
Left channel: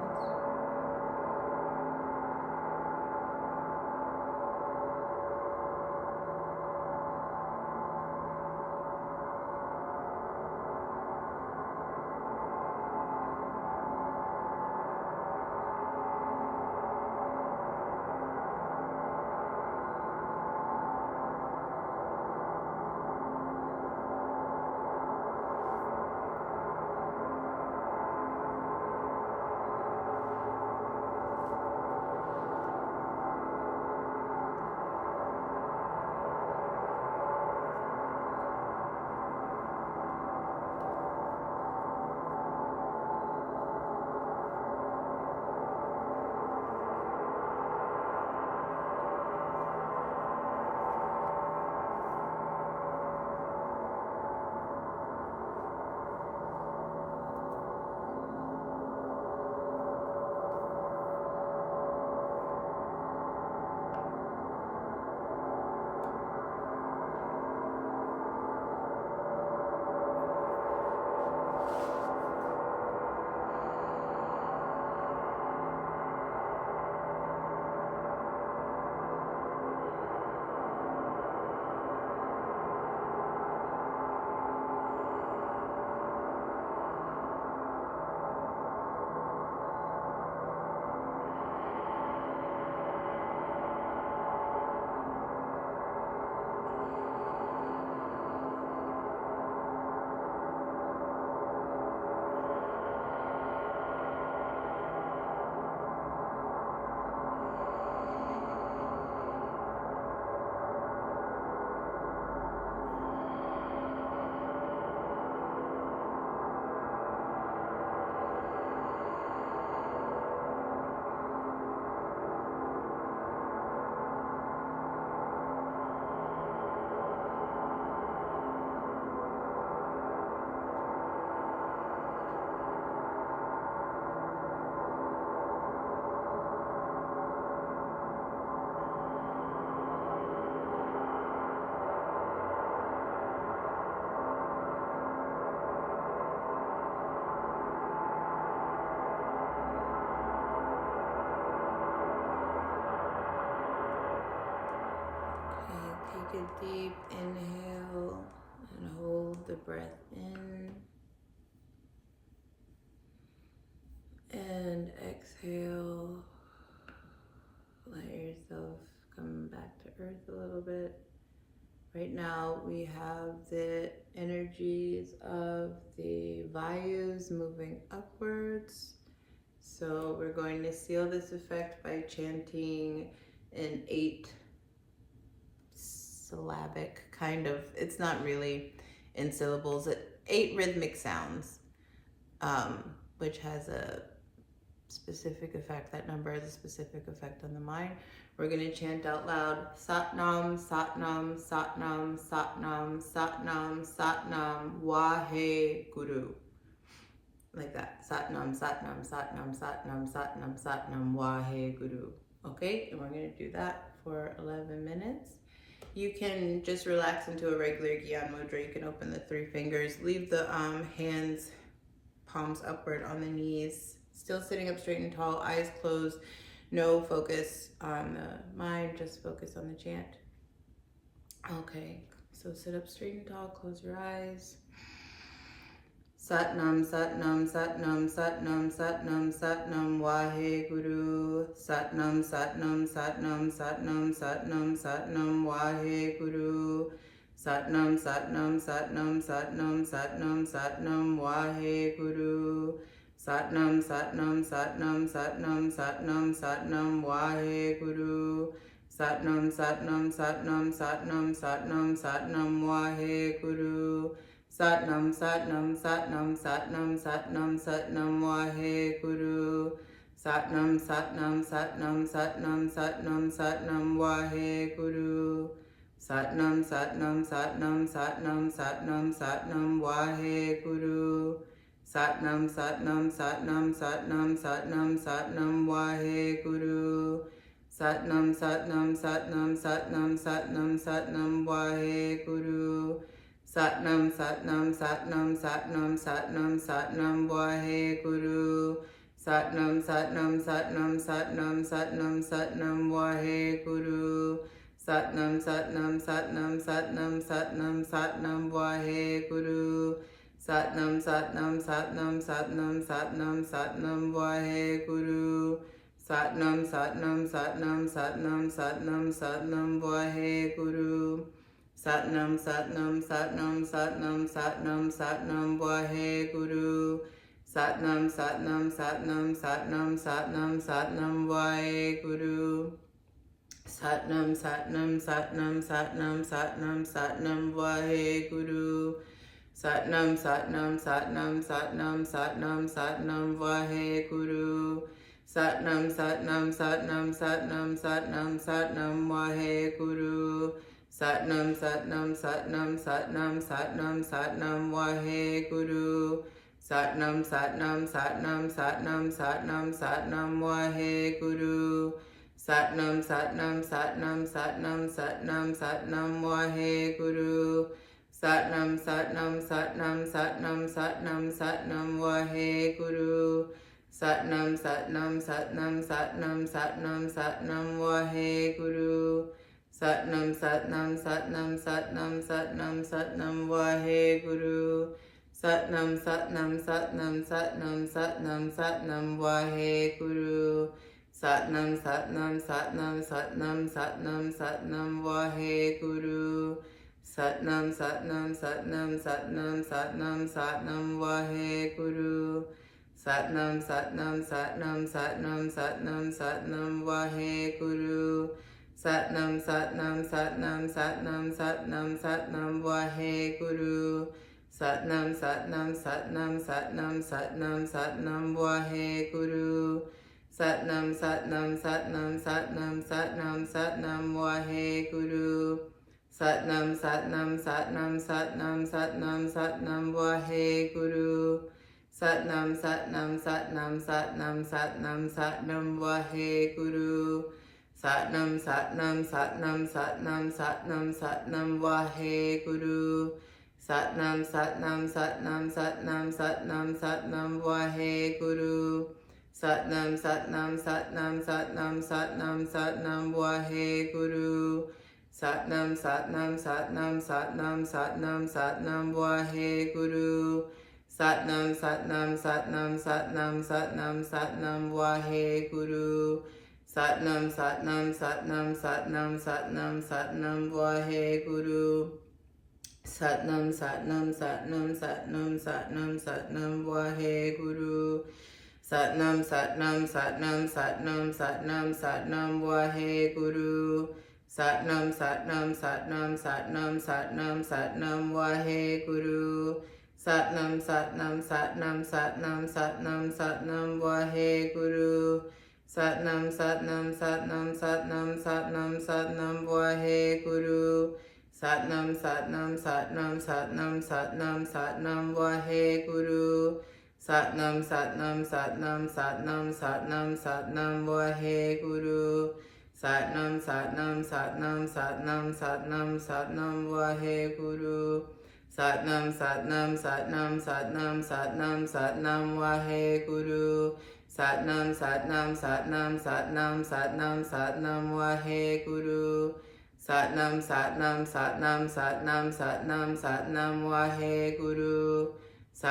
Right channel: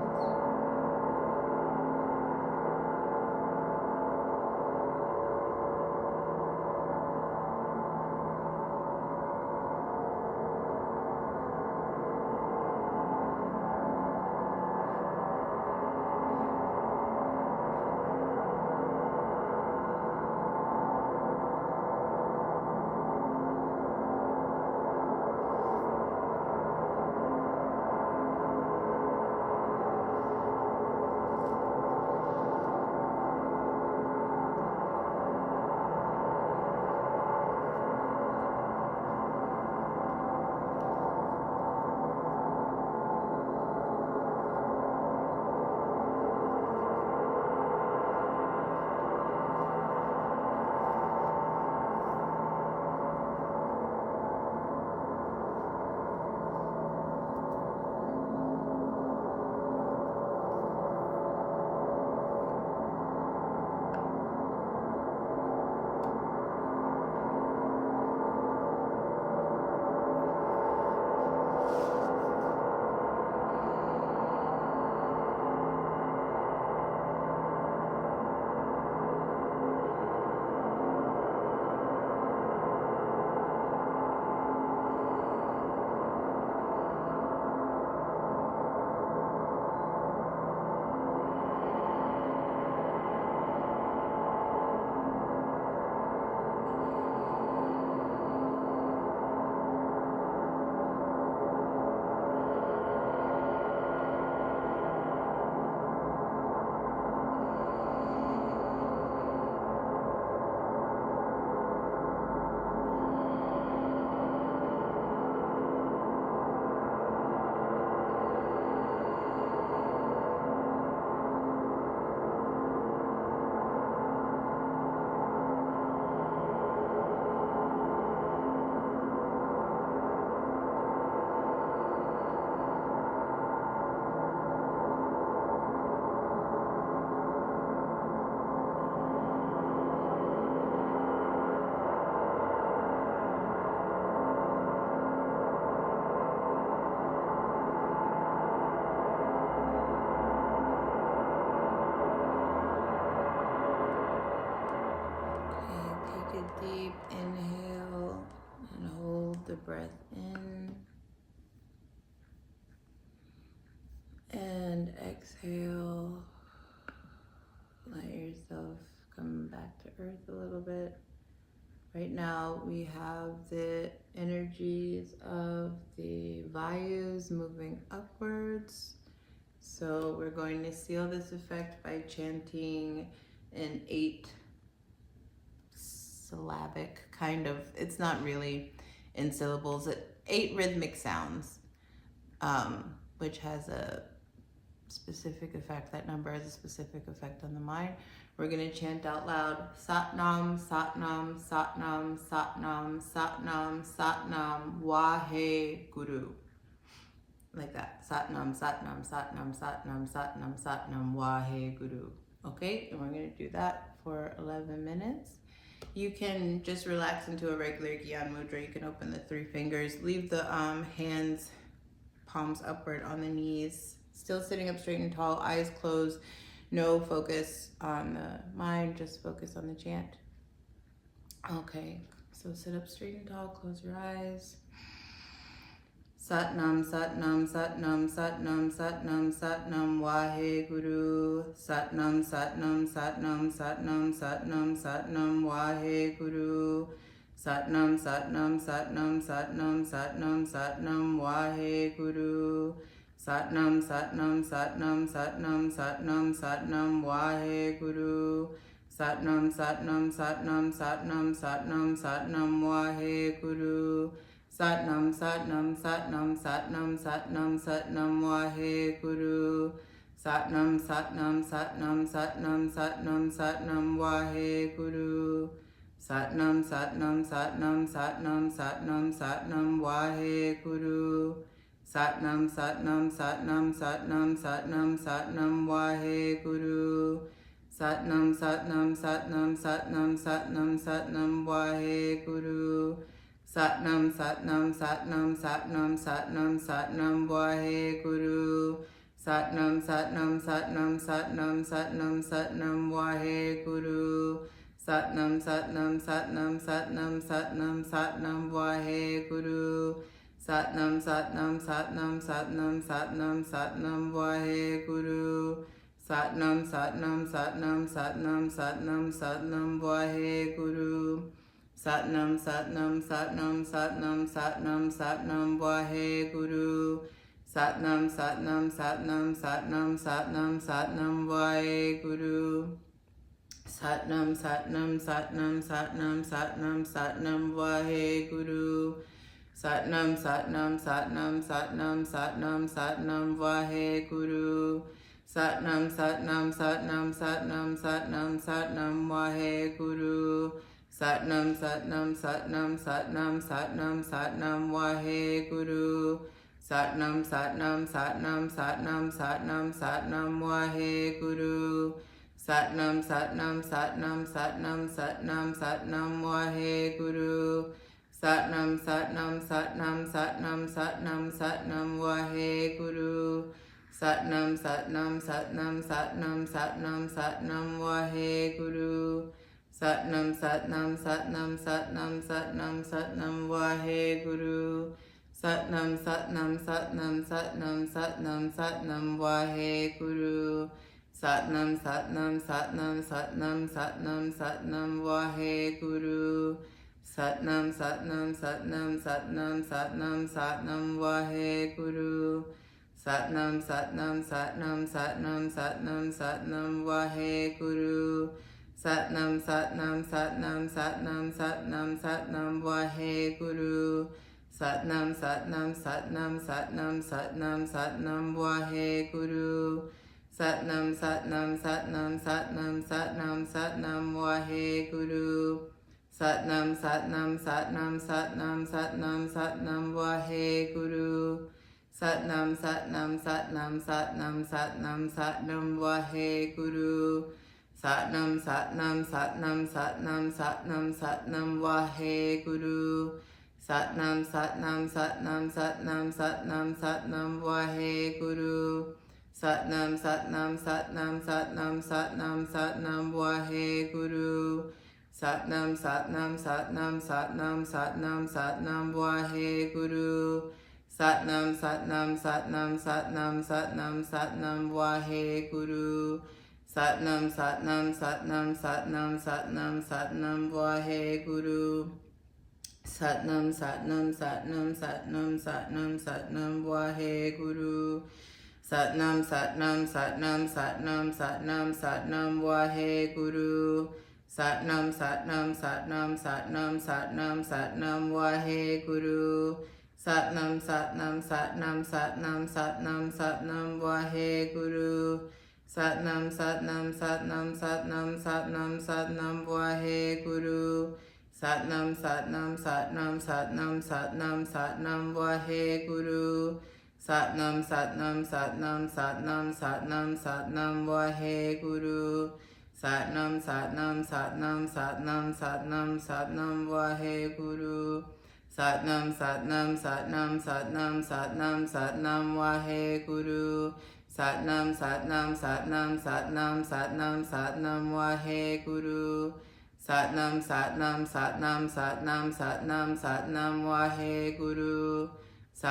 Take a deep inhale and hold the breath in. And exhale. Let yourself come back to earth a little bit. Right now we have the energies of the vayus moving upwards. So we're going to seal this effect by chanting an 8-syllabic kind of, it's not really in syllables, 8 rhythmic sounds, which has a specific effect. That number has a specific effect on the mind. We're going to chant out loud, Satnam, Satnam, Satnam, Satnam, Satnam, Satnam, Wahe Guru. Like that. Satnam, Satnam, Satnam, Satnam, Satnam, Satnam, Wahe Guru. Okay, and we're going to do that for 11 minutes. You can just relax into a regular Gyan Mudra. You can open the 3 fingers. Leave the hands, palms upward on the knees. Still sitting up straight and tall, eyes closed. No focus on the mind, just focus on the chant. Okay, so sit up straight and tall, close your eyes. Satnam, Satnam, Satnam, Satnam, Satnam, Satnam, Wahe Guru. Satnam, Satnam, Satnam, Satnam, Satnam, Satnam, Wahe Guru. Satnam, Satnam, Satnam, Satnam, Satnam, Satnam, Wahe Guru. Satnam, Satnam, Satnam, Satnam, Satnam, Satnam, Wahe Guru. Satnam, Satnam, Satnam, Satnam, Satnam, Satnam, Wahe Guru. Satnam, Satnam, Satnam, Satnam, Satnam, Satnam, Wahe Guru. Satnam, Satnam, Satnam, Satnam, Satnam, Satnam, Wahe Guru. Satnam Satnam Satnam Satnam Satnam Satnam Waheguru. Satnam Satnam Satnam Satnam Satnam Satnam Waheguru. Satnam Satnam Satnam Satnam Satnam Satnam Waheguru. Satnam Satnam Satnam Satnam Satnam Satnam Waheguru. Satnam Satnam Satnam Satnam Satnam Satnam Waheguru. Satnam Satnam Satnam Satnam Satnam Satnam Waheguru. Satnam Satnam Satnam Satnam Satnam Satnam Waheguru. Satnam Satnam Satnam Satnam Satnam Satnam Waheguru. Satnam Satnam Satnam Satnam Satnam Satnam Waheguru. Satnam Satnam Satnam Satnam Satnam Satnam Waheguru. Satnam Satnam Satnam Satnam Satnam Satnam Waheguru. Satnam Satnam Satnam Satnam Satnam Satnam Waheguru. Satnam Satnam Satnam Satnam Satnam Satnam Waheguru. Satnam Satnam Satnam Satnam Satnam Satnam Waheguru. Satnam Satnam Satnam Satnam Satnam Satnam Waheguru. Satnam Satnam Satnam Satnam Satnam Satnam Waheguru. Satnam Satnam Satnam Satnam Satnam Satnam Waheguru. Satnam Satnam Satnam Satnam Satnam Satnam Waheguru. Satnam Satnam Satnam Satnam Satnam Satnam Waheguru. Satnam Satnam Satnam Satnam Satnam Satnam Waheguru. Satnam Satnam Satnam Satnam Satnam Satnam Waheguru. Satnam Satnam Satnam Satnam Satnam Satnam Waheguru. Satnam Satnam Satnam Satnam Satnam Satnam Waheguru. Satnam Satnam Satnam Satnam Satnam Satnam Waheguru. Satnam Satnam Satnam Satnam Satnam Satnam Waheguru. Satnam Satnam Satnam Satnam Satnam Satnam Waheguru. Satnam Satnam Satnam Satnam Satnam Satnam Waheguru. Satnam Satnam Satnam Satnam Satnam Satnam Waheguru. Satnam Satnam Satnam Satnam Satnam Satnam Waheguru. Satnam Satnam Satnam Satnam Satnam Satnam Waheguru. Satnam Satnam Satnam Satnam Satnam Satnam Waheguru. Satnam Satnam Satnam Satnam Satnam Satnam Waheguru. Satnam Satnam Satnam Satnam Satnam Satnam Waheguru. Satnam Satnam Satnam Satnam Satnam Satnam Waheguru. Satnam Satnam Satnam Satnam Satnam Satnam Waheguru. Satnam Satnam Satnam Satnam Satnam Satnam Waheguru. Satnam Satnam Satnam Satnam Satnam Satnam Waheguru. Satnam Satnam Satnam Satnam Satnam Satnam Waheguru. Satnam Satnam Satnam Satnam Satnam Satnam Waheguru. Satnam Satnam Satnam Satnam Satnam Satnam Waheguru. Satnam Satnam Satnam Satnam Satnam Satnam Waheguru. Satnam Satnam Satnam Satnam Satnam Satnam Waheguru. Satnam Satnam Satnam Satnam Satnam Satnam Waheguru. Satnam Satnam Satnam Satnam Satnam Satnam Waheguru. Satnam Satnam Satnam Satnam Satnam Satnam Waheguru.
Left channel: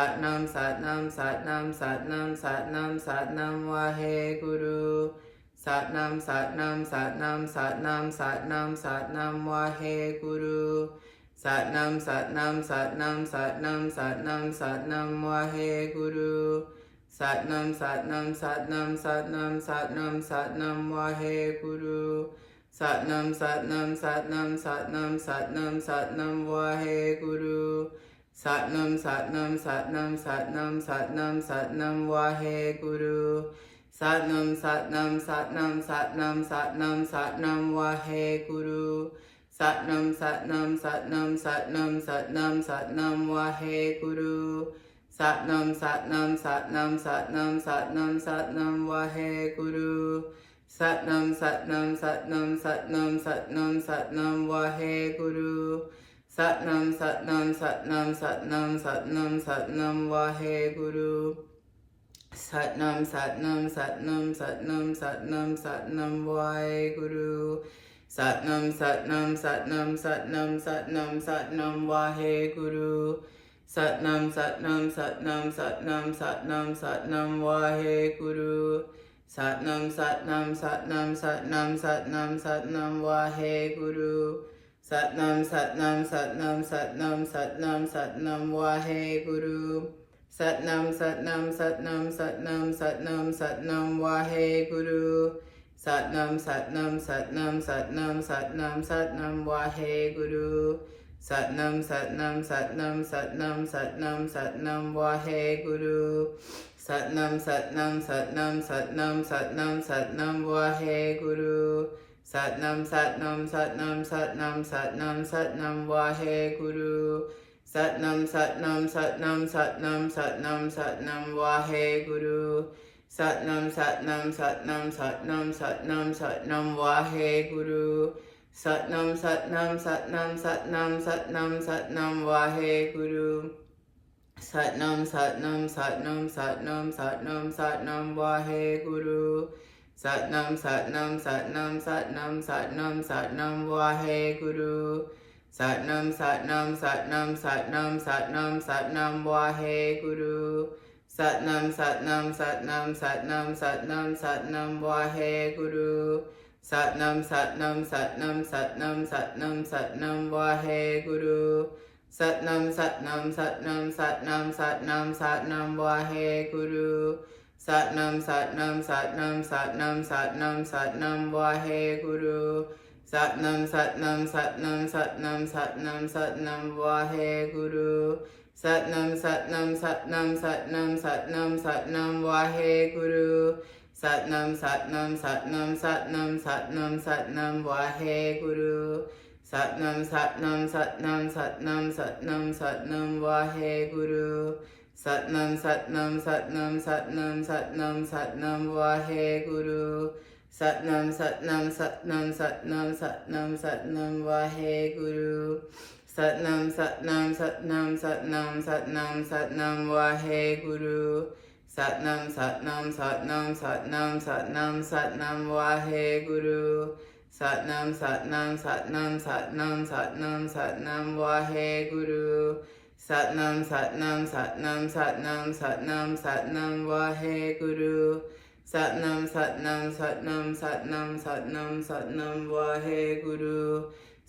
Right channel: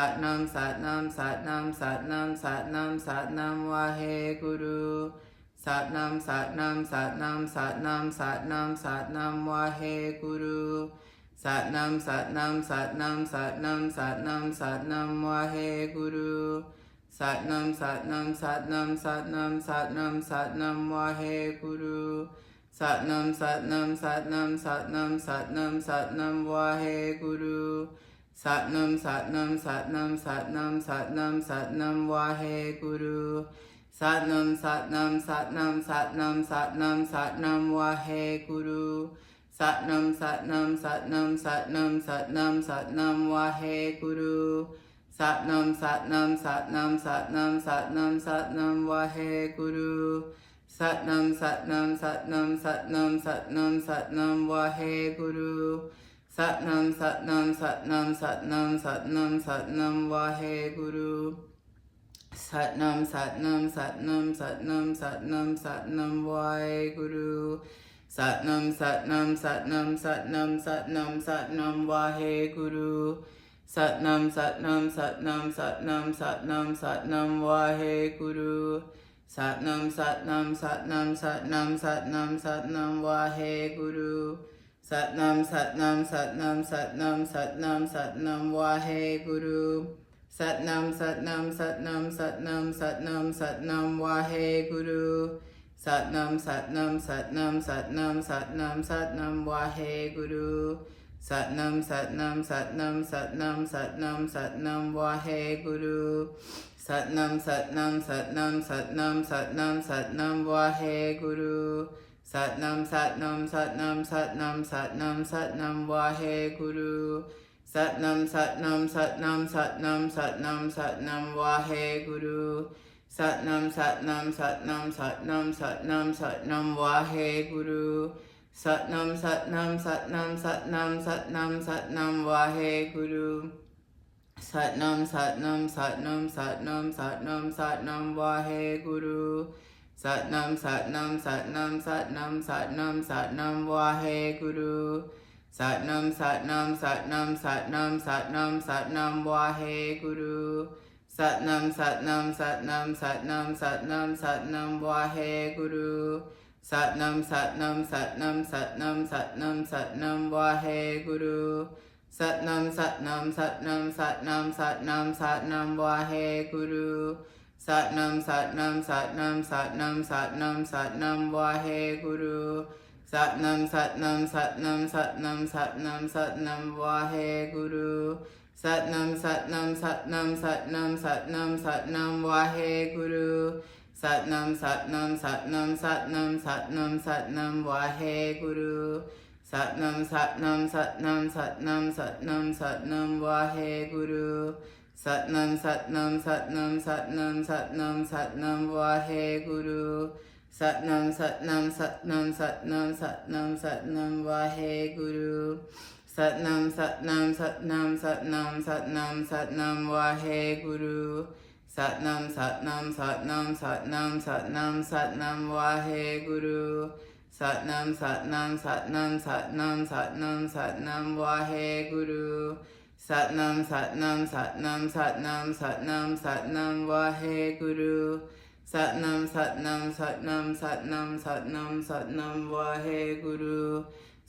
Satnam Satnam Satnam Satnam Satnam Satnam Waheguru. Satnam Satnam Satnam Satnam Satnam Satnam Waheguru. Satnam Satnam Satnam Satnam Satnam Satnam Waheguru. Satnam Satnam Satnam Satnam Satnam Satnam Waheguru. Satnam Satnam Satnam Satnam Satnam Satnam Waheguru. Satnam Satnam Satnam Satnam Satnam Satnam Waheguru. Satnam Satnam Satnam Satnam Satnam Satnam Waheguru. Satnam Satnam Satnam Satnam Satnam Satnam Waheguru. Satnam Satnam Satnam Satnam Satnam Satnam Waheguru. Satnam Satnam Satnam Satnam Satnam Satnam Waheguru. Satnam Satnam Satnam Satnam Satnam Satnam Waheguru. Satnam Satnam Satnam Satnam Satnam Satnam Waheguru. Satnam Satnam Satnam Satnam Satnam Satnam Waheguru. Satnam Satnam Satnam Satnam Satnam Satnam Waheguru. Satnam Satnam Satnam Satnam Satnam Satnam Waheguru. Satnam Satnam Satnam Satnam Satnam Satnam Waheguru. Satnam Satnam Satnam Satnam Satnam Satnam Waheguru. Satnam Satnam Satnam Satnam Satnam Satnam Waheguru. Satnam Satnam Satnam Satnam Satnam Satnam Waheguru. Satnam Satnam Satnam Satnam Satnam Satnam Waheguru. Satnam Satnam Satnam Satnam Satnam Satnam Waheguru. Satnam Satnam Satnam Satnam Satnam Satnam Waheguru. Satnam Satnam Satnam Satnam Satnam Satnam Waheguru. Satnam Satnam Satnam Satnam Satnam Satnam Waheguru. Satnam Satnam Satnam Satnam Satnam Satnam Waheguru. Satnam Satnam Satnam Satnam Satnam Satnam Waheguru. Satnam Satnam Satnam Satnam Satnam Satnam Waheguru. Satnam Satnam Satnam Satnam Satnam Satnam Waheguru. Satnam Satnam Satnam Satnam Satnam Satnam Waheguru. Satnam Satnam Satnam Satnam Satnam Satnam Waheguru. Satnam Satnam Satnam Satnam Satnam Satnam Waheguru. Satnam Satnam Satnam Satnam Satnam Satnam Waheguru. Satnam Satnam Satnam Satnam Satnam Satnam Waheguru. Satnam Satnam Satnam Satnam Satnam Satnam Waheguru. Satnam Satnam Satnam Satnam Satnam Satnam Waheguru. Satnam Satnam Satnam Satnam Satnam Satnam Waheguru. Satnam Satnam Satnam Satnam Satnam Satnam Waheguru. Satnam Satnam Satnam Satnam Satnam Satnam Waheguru. Satnam Satnam Satnam Satnam Satnam Satnam Waheguru. Satnam Satnam Satnam Satnam Satnam Satnam Waheguru. Satnam Satnam Satnam Satnam Satnam Satnam Waheguru. Satnam Satnam Satnam Satnam Satnam Satnam Waheguru. Satnam Satnam Satnam Satnam Satnam Satnam Waheguru.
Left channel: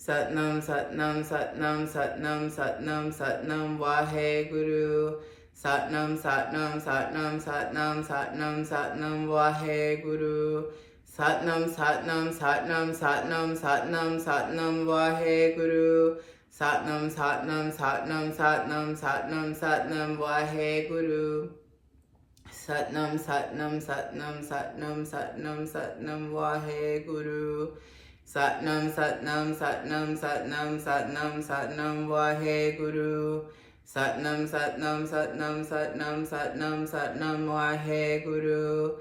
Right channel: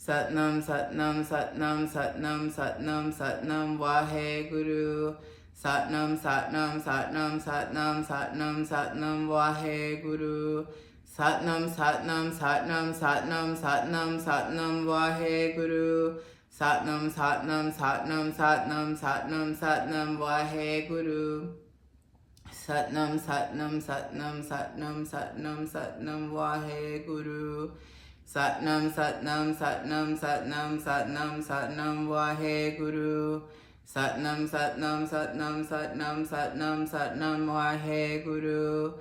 Satnam Satnam Satnam Satnam Satnam Satnam Waheguru. Satnam Satnam Satnam Satnam Satnam Satnam Waheguru. Satnam Satnam Satnam Satnam Satnam Satnam Waheguru. Satnam Satnam Satnam Satnam Satnam Satnam Waheguru. Satnam Satnam Satnam Satnam Satnam Satnam Waheguru. Satnam Satnam Satnam Satnam Satnam Satnam Waheguru. Satnam Satnam Satnam Satnam Satnam Satnam Waheguru.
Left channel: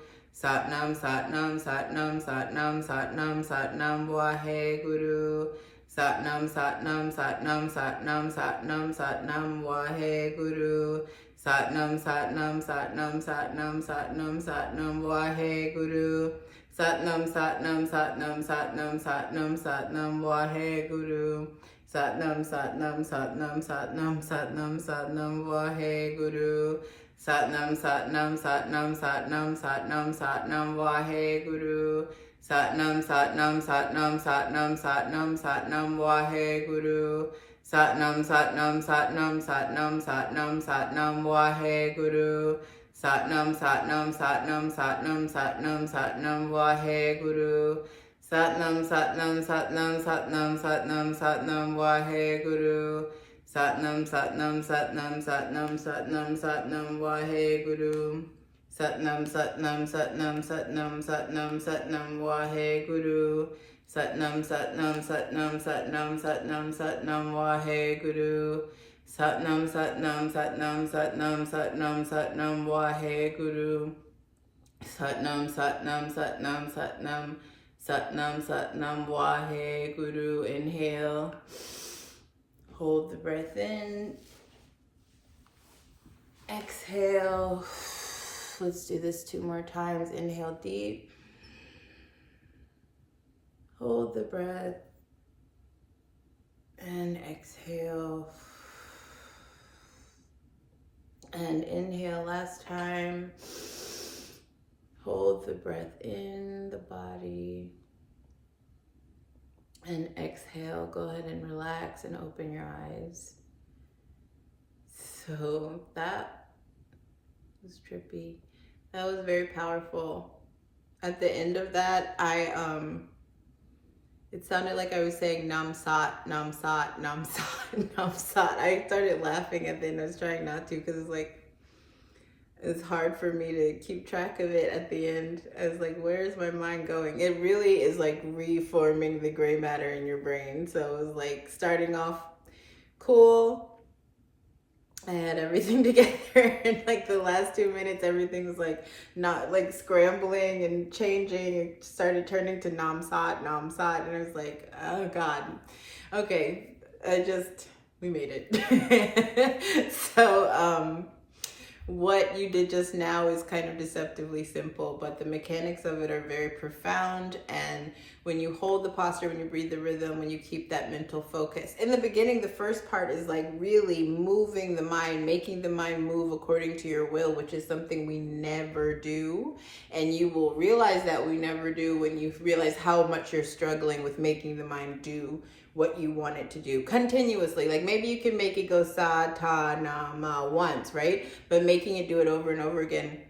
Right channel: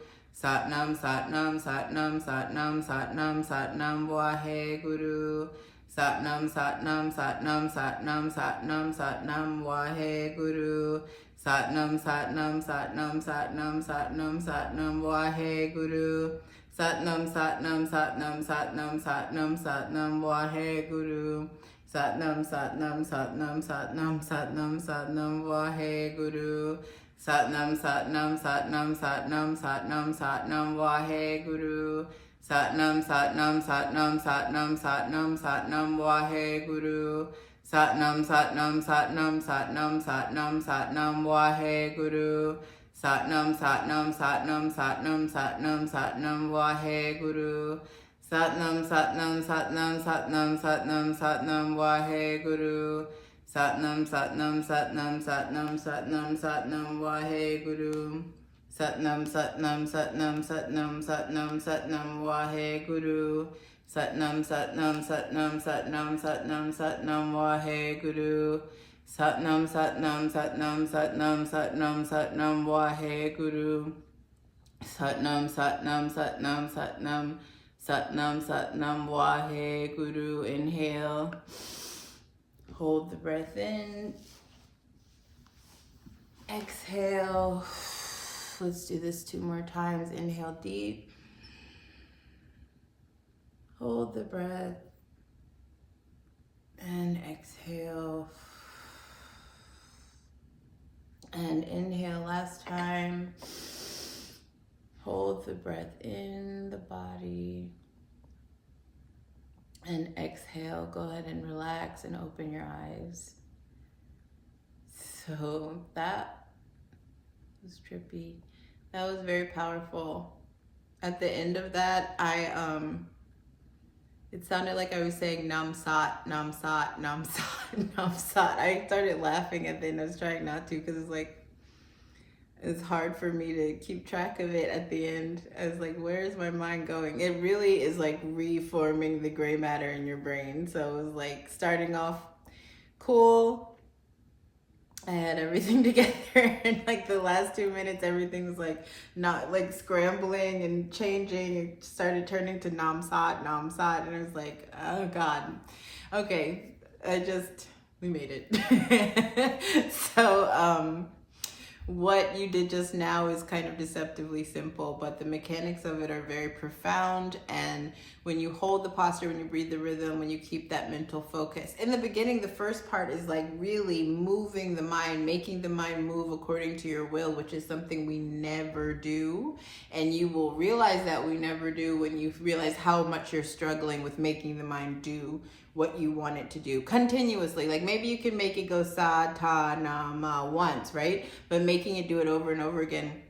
Satnam Satnam Satnam Satnam Satnam Satnam Waheguru. Satnam Satnam Satnam Satnam Satnam Satnam Waheguru. Satnam Satnam Satnam Satnam Satnam Satnam Waheguru. Satnam Satnam Satnam Satnam Satnam Satnam Waheguru. Satnam Satnam Satnam Satnam Satnam Satnam Waheguru. Satnam Satnam Satnam Satnam Satnam Satnam Waheguru. Satnam Satnam Satnam Satnam Satnam Satnam Waheguru. Satnam Satnam Satnam Satnam Satnam Satnam Waheguru. Satnam Satnam Satnam Satnam Satnam Satnam Waheguru. Satnam Satnam Satnam Satnam Satnam Satnam Waheguru. Satnam Satnam Satnam Satnam Satnam Satnam Waheguru. Satnam, Satnam, Satnam, Satnam, Satnam, Satnam, Waheguru. Satnam, Satnam, Satnam, Satnam, Satnam, Satnam, Waheguru. Satnam, Satnam, Satnam, Satnam, Satnam, Satnam, Waheguru. Inhale. Hold the breath in. Exhale. Let's do this 2 more times. Inhale deep. Hold the breath. And exhale. And inhale last time. Hold the breath in the body. And exhale. Go ahead and relax and open your eyes. So that was trippy. That was very powerful. At the end of that, it sounded like I was saying Nam Sat, Nam Sat, Nam Sat, Nam Sat. I started laughing at the end. I was trying not to because it's hard for me to keep track of it at the end. I was like, where is my mind going? It really is like reforming the gray matter in your brain. So it was like starting off cool. I had everything together and like the last 2 minutes, everything was like not like scrambling and changing. It started turning to Nam Sat, and I was like, oh God. Okay, we made it. So, what you did just now is kind of deceptively simple, but the mechanics of it are very profound. And when you hold the posture, when you breathe the rhythm, when you keep that mental focus. In the beginning, the first part is like really moving the mind, making the mind move according to your will, which is something we never do. And you will realize that we never do when you realize how much you're struggling with making the mind do what you want it to do continuously. Like maybe you can make it go sa, ta, na, ma once, right? But making it do it over and over again,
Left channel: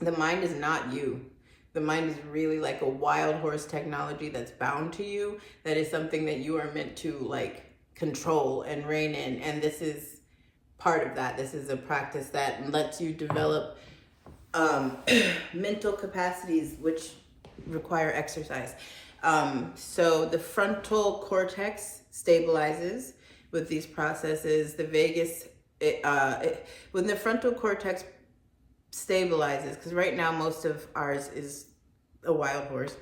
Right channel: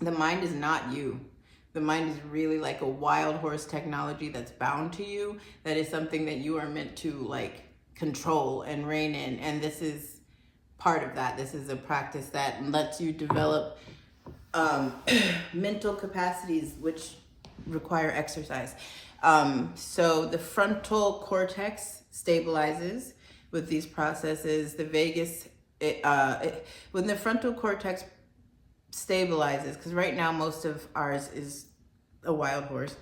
the mind is not you. The mind is really like a wild horse technology that's bound to you. That is something that you are meant to like control and rein in. And this is part of that. This is a practice that lets you develop mental capacities which require exercise. So the frontal cortex stabilizes with these processes. The vagus, when the frontal cortex stabilizes, because right now most of ours is a wild horse,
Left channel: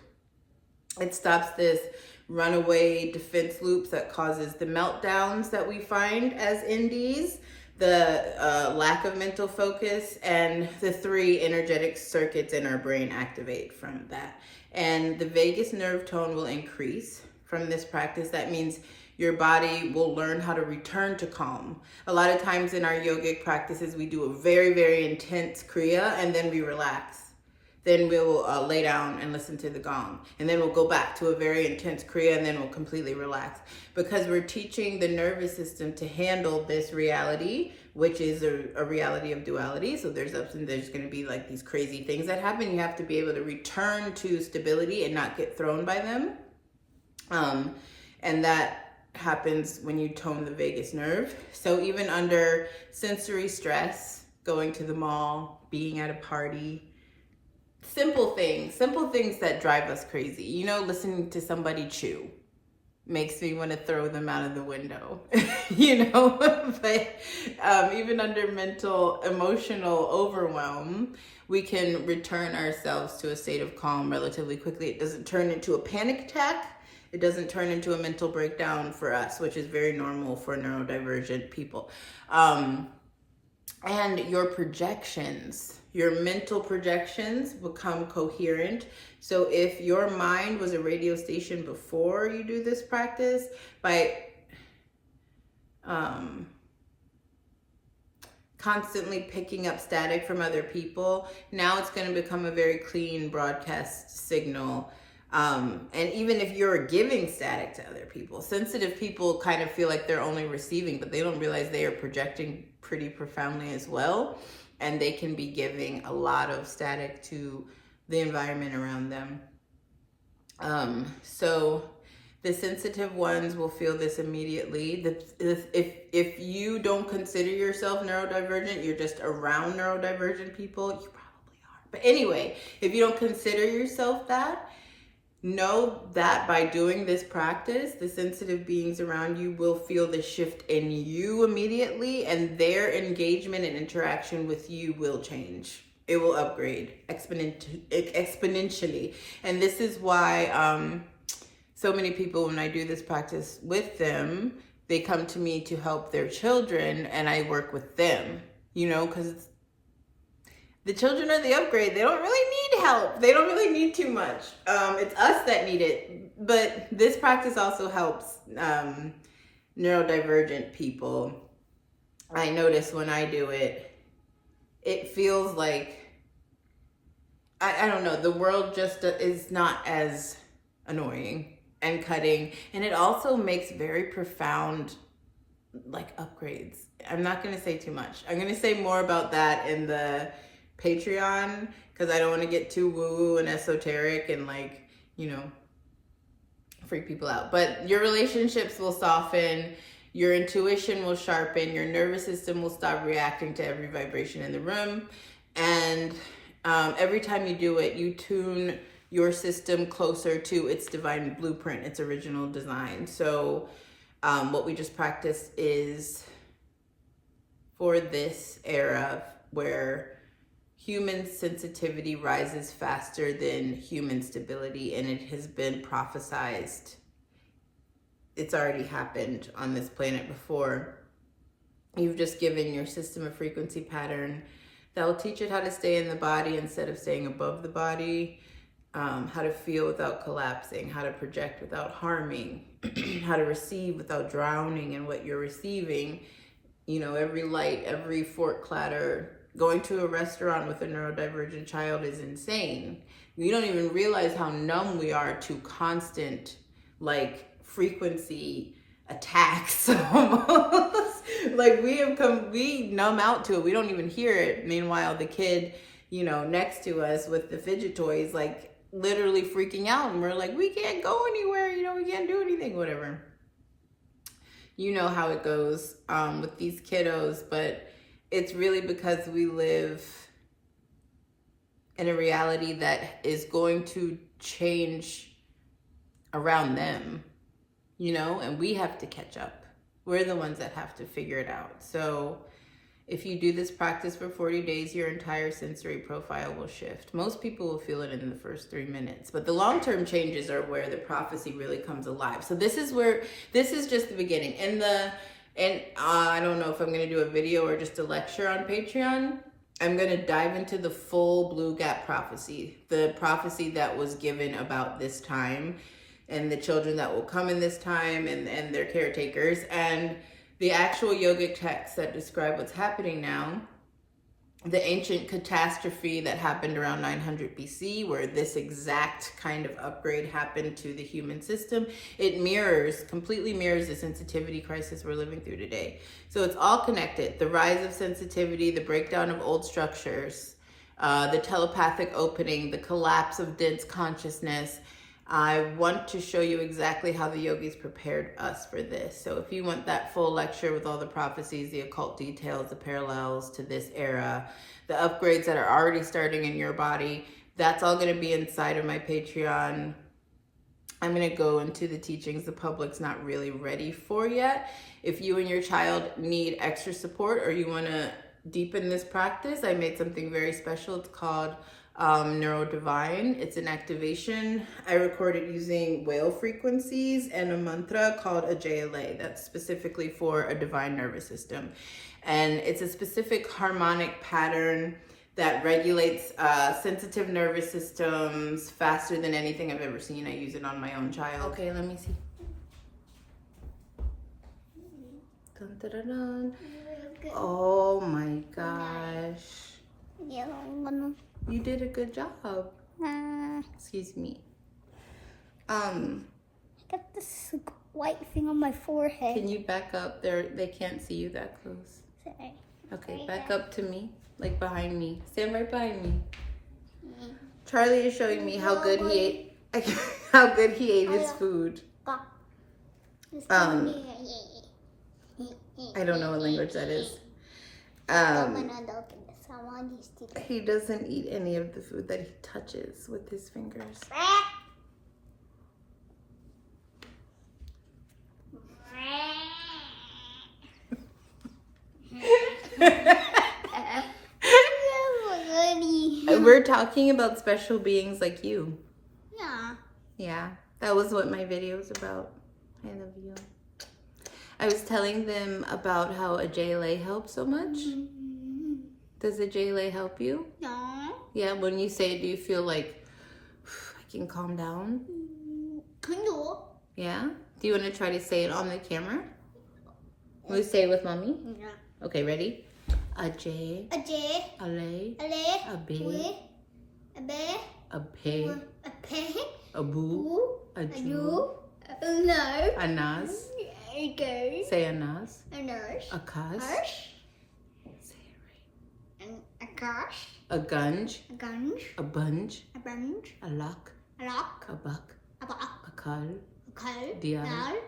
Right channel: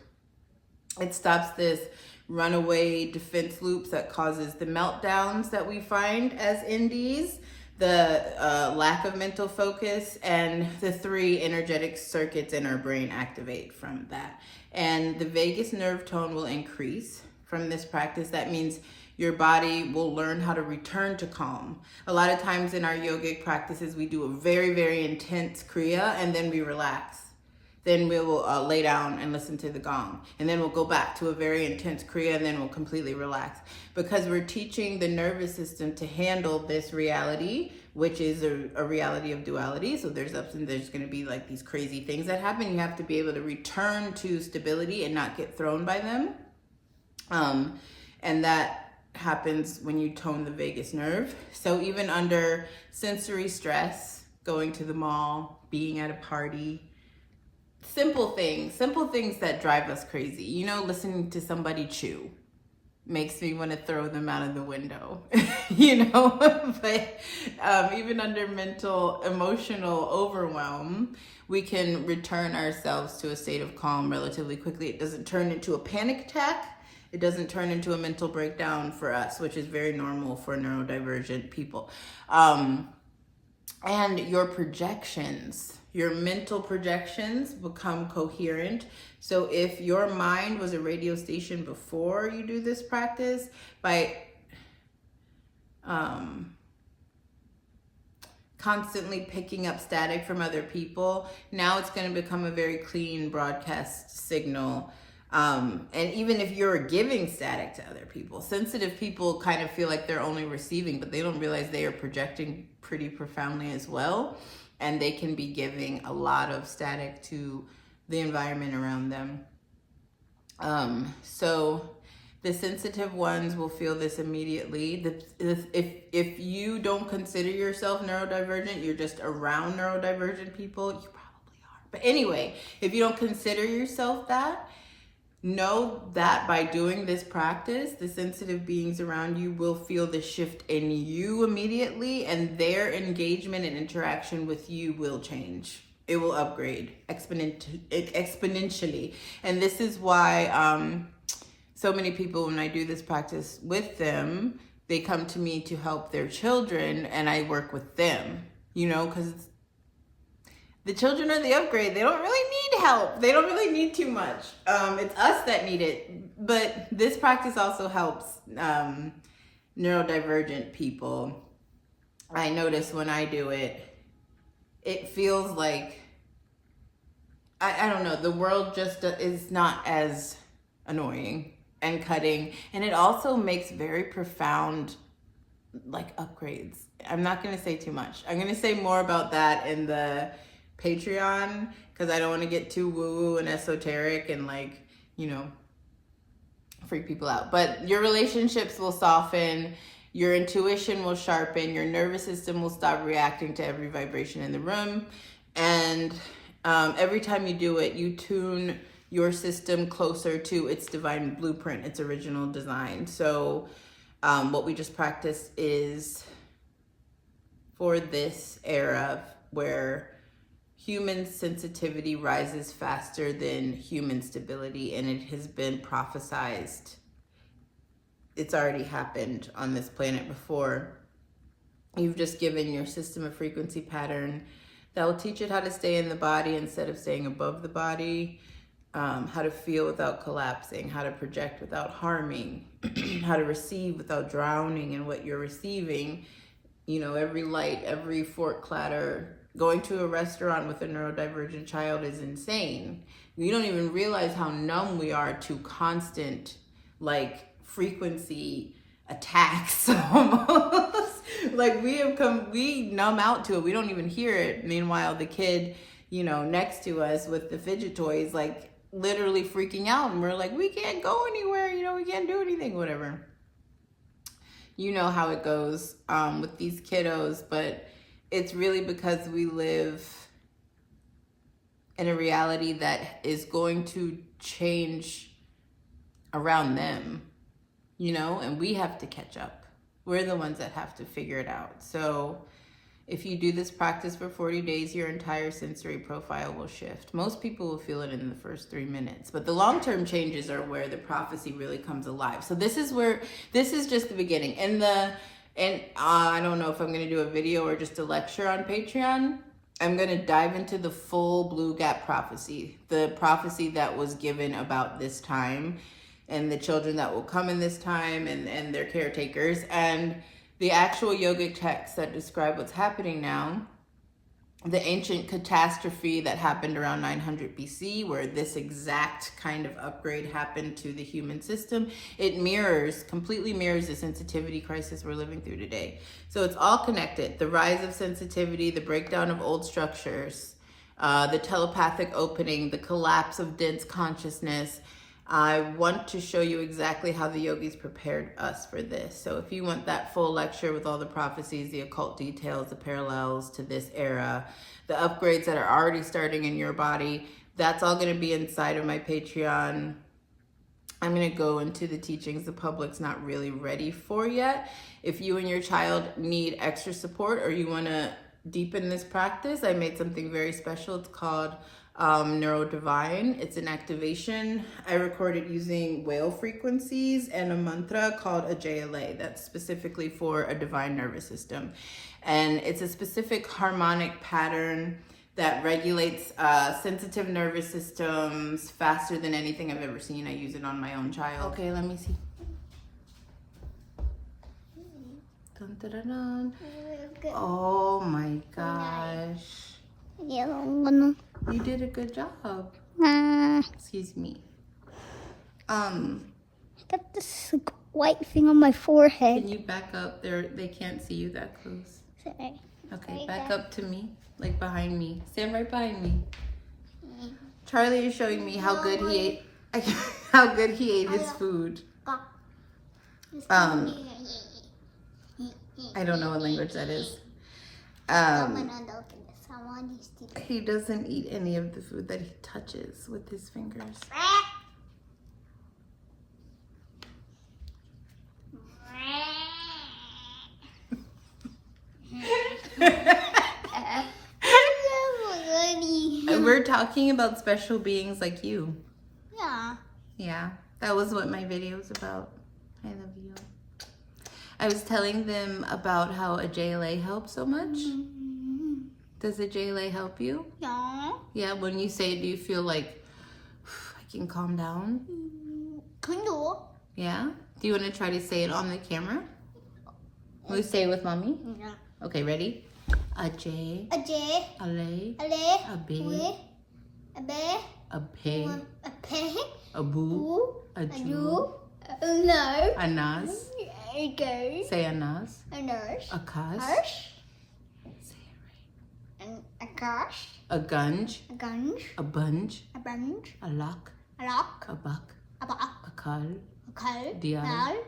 it stops this runaway defense loops that causes the meltdowns that we find as NDs, the lack of mental focus, and the 3 energetic circuits in our brain activate from that. And the vagus nerve tone will increase from this practice. That means your body will learn how to return to calm. A lot of times in our yogic practices, we do a very, very intense kriya and then we relax. Then we will lay down and listen to the gong. And then we'll go back to a very intense kriya and then we'll completely relax. Because we're teaching the nervous system to handle this reality, which is a reality of duality. So there's going to be like these crazy things that happen. You have to be able to return to stability and not get thrown by them. And that happens when you tone the vagus nerve. So even under sensory stress, going to the mall, being at a party, simple things that drive us crazy. You know, listening to somebody chew makes me want to throw them out of the window, you know, but even under mental, emotional overwhelm, we can return ourselves to a state of calm relatively quickly. It doesn't turn into a panic attack. It doesn't turn into a mental breakdown for us, which is very normal for neurodivergent people. And your projections, your mental projections become coherent. So if your mind was a radio station before you do this practice, by constantly picking up static from other people, now it's going to become a very clean broadcast signal. And even if you're giving static to other people, sensitive people kind of feel like they're only receiving, but they don't realize they are projecting pretty profoundly as well. And they can be giving a lot of static to the environment around them. So the sensitive ones will feel this immediately. If you don't consider yourself neurodivergent, you're just around neurodivergent people, you probably are. But anyway, if you don't consider yourself that, know that by doing this practice, the sensitive beings around you will feel the shift in you immediately, and their engagement and interaction with you will change. It will upgrade exponentially. And this is why so many people, when I do this practice with them, they come to me to help their children, and I work with them, you know, because the children are the upgrade. They don't really need help. They don't really need too much. It's us that need it. But this practice also helps neurodivergent people. I notice when I do it, it feels like, I don't know, the world just is not as annoying and cutting. And it also makes very profound, like, upgrades. I'm not going to say too much. I'm going to say more about that in the Patreon, because I don't want to get too woo-woo and esoteric and, like, you know, freak people out. But your relationships will soften, your intuition will sharpen, your nervous system will stop reacting to every vibration in the room, and every time you do it, you tune your system closer to its divine blueprint, its original design. So what we just practiced is for this era where human sensitivity rises faster than human stability, and it has been prophesized. It's already happened on this planet before. You've just given your system a frequency pattern that will teach it how to stay in the body instead of staying above the body, how to feel without collapsing, how to project without harming, how to receive without drowning in what you're receiving. You know, every light, every fork clatter. Going to a restaurant with a neurodivergent child is insane. We don't even realize how numb we are to constant, like, frequency attacks almost. Like, we numb out to it. We don't even hear it. Meanwhile, the kid, you know, next to us with the fidget toys, like, literally freaking out. And we're like, we can't go anywhere. You know, we can't do anything, whatever. You know how it goes with these kiddos, but it's really because we live in a reality that is going to change around them, you know, and we have to catch up. We're the ones that have to figure it out. So if you do this practice for 40 days, your entire sensory profile will shift. Most people will feel it in the first 3 minutes, but the long-term changes are where the prophecy really comes alive. So this is just the beginning. And I don't know if I'm going to do a video or just a lecture on Patreon. I'm going to dive into the full Blue Gap prophecy, the prophecy that was given about this time and the children that will come in this time and their caretakers, and the actual yogic texts that describe what's happening now. The ancient catastrophe that happened around 900 BC, where this exact kind of upgrade happened to the human system. It completely mirrors the sensitivity crisis we're living through today. So it's all connected. The rise of sensitivity, the breakdown of old structures, the telepathic opening, the collapse of dense consciousness. I want to show you exactly how the yogis prepared us for this. So if you want that full lecture with all the prophecies, the occult details, the parallels to this era, the upgrades that are already starting in your body, that's all going to be inside of my Patreon. I'm going to go into the teachings the public's not really ready for yet. If you and your child need extra support or you want to deepen this practice, I made something very special. It's called Neurodivergent. It's an activation. I record it using whale frequencies and a mantra called a JLA. That's specifically for a divine nervous system. And it's a specific harmonic pattern that regulates sensitive nervous systems faster than anything I've ever seen. I use it on my own child. Okay, let me see. Dun, dun, dun, dun. Oh my gosh. You did a good job. Excuse me. Got this white thing on my forehead. Can you back up? They can't see you that close. Sorry. Okay, back up to me, like behind me. Stand right behind me. Charlie is showing me how good he ate. How good he ate his food. I don't know what language that is. He doesn't eat any of the food that he touches with his fingers. We're talking about special beings like you. Yeah. Yeah, that was what my video was about. I love you. I was telling them about how a JLA helps so much. Does a JLA help you? No. Yeah, when you say it, do you feel like I can calm down? Can do. Yeah? Do you want to try to say it on the camera? Will you say it with mommy? Yeah. Okay, ready? A J, A J, a lay, a leg, a B, a bear, a pay, a pig, a boo, a Jew, no, a nas. a go, Say a nas. a nurse, A cus. harsh, Say it and a gosh, right. A gunge, a gunge, a bunge, a bunch, a lock, a lock, a buck, a buck, a cull, a call, Dial. dial,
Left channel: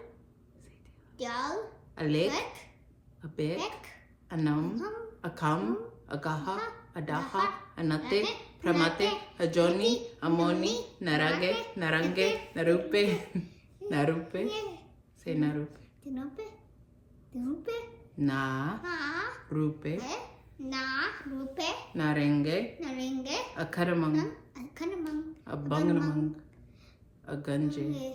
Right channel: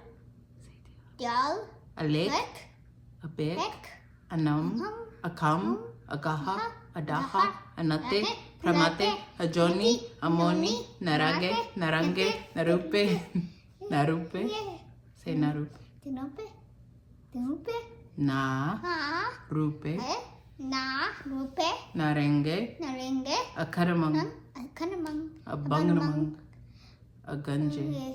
dial, a lick, neck, a bit, neck, a num, a cum, a gaha, a daha, a nate, pramate, a johnny, a moni, narage, narange, narupe, narupe. Say narupe. Tinope, tinope, Na, na, rupe, na, rupe, narenge, narenge, a karamang, a kanamang, a bangamang, a ganje.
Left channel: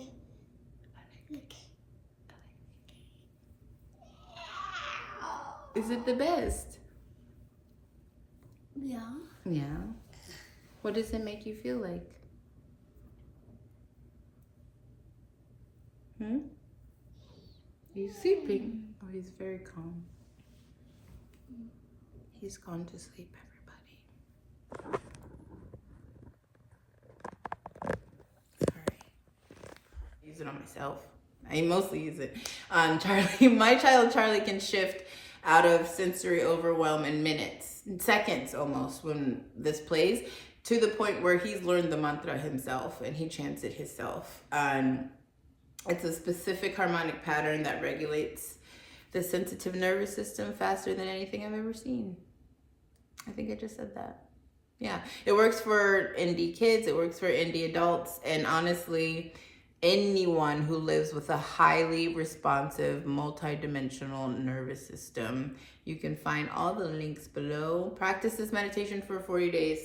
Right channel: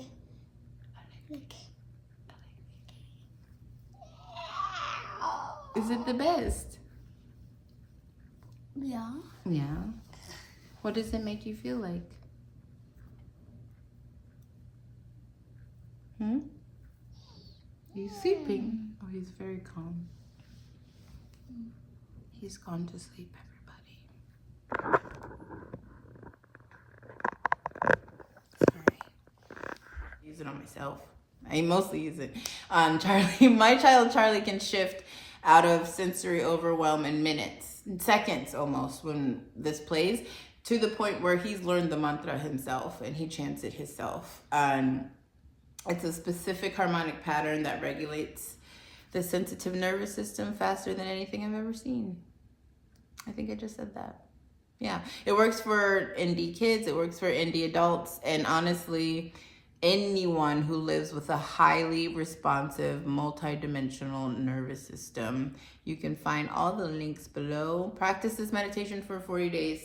Is it the best? Yeah. Yeah. What does it make you feel like? He's sleeping. Oh, he's very calm. He's gone to sleep, everybody. Sorry. Use it on myself. I mostly use it on Charlie. My child Charlie can shift out of sensory overwhelm in minutes, in seconds almost, when this plays, to the point where he's learned the mantra himself and he chants it himself. It's a specific harmonic pattern that regulates the sensitive nervous system faster than anything I've ever seen. I think I just said that. Yeah, it works for ND kids, it works for ND adults, and honestly, anyone who lives with a highly responsive, multidimensional nervous system. You can find all the links below. Practice this meditation for 40 days.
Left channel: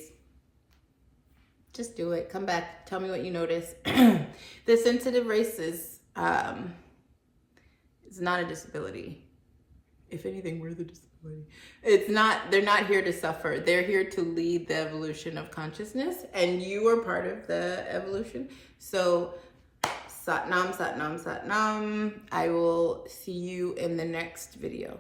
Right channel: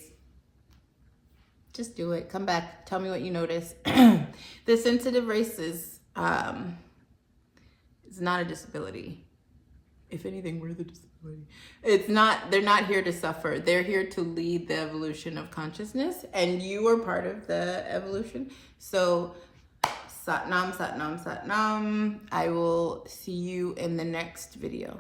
Just do it. Come back. Tell me what you notice. The sensitive race is not a disability. If anything, we're the disability. It's not, they're not here to suffer. They're here to lead the evolution of consciousness, and you are part of the evolution. So Sat Nam, Sat Nam, Sat Nam. I will see you in the next video.